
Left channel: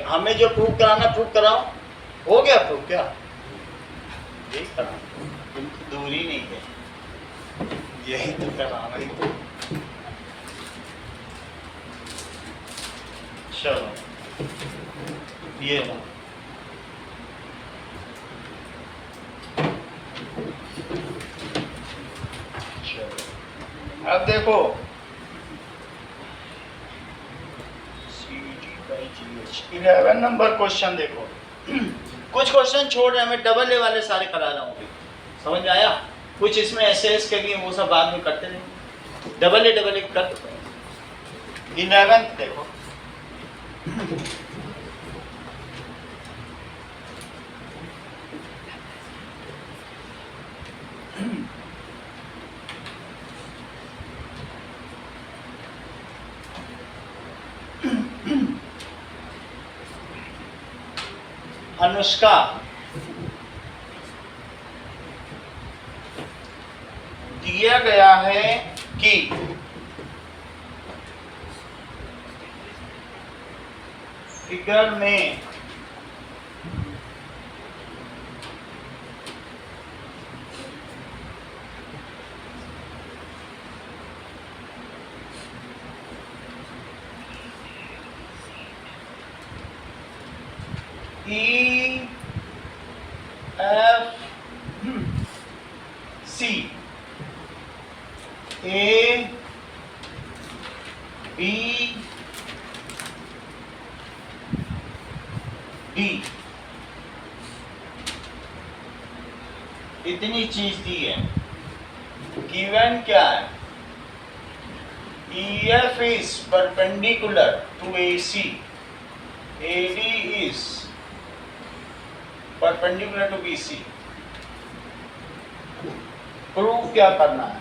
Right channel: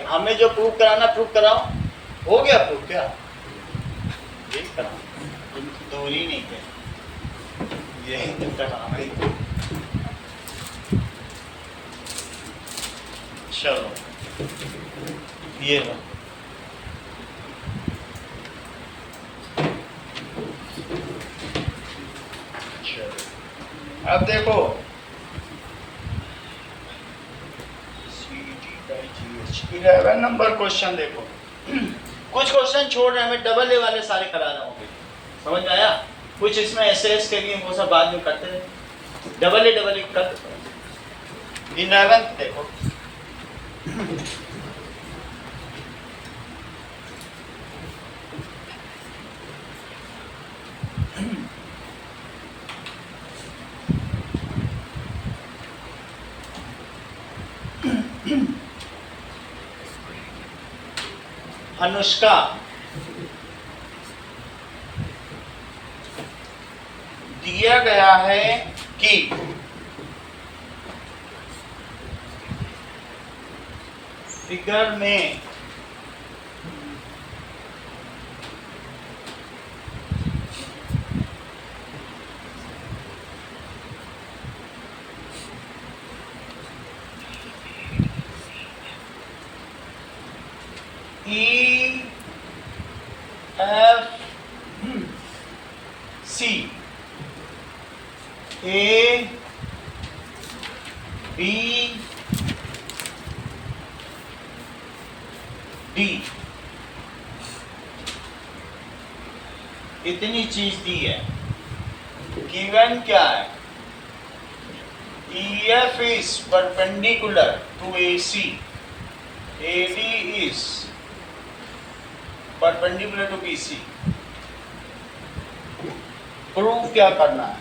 हमें जो प्रूव कराना प्रूव कराओ, हो गया प्रूव, क्या यही कराना, तुम तो दूर ही नहीं गए, यही तो कराना ही था। चलो ये लो, चलो अब देखो CD/GH 11 नंबर क्वेश्चन देखो। कुछ क्वेश्चन छोड़ रहे हैं, मैं डबल ए वाले सारे करा रहा हूँ, समझ में आया? कुछ इसमें एसएस के लिए वो सब बाद में करते रहे, डबल ए कर देते हैं। 11 देखो, अनुष्का दिया गया है कि फिगर में E F C A B D इतनी चीज दी है। गिवन क्या है? EF is perpendicular to AC, AD is perpendicular to BC। Prove क्या करना है?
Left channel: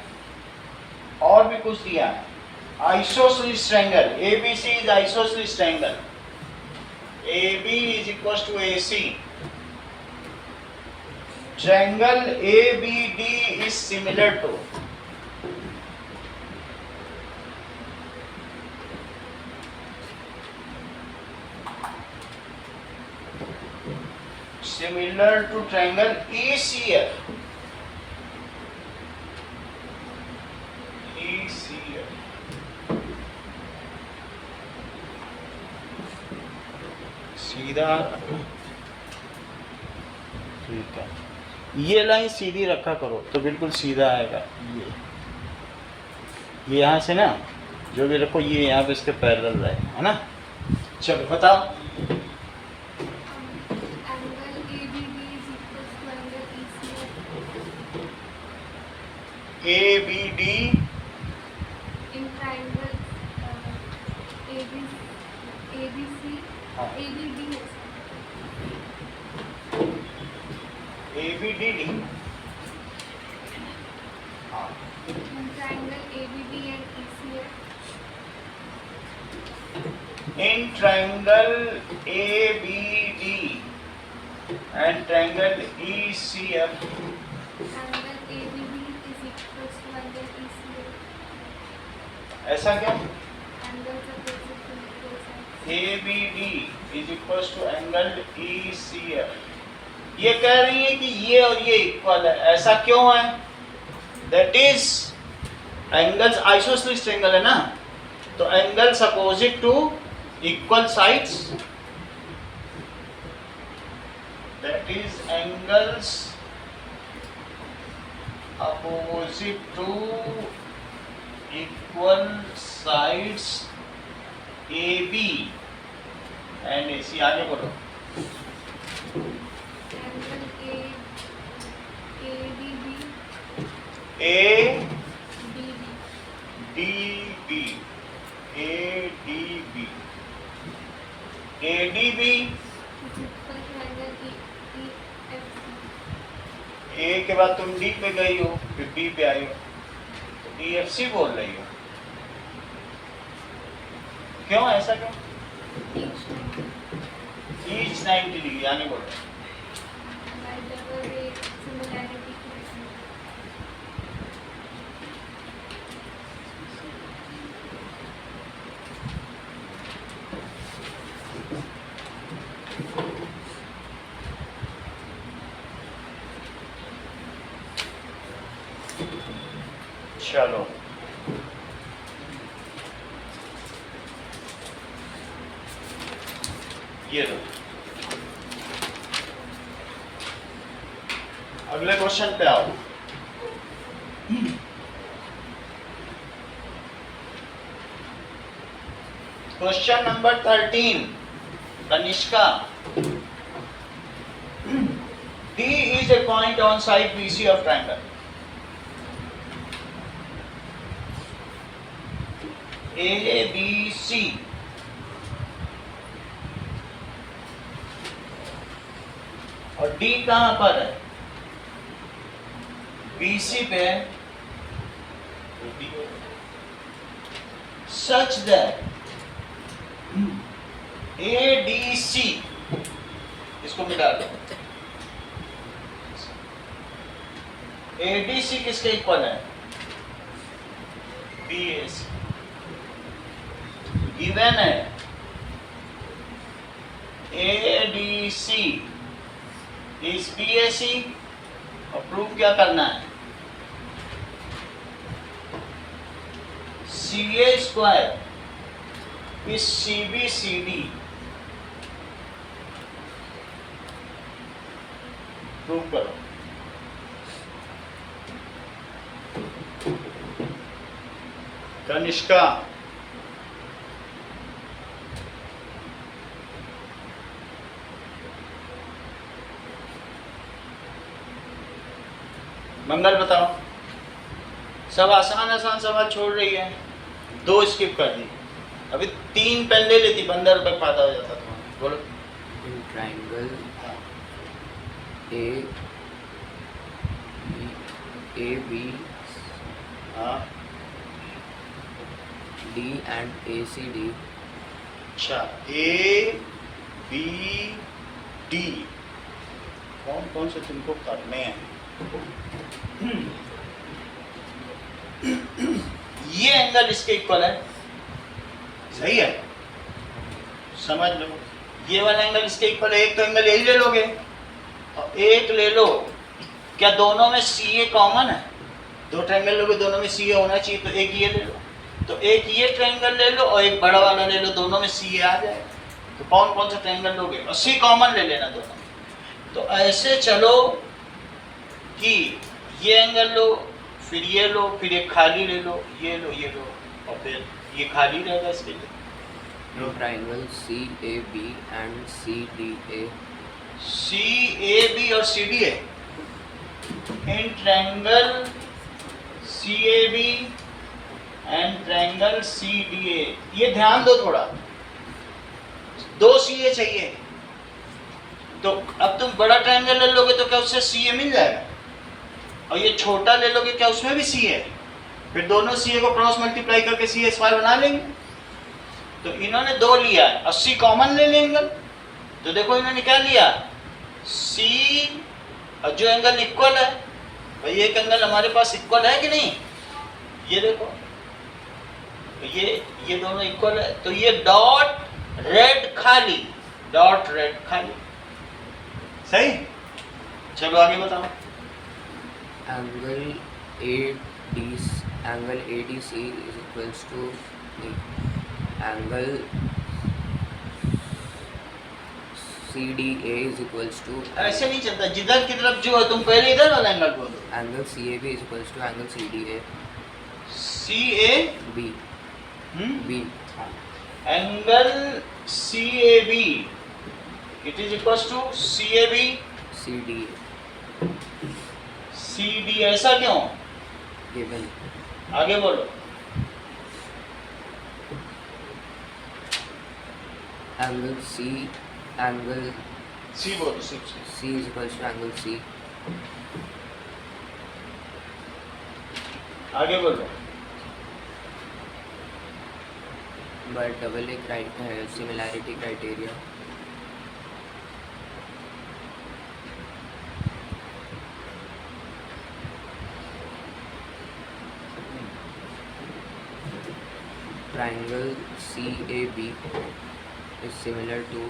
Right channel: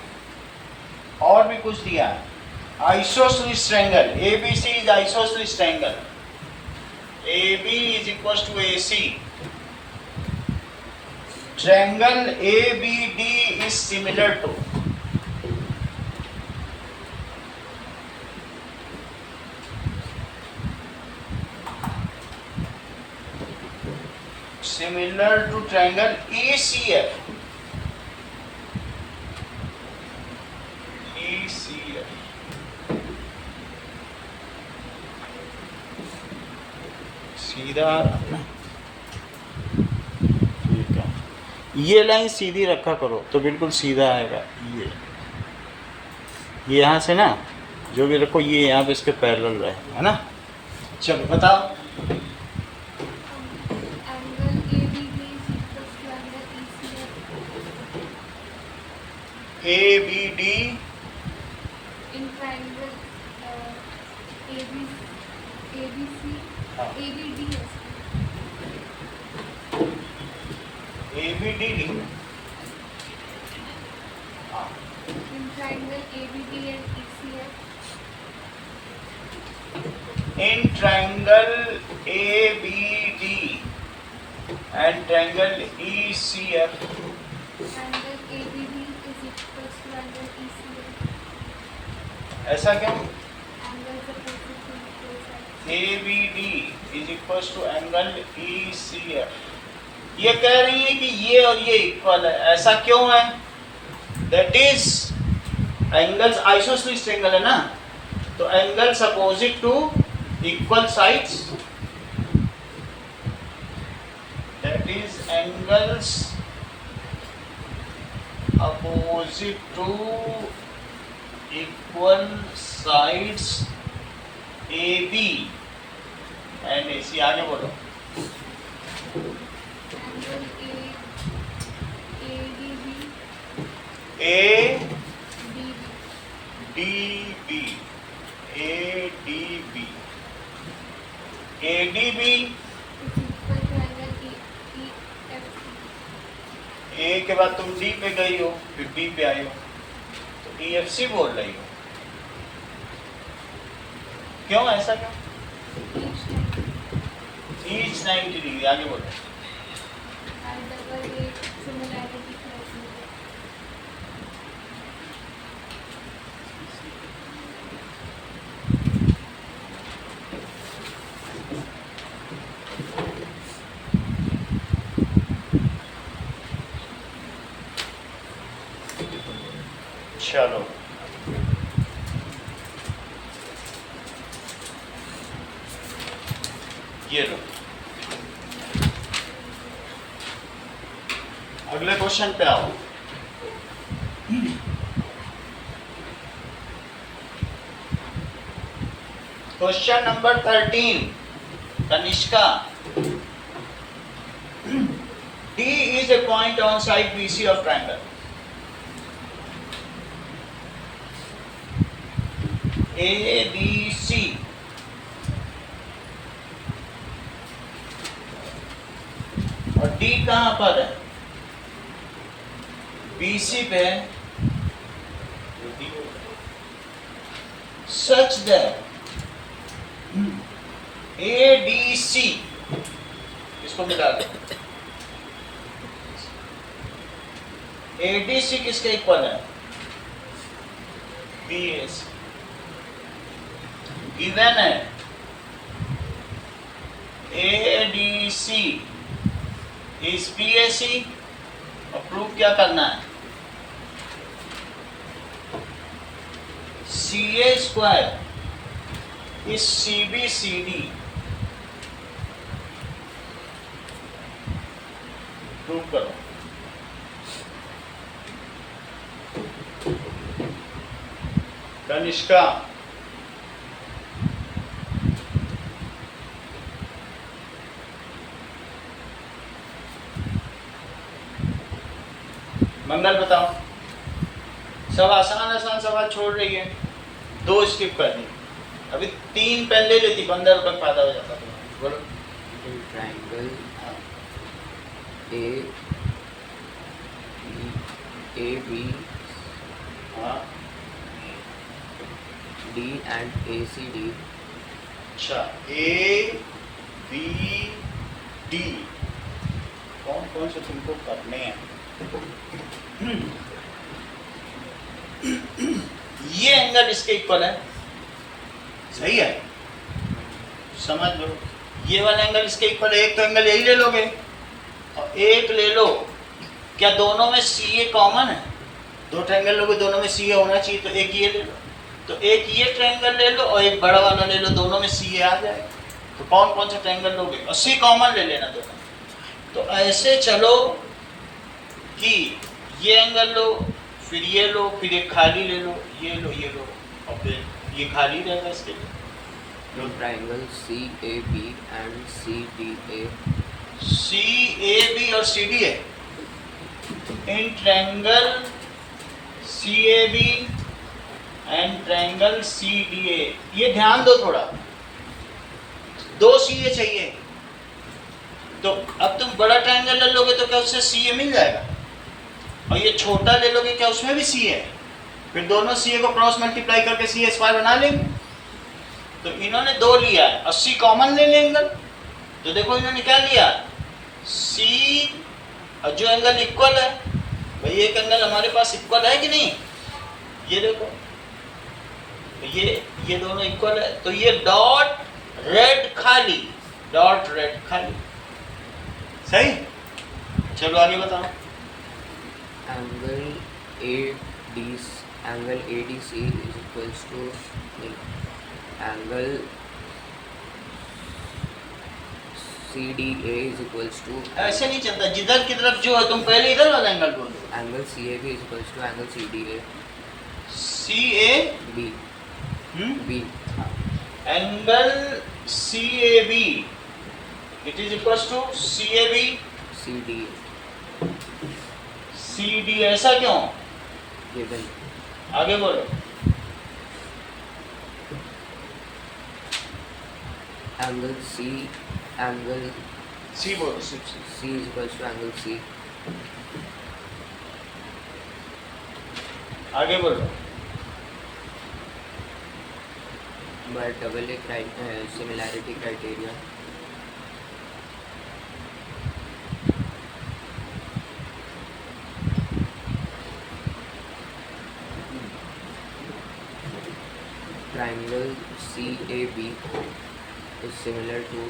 और भी कुछ दिया है। Isosceles triangle ABC is isosceles triangle, AB is equals to AC। Triangle ABD is similar to triangle ECF। सीधा ठीक है, ये लाइन सीधी रखा करो तो बिल्कुल सीधा आएगा। ये यहाँ से ना जो भी रखो ये यहाँ पे इसके पैरेलल रहे, है ना। चलो बताओ। Angle ABD is equals to angle ECF ABD in triangle ABC हाँ। ABD is ABD हाँ in triangle ABD and ECF in triangle ABD and triangle ECF angle ABD is equals to angle ECF ऐसा क्यों? angles opposite to equal sides ABD is equals to angle ECF। ये कह रही है कि ये और ये इक्वल है, ऐसा क्यों है? That is angles isosceles triangle है ना, तो angles opposite to equal sides, that is angles opposite to equal sides AB and AC। आगे बोलो। angle ADB ADB ADB is equal to angle EFC A के बाद तुम D पे गई हो, फिर B पे आई हो, तो EFC बोल रही हो। क्यों ऐसा क्यों? each Each time 90 degree. आगे बोलो। by double A similarity criteria चलो ये लो। अगले क्वेश्चन पे आओ। Question number 13 Kanishka. D is a point on side BC of triangle ABC और D कहां पर है? BC पे है। Such that ADC, इसको मिटा दो। ADC किसके इक्वल है? BAC गिवन है ADC इज BAC और प्रूफ क्या करना है CA square is CBCD prove करो कनिष्का मंगल बताओ सब आसान आसान सवाल छोड़ रही है 2 स्किप कर दी अभी 3 पेन ले लेती 15 रुपए फायदा हो जाता तुम्हारा बोलो In triangle AB हाँ D and ACD अच्छा A B D कौन कौन से तुमको करने हैं ये एंगल इसके इक्वल है सही है समझ लो ये वाला एंगल इसके इक्वल है एक तो एंगल यही ले लोगे और एक ले लो क्या दोनों में CA कॉमन है 2 ट्रायंगल लोगे दोनों में CA होना चाहिए तो एक ये ले लो तो एक ये ट्रायंगल ले लो और एक बड़ा वाला ले लो दोनों में CA आ जाएगा तो कौन कौन सा ट्रायंगल लोगे और C कॉमन ले लेना दोनों तो ऐसे चलो कि ये एंगल लो फिर ये लो फिर एक खाली ले लो ये लो और फिर ये खाली रहेगा इसके लिए in triangle CAB and CDA CAB और CDA in triangle CAB and triangle CDA ये ध्यान दो थोड़ा 2 CA चाहिए तो अब तुम बड़ा ट्रायंगल ले लोगे तो क्या उससे CA मिल जाएगा और ये छोटा ले लोगे क्या उसमें भी CA है फिर दोनों CA को क्रॉस मल्टीप्लाई करके CA स्क्वायर बना लेंगे तो इन्होंने 2 लिया है 80 कॉमन ले लेंगे तो देखो इन्होंने क्या लिया C और जो एंगल इक्वल है भाई एक एंगल हमारे पास इक्वल है कि नहीं ये देखो तो ये दोनों इक्वल है तो ये डॉट रेड खाली सही चलो आगे बताओ angle ADC is equals to angle CDA is equals to ऐसे नहीं चलता जिधर की तरफ जो है तुम पहले इधर वाला एंगल बोलो angle CAB is equals to angle CDA CAB B angle CAB it is equals to CAB CDA CD ऐसा क्यों given आगे बोलो angle C बोलो C is equals to angle C आगे बोलो by double similarity criteria triangle CAB is similar to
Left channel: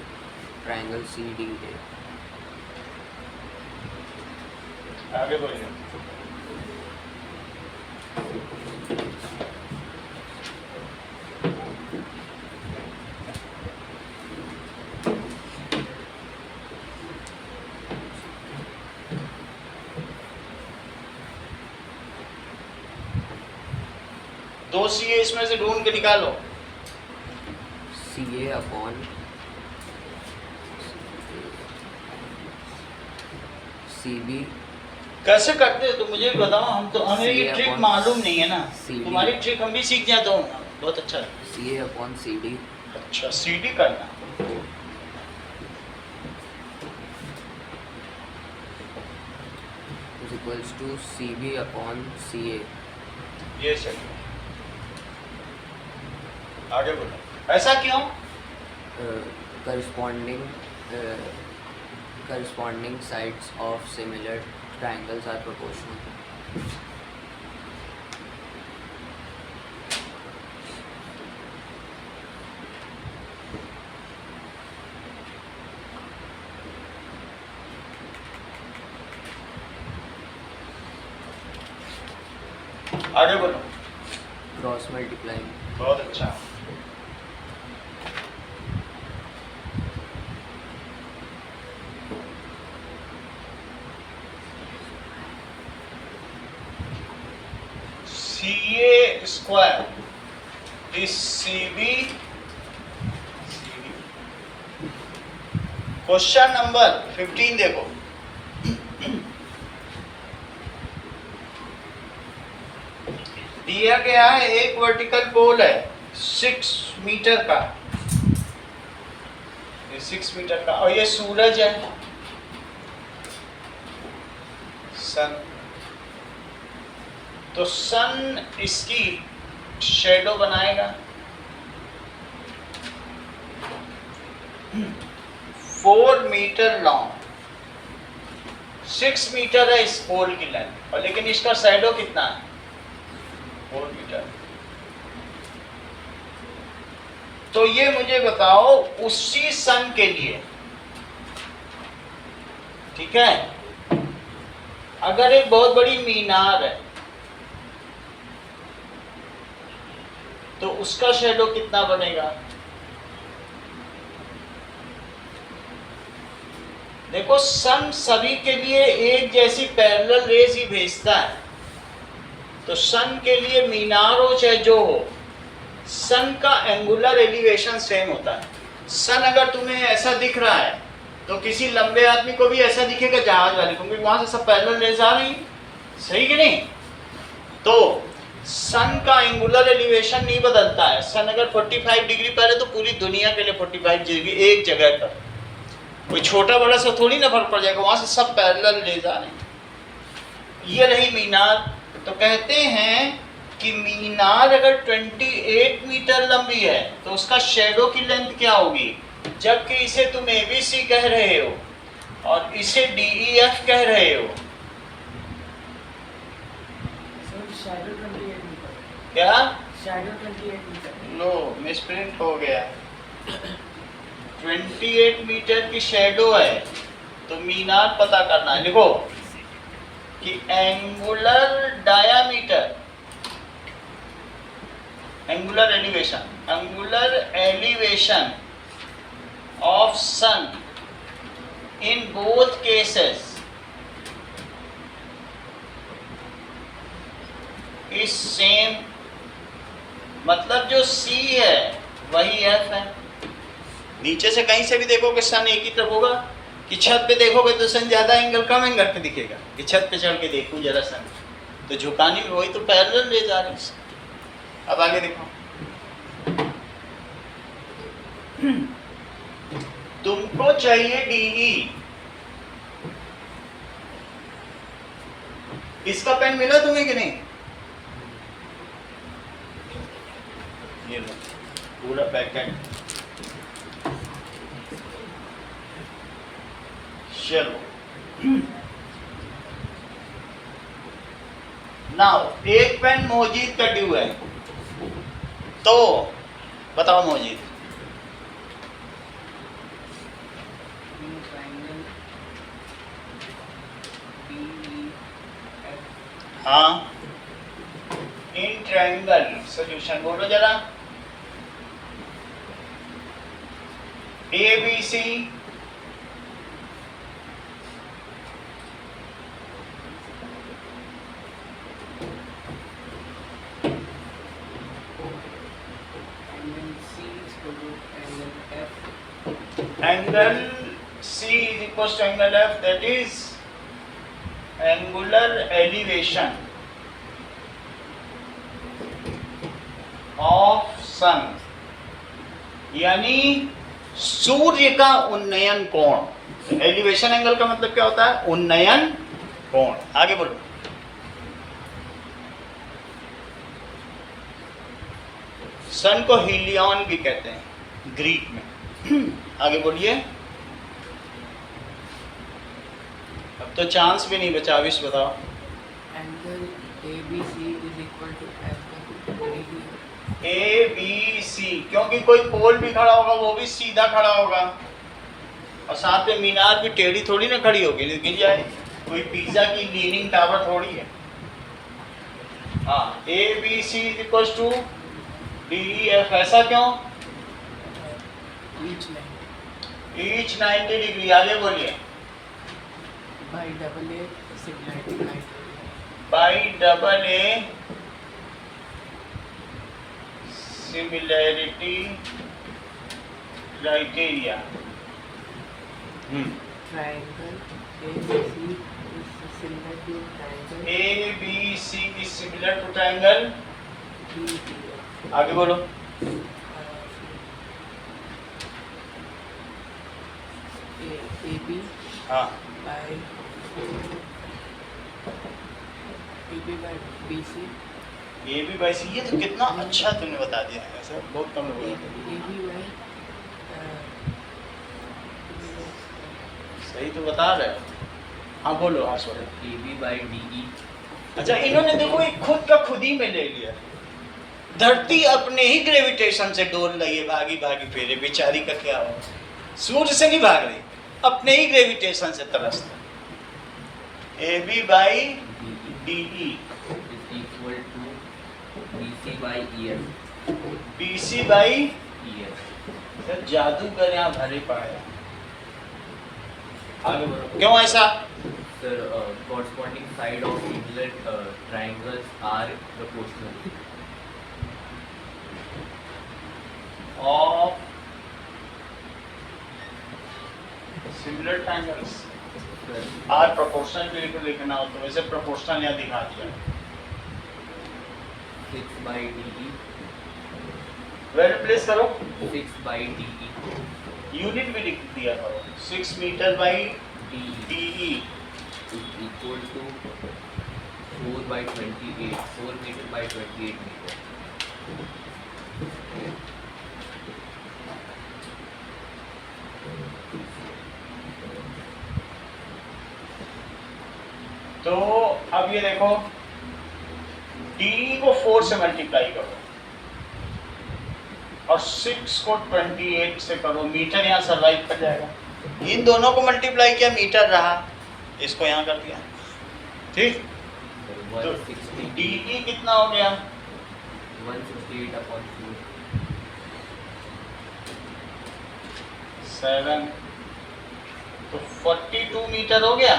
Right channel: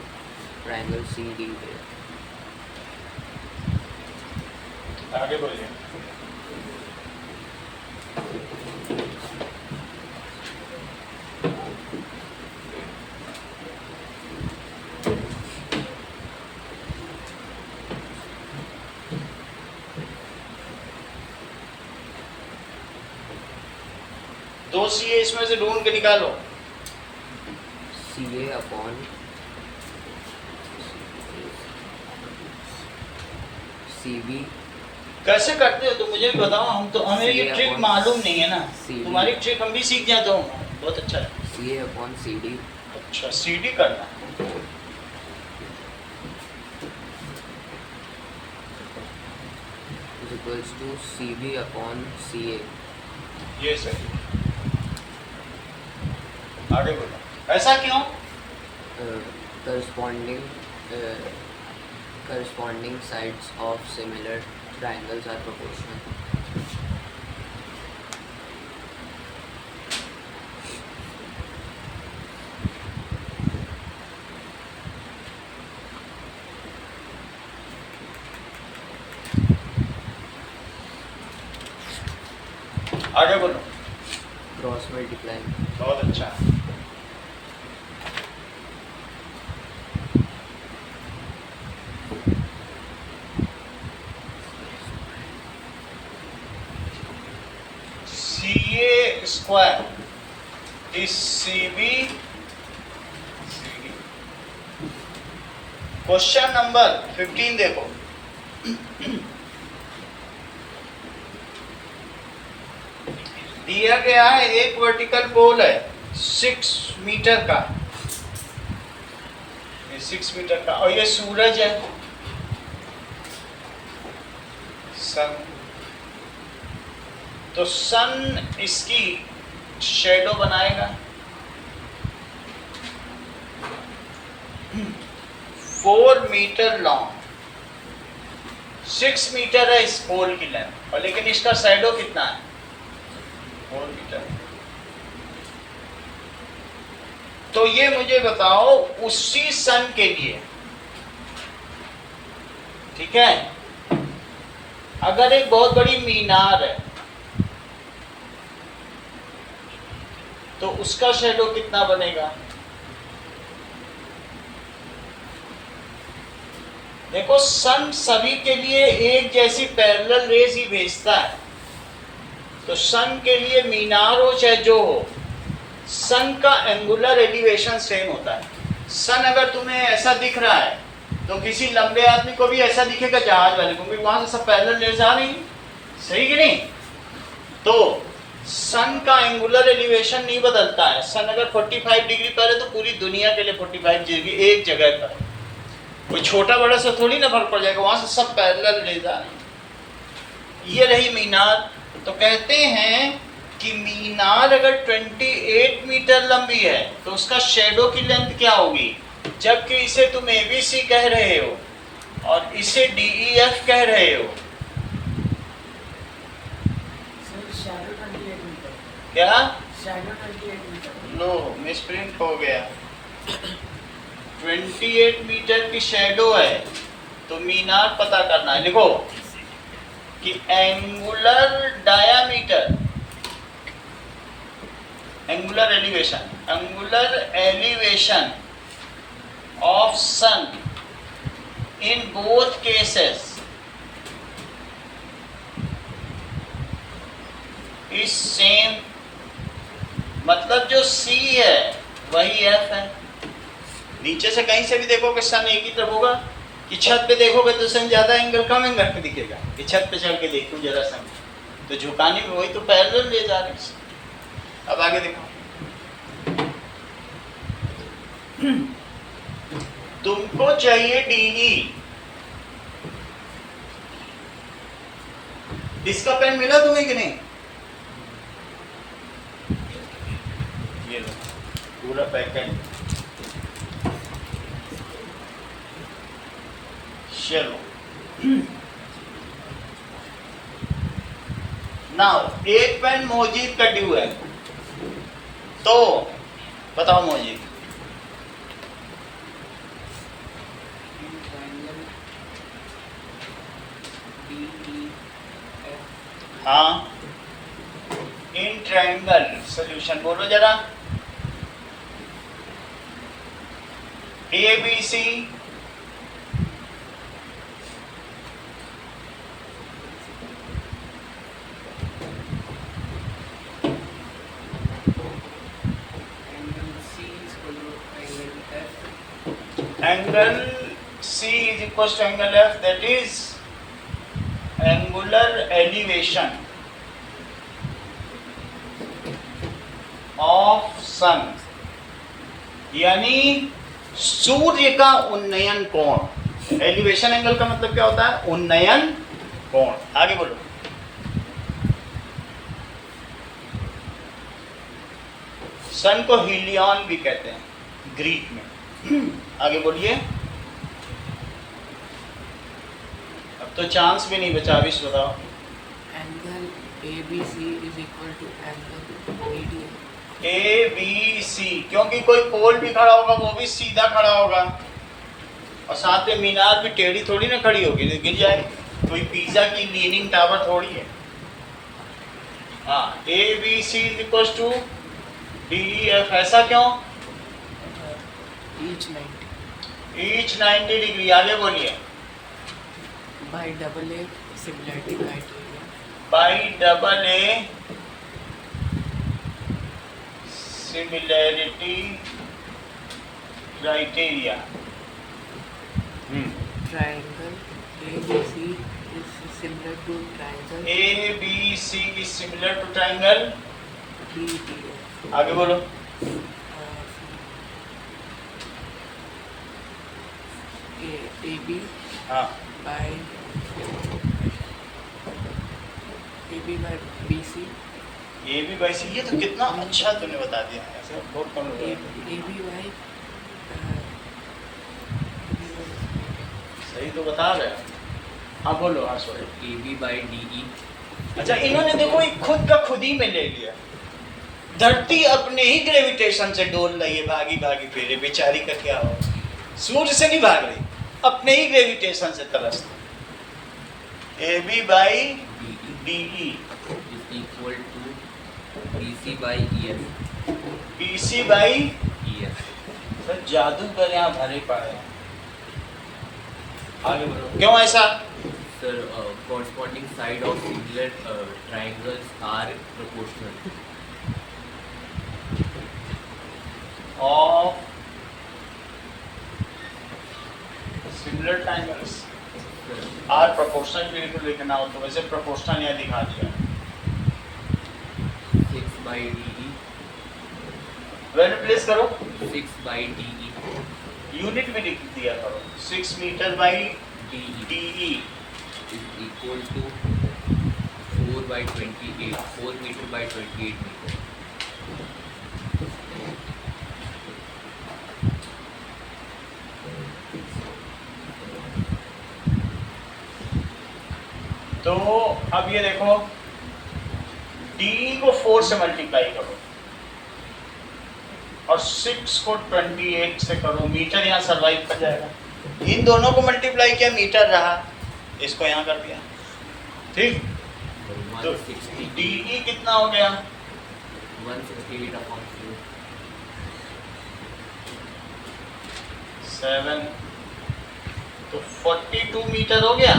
triangle CDA आगे बोलिए दो CA इसमें से ढूंढ के निकालो CA upon CB कैसे करते हो तो मुझे भी बताओ हमें ये CA ट्रिक upon मालूम नहीं है ना CD तुम्हारी ट्रिक हम भी सीख जाते हो बहुत अच्छा है CA upon CD अच्छा CD करना है is equals to CB upon CA ये सही है आगे बोलो ऐसा क्यों corresponding sides of similar triangles are proportional आगे बोलो। Cross multiply. बहुत अच्छा। CA square is CB। Question number 15 देखो। दिया गया है एक वर्टिकल पोल है 6 मीटर का, ये 6 मीटर का, और ये सूरज है, सन। तो सन इसकी शेडो बनाएगा। 4 मीटर लॉन्ग, 6 मीटर है इस पोल की लेंथ, और लेकिन इसका शैडो कितना है? 4 मीटर। तो ये मुझे बताओ उसी सन के लिए, ठीक है, अगर एक बहुत बड़ी मीनार है तो उसका शैडो कितना बनेगा? देखो सन सभी के लिए एक जैसी पैरेलल रेज ही भेजता है, तो सन के लिए मीनार हो चाहे जो हो, सन का एंगुलर एलिवेशन सेम होता है। सन अगर तुम्हें ऐसा दिख रहा है तो किसी लंबे आदमी को भी ऐसा दिखेगा जहाज वाले को, क्योंकि वहां से सब पैरेलल रेज आ रही है, सही कि नहीं? तो सन का एंगुलर एलिवेशन नहीं बदलता है। सन अगर 45 डिग्री पर है तो पूरी दुनिया के लिए 45 डिग्री एक जगह पर, कोई छोटा बड़ा सा थोड़ी ना फर्क पड़ जाएगा, वहां से सब पैरेलल रेज आ रहे हैं। ये रही मीनार। तो कहते हैं कि मीनार अगर 28 मीटर लंबी है तो उसका शेडो की लेंथ क्या होगी? जबकि इसे तुम ABC कह रहे हो और इसे DEF कह रहे हो, क्या? लो मिसप्रिंट हो गया। 28 मीटर की शेडो है तो मीनार पता करना है। लिखो कि angular diameter, angular elevation of sun in both cases is same. मतलब जो C है वही F है। नीचे से कहीं से भी देखोगे सन एक ही तरफ होगा, कि छत पे देखोगे तो सन ज्यादा एंगल कम एंगल पे दिखेगा, कि छत पे चढ़ के देखूं जरा सन, तो झुकाने में वही तो पैरेलल ले जा रहे हैं। अब आगे देखो, तुमको चाहिए DE। इसका पेन मिला तुम्हें कि नहीं? ये लो पूरा पैकेट। चलो नाउ एक पेन मोजीद का ड्यू है, तो बताओ मोजीद। हाँ, इन ट्रायंगल सॉल्यूशन बोलो जरा। ABC angle C is equals to angle F, that is angular elevation of sun, यानी सूर्य का उन्नयन कोण। एलिवेशन एंगल का मतलब क्या होता है? उन्नयन कोण। आगे बोलो। सन को हीलियन भी कहते हैं ग्रीक में। आगे बोलिए। अब तो चांस भी नहीं बचा, विश बताओ। Angle ABC is equal to angle BDF। ABC, क्योंकि कोई पोल भी खड़ा होगा वो भी सीधा खड़ा होगा, और साथ में मीनार भी टेढ़ी थोड़ी ना खड़ी होगी, गिर जाए। कोई पिज्जा की लीनिंग टावर थोड़ी है। हाँ, A B C is equal to D E F, ऐसा क्यों? each 90 each 90 degree. आगे बोलिए। by double A similarity criteria. By double A similarity criteria. Triangle ABC is similar to triangle A B C is similar to triangle. DEF. आगे बोलो। AB हाँ, by BC. A B by C. ये तो कितना अच्छा तुमने बता दिया, ऐसे बहुत कम लोग हैं। AB by सही तो बता रहे हो। हाँ बोलो। हाँ सॉरी। AB by DE. अच्छा, इन्होंने देखो एक खुद का खुद ही में ले लिया। धरती अपने ही ग्रेविटेशन से डोल रही है, भागी भागी फिरे, बेचारी का क्या हो। सूर्य से नहीं भाग रही, अपने ही ग्रेविटेशन से तरसते। A B by D E is equal to BC by EF. B C by. EF. Sir जादूगर यहाँ भरे पड़े हैं। आगे बोलो, क्यों ऐसा? Sir, corresponding side of similar triangles are proportional. Of similar triangles Sir, are proportional भी लिखना हो तो वैसे प्रोपोर्शनल यहाँ दिखा दिया। 6 by DE. वैल्यू प्लेस करो, 6 by DE. यूनिट भी लिख दिया करो। 6 meter by DE D E is equal to 4 by 28. 4 meter by 28 meter. तो अब ये देखो, डी को 4 से मल्टीप्लाई करो और 6 को 28 से करो। मीटर यहाँ सर्वाइव कर जाएगा। इन दोनों को मल्टीप्लाई किया, मीटर रहा, इसको यहाँ कर दिया। ठीक, तो 160. डी कितना हो गया? 168 upon 4. 7, तो 42 मीटर हो गया।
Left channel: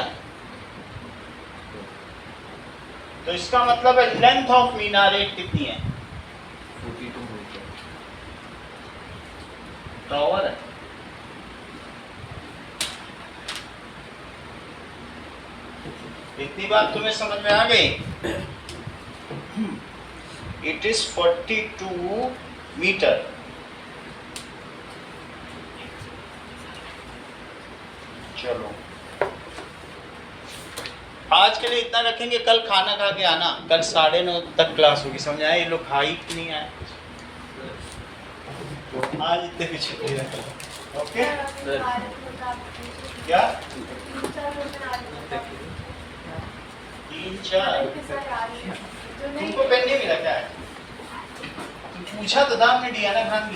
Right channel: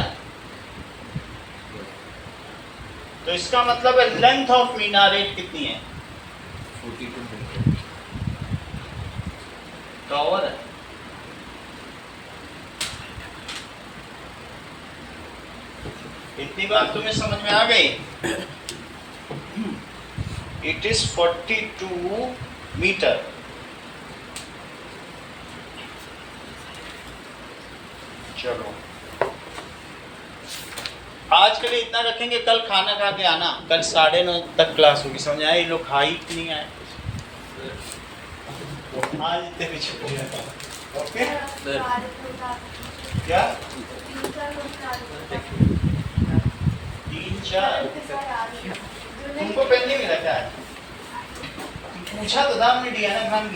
तो इसका मतलब है लेंथ ऑफ मीनारेट कितनी है? 42 meter. टावर है। इतनी बात तुम्हें समझ में आ गई? It is 42 meter. चलो आज के लिए इतना रखेंगे, कल खाना खा के आना। कल 9:30 तक क्लास होगी, समझ आए? ये लोग खा ही नहीं आए आज, इतने भी छुट्टी है। Okay, sir. क्या 3-4 तुमको पेन नहीं मिला क्या? पूछा तो दाम ने दिया ना,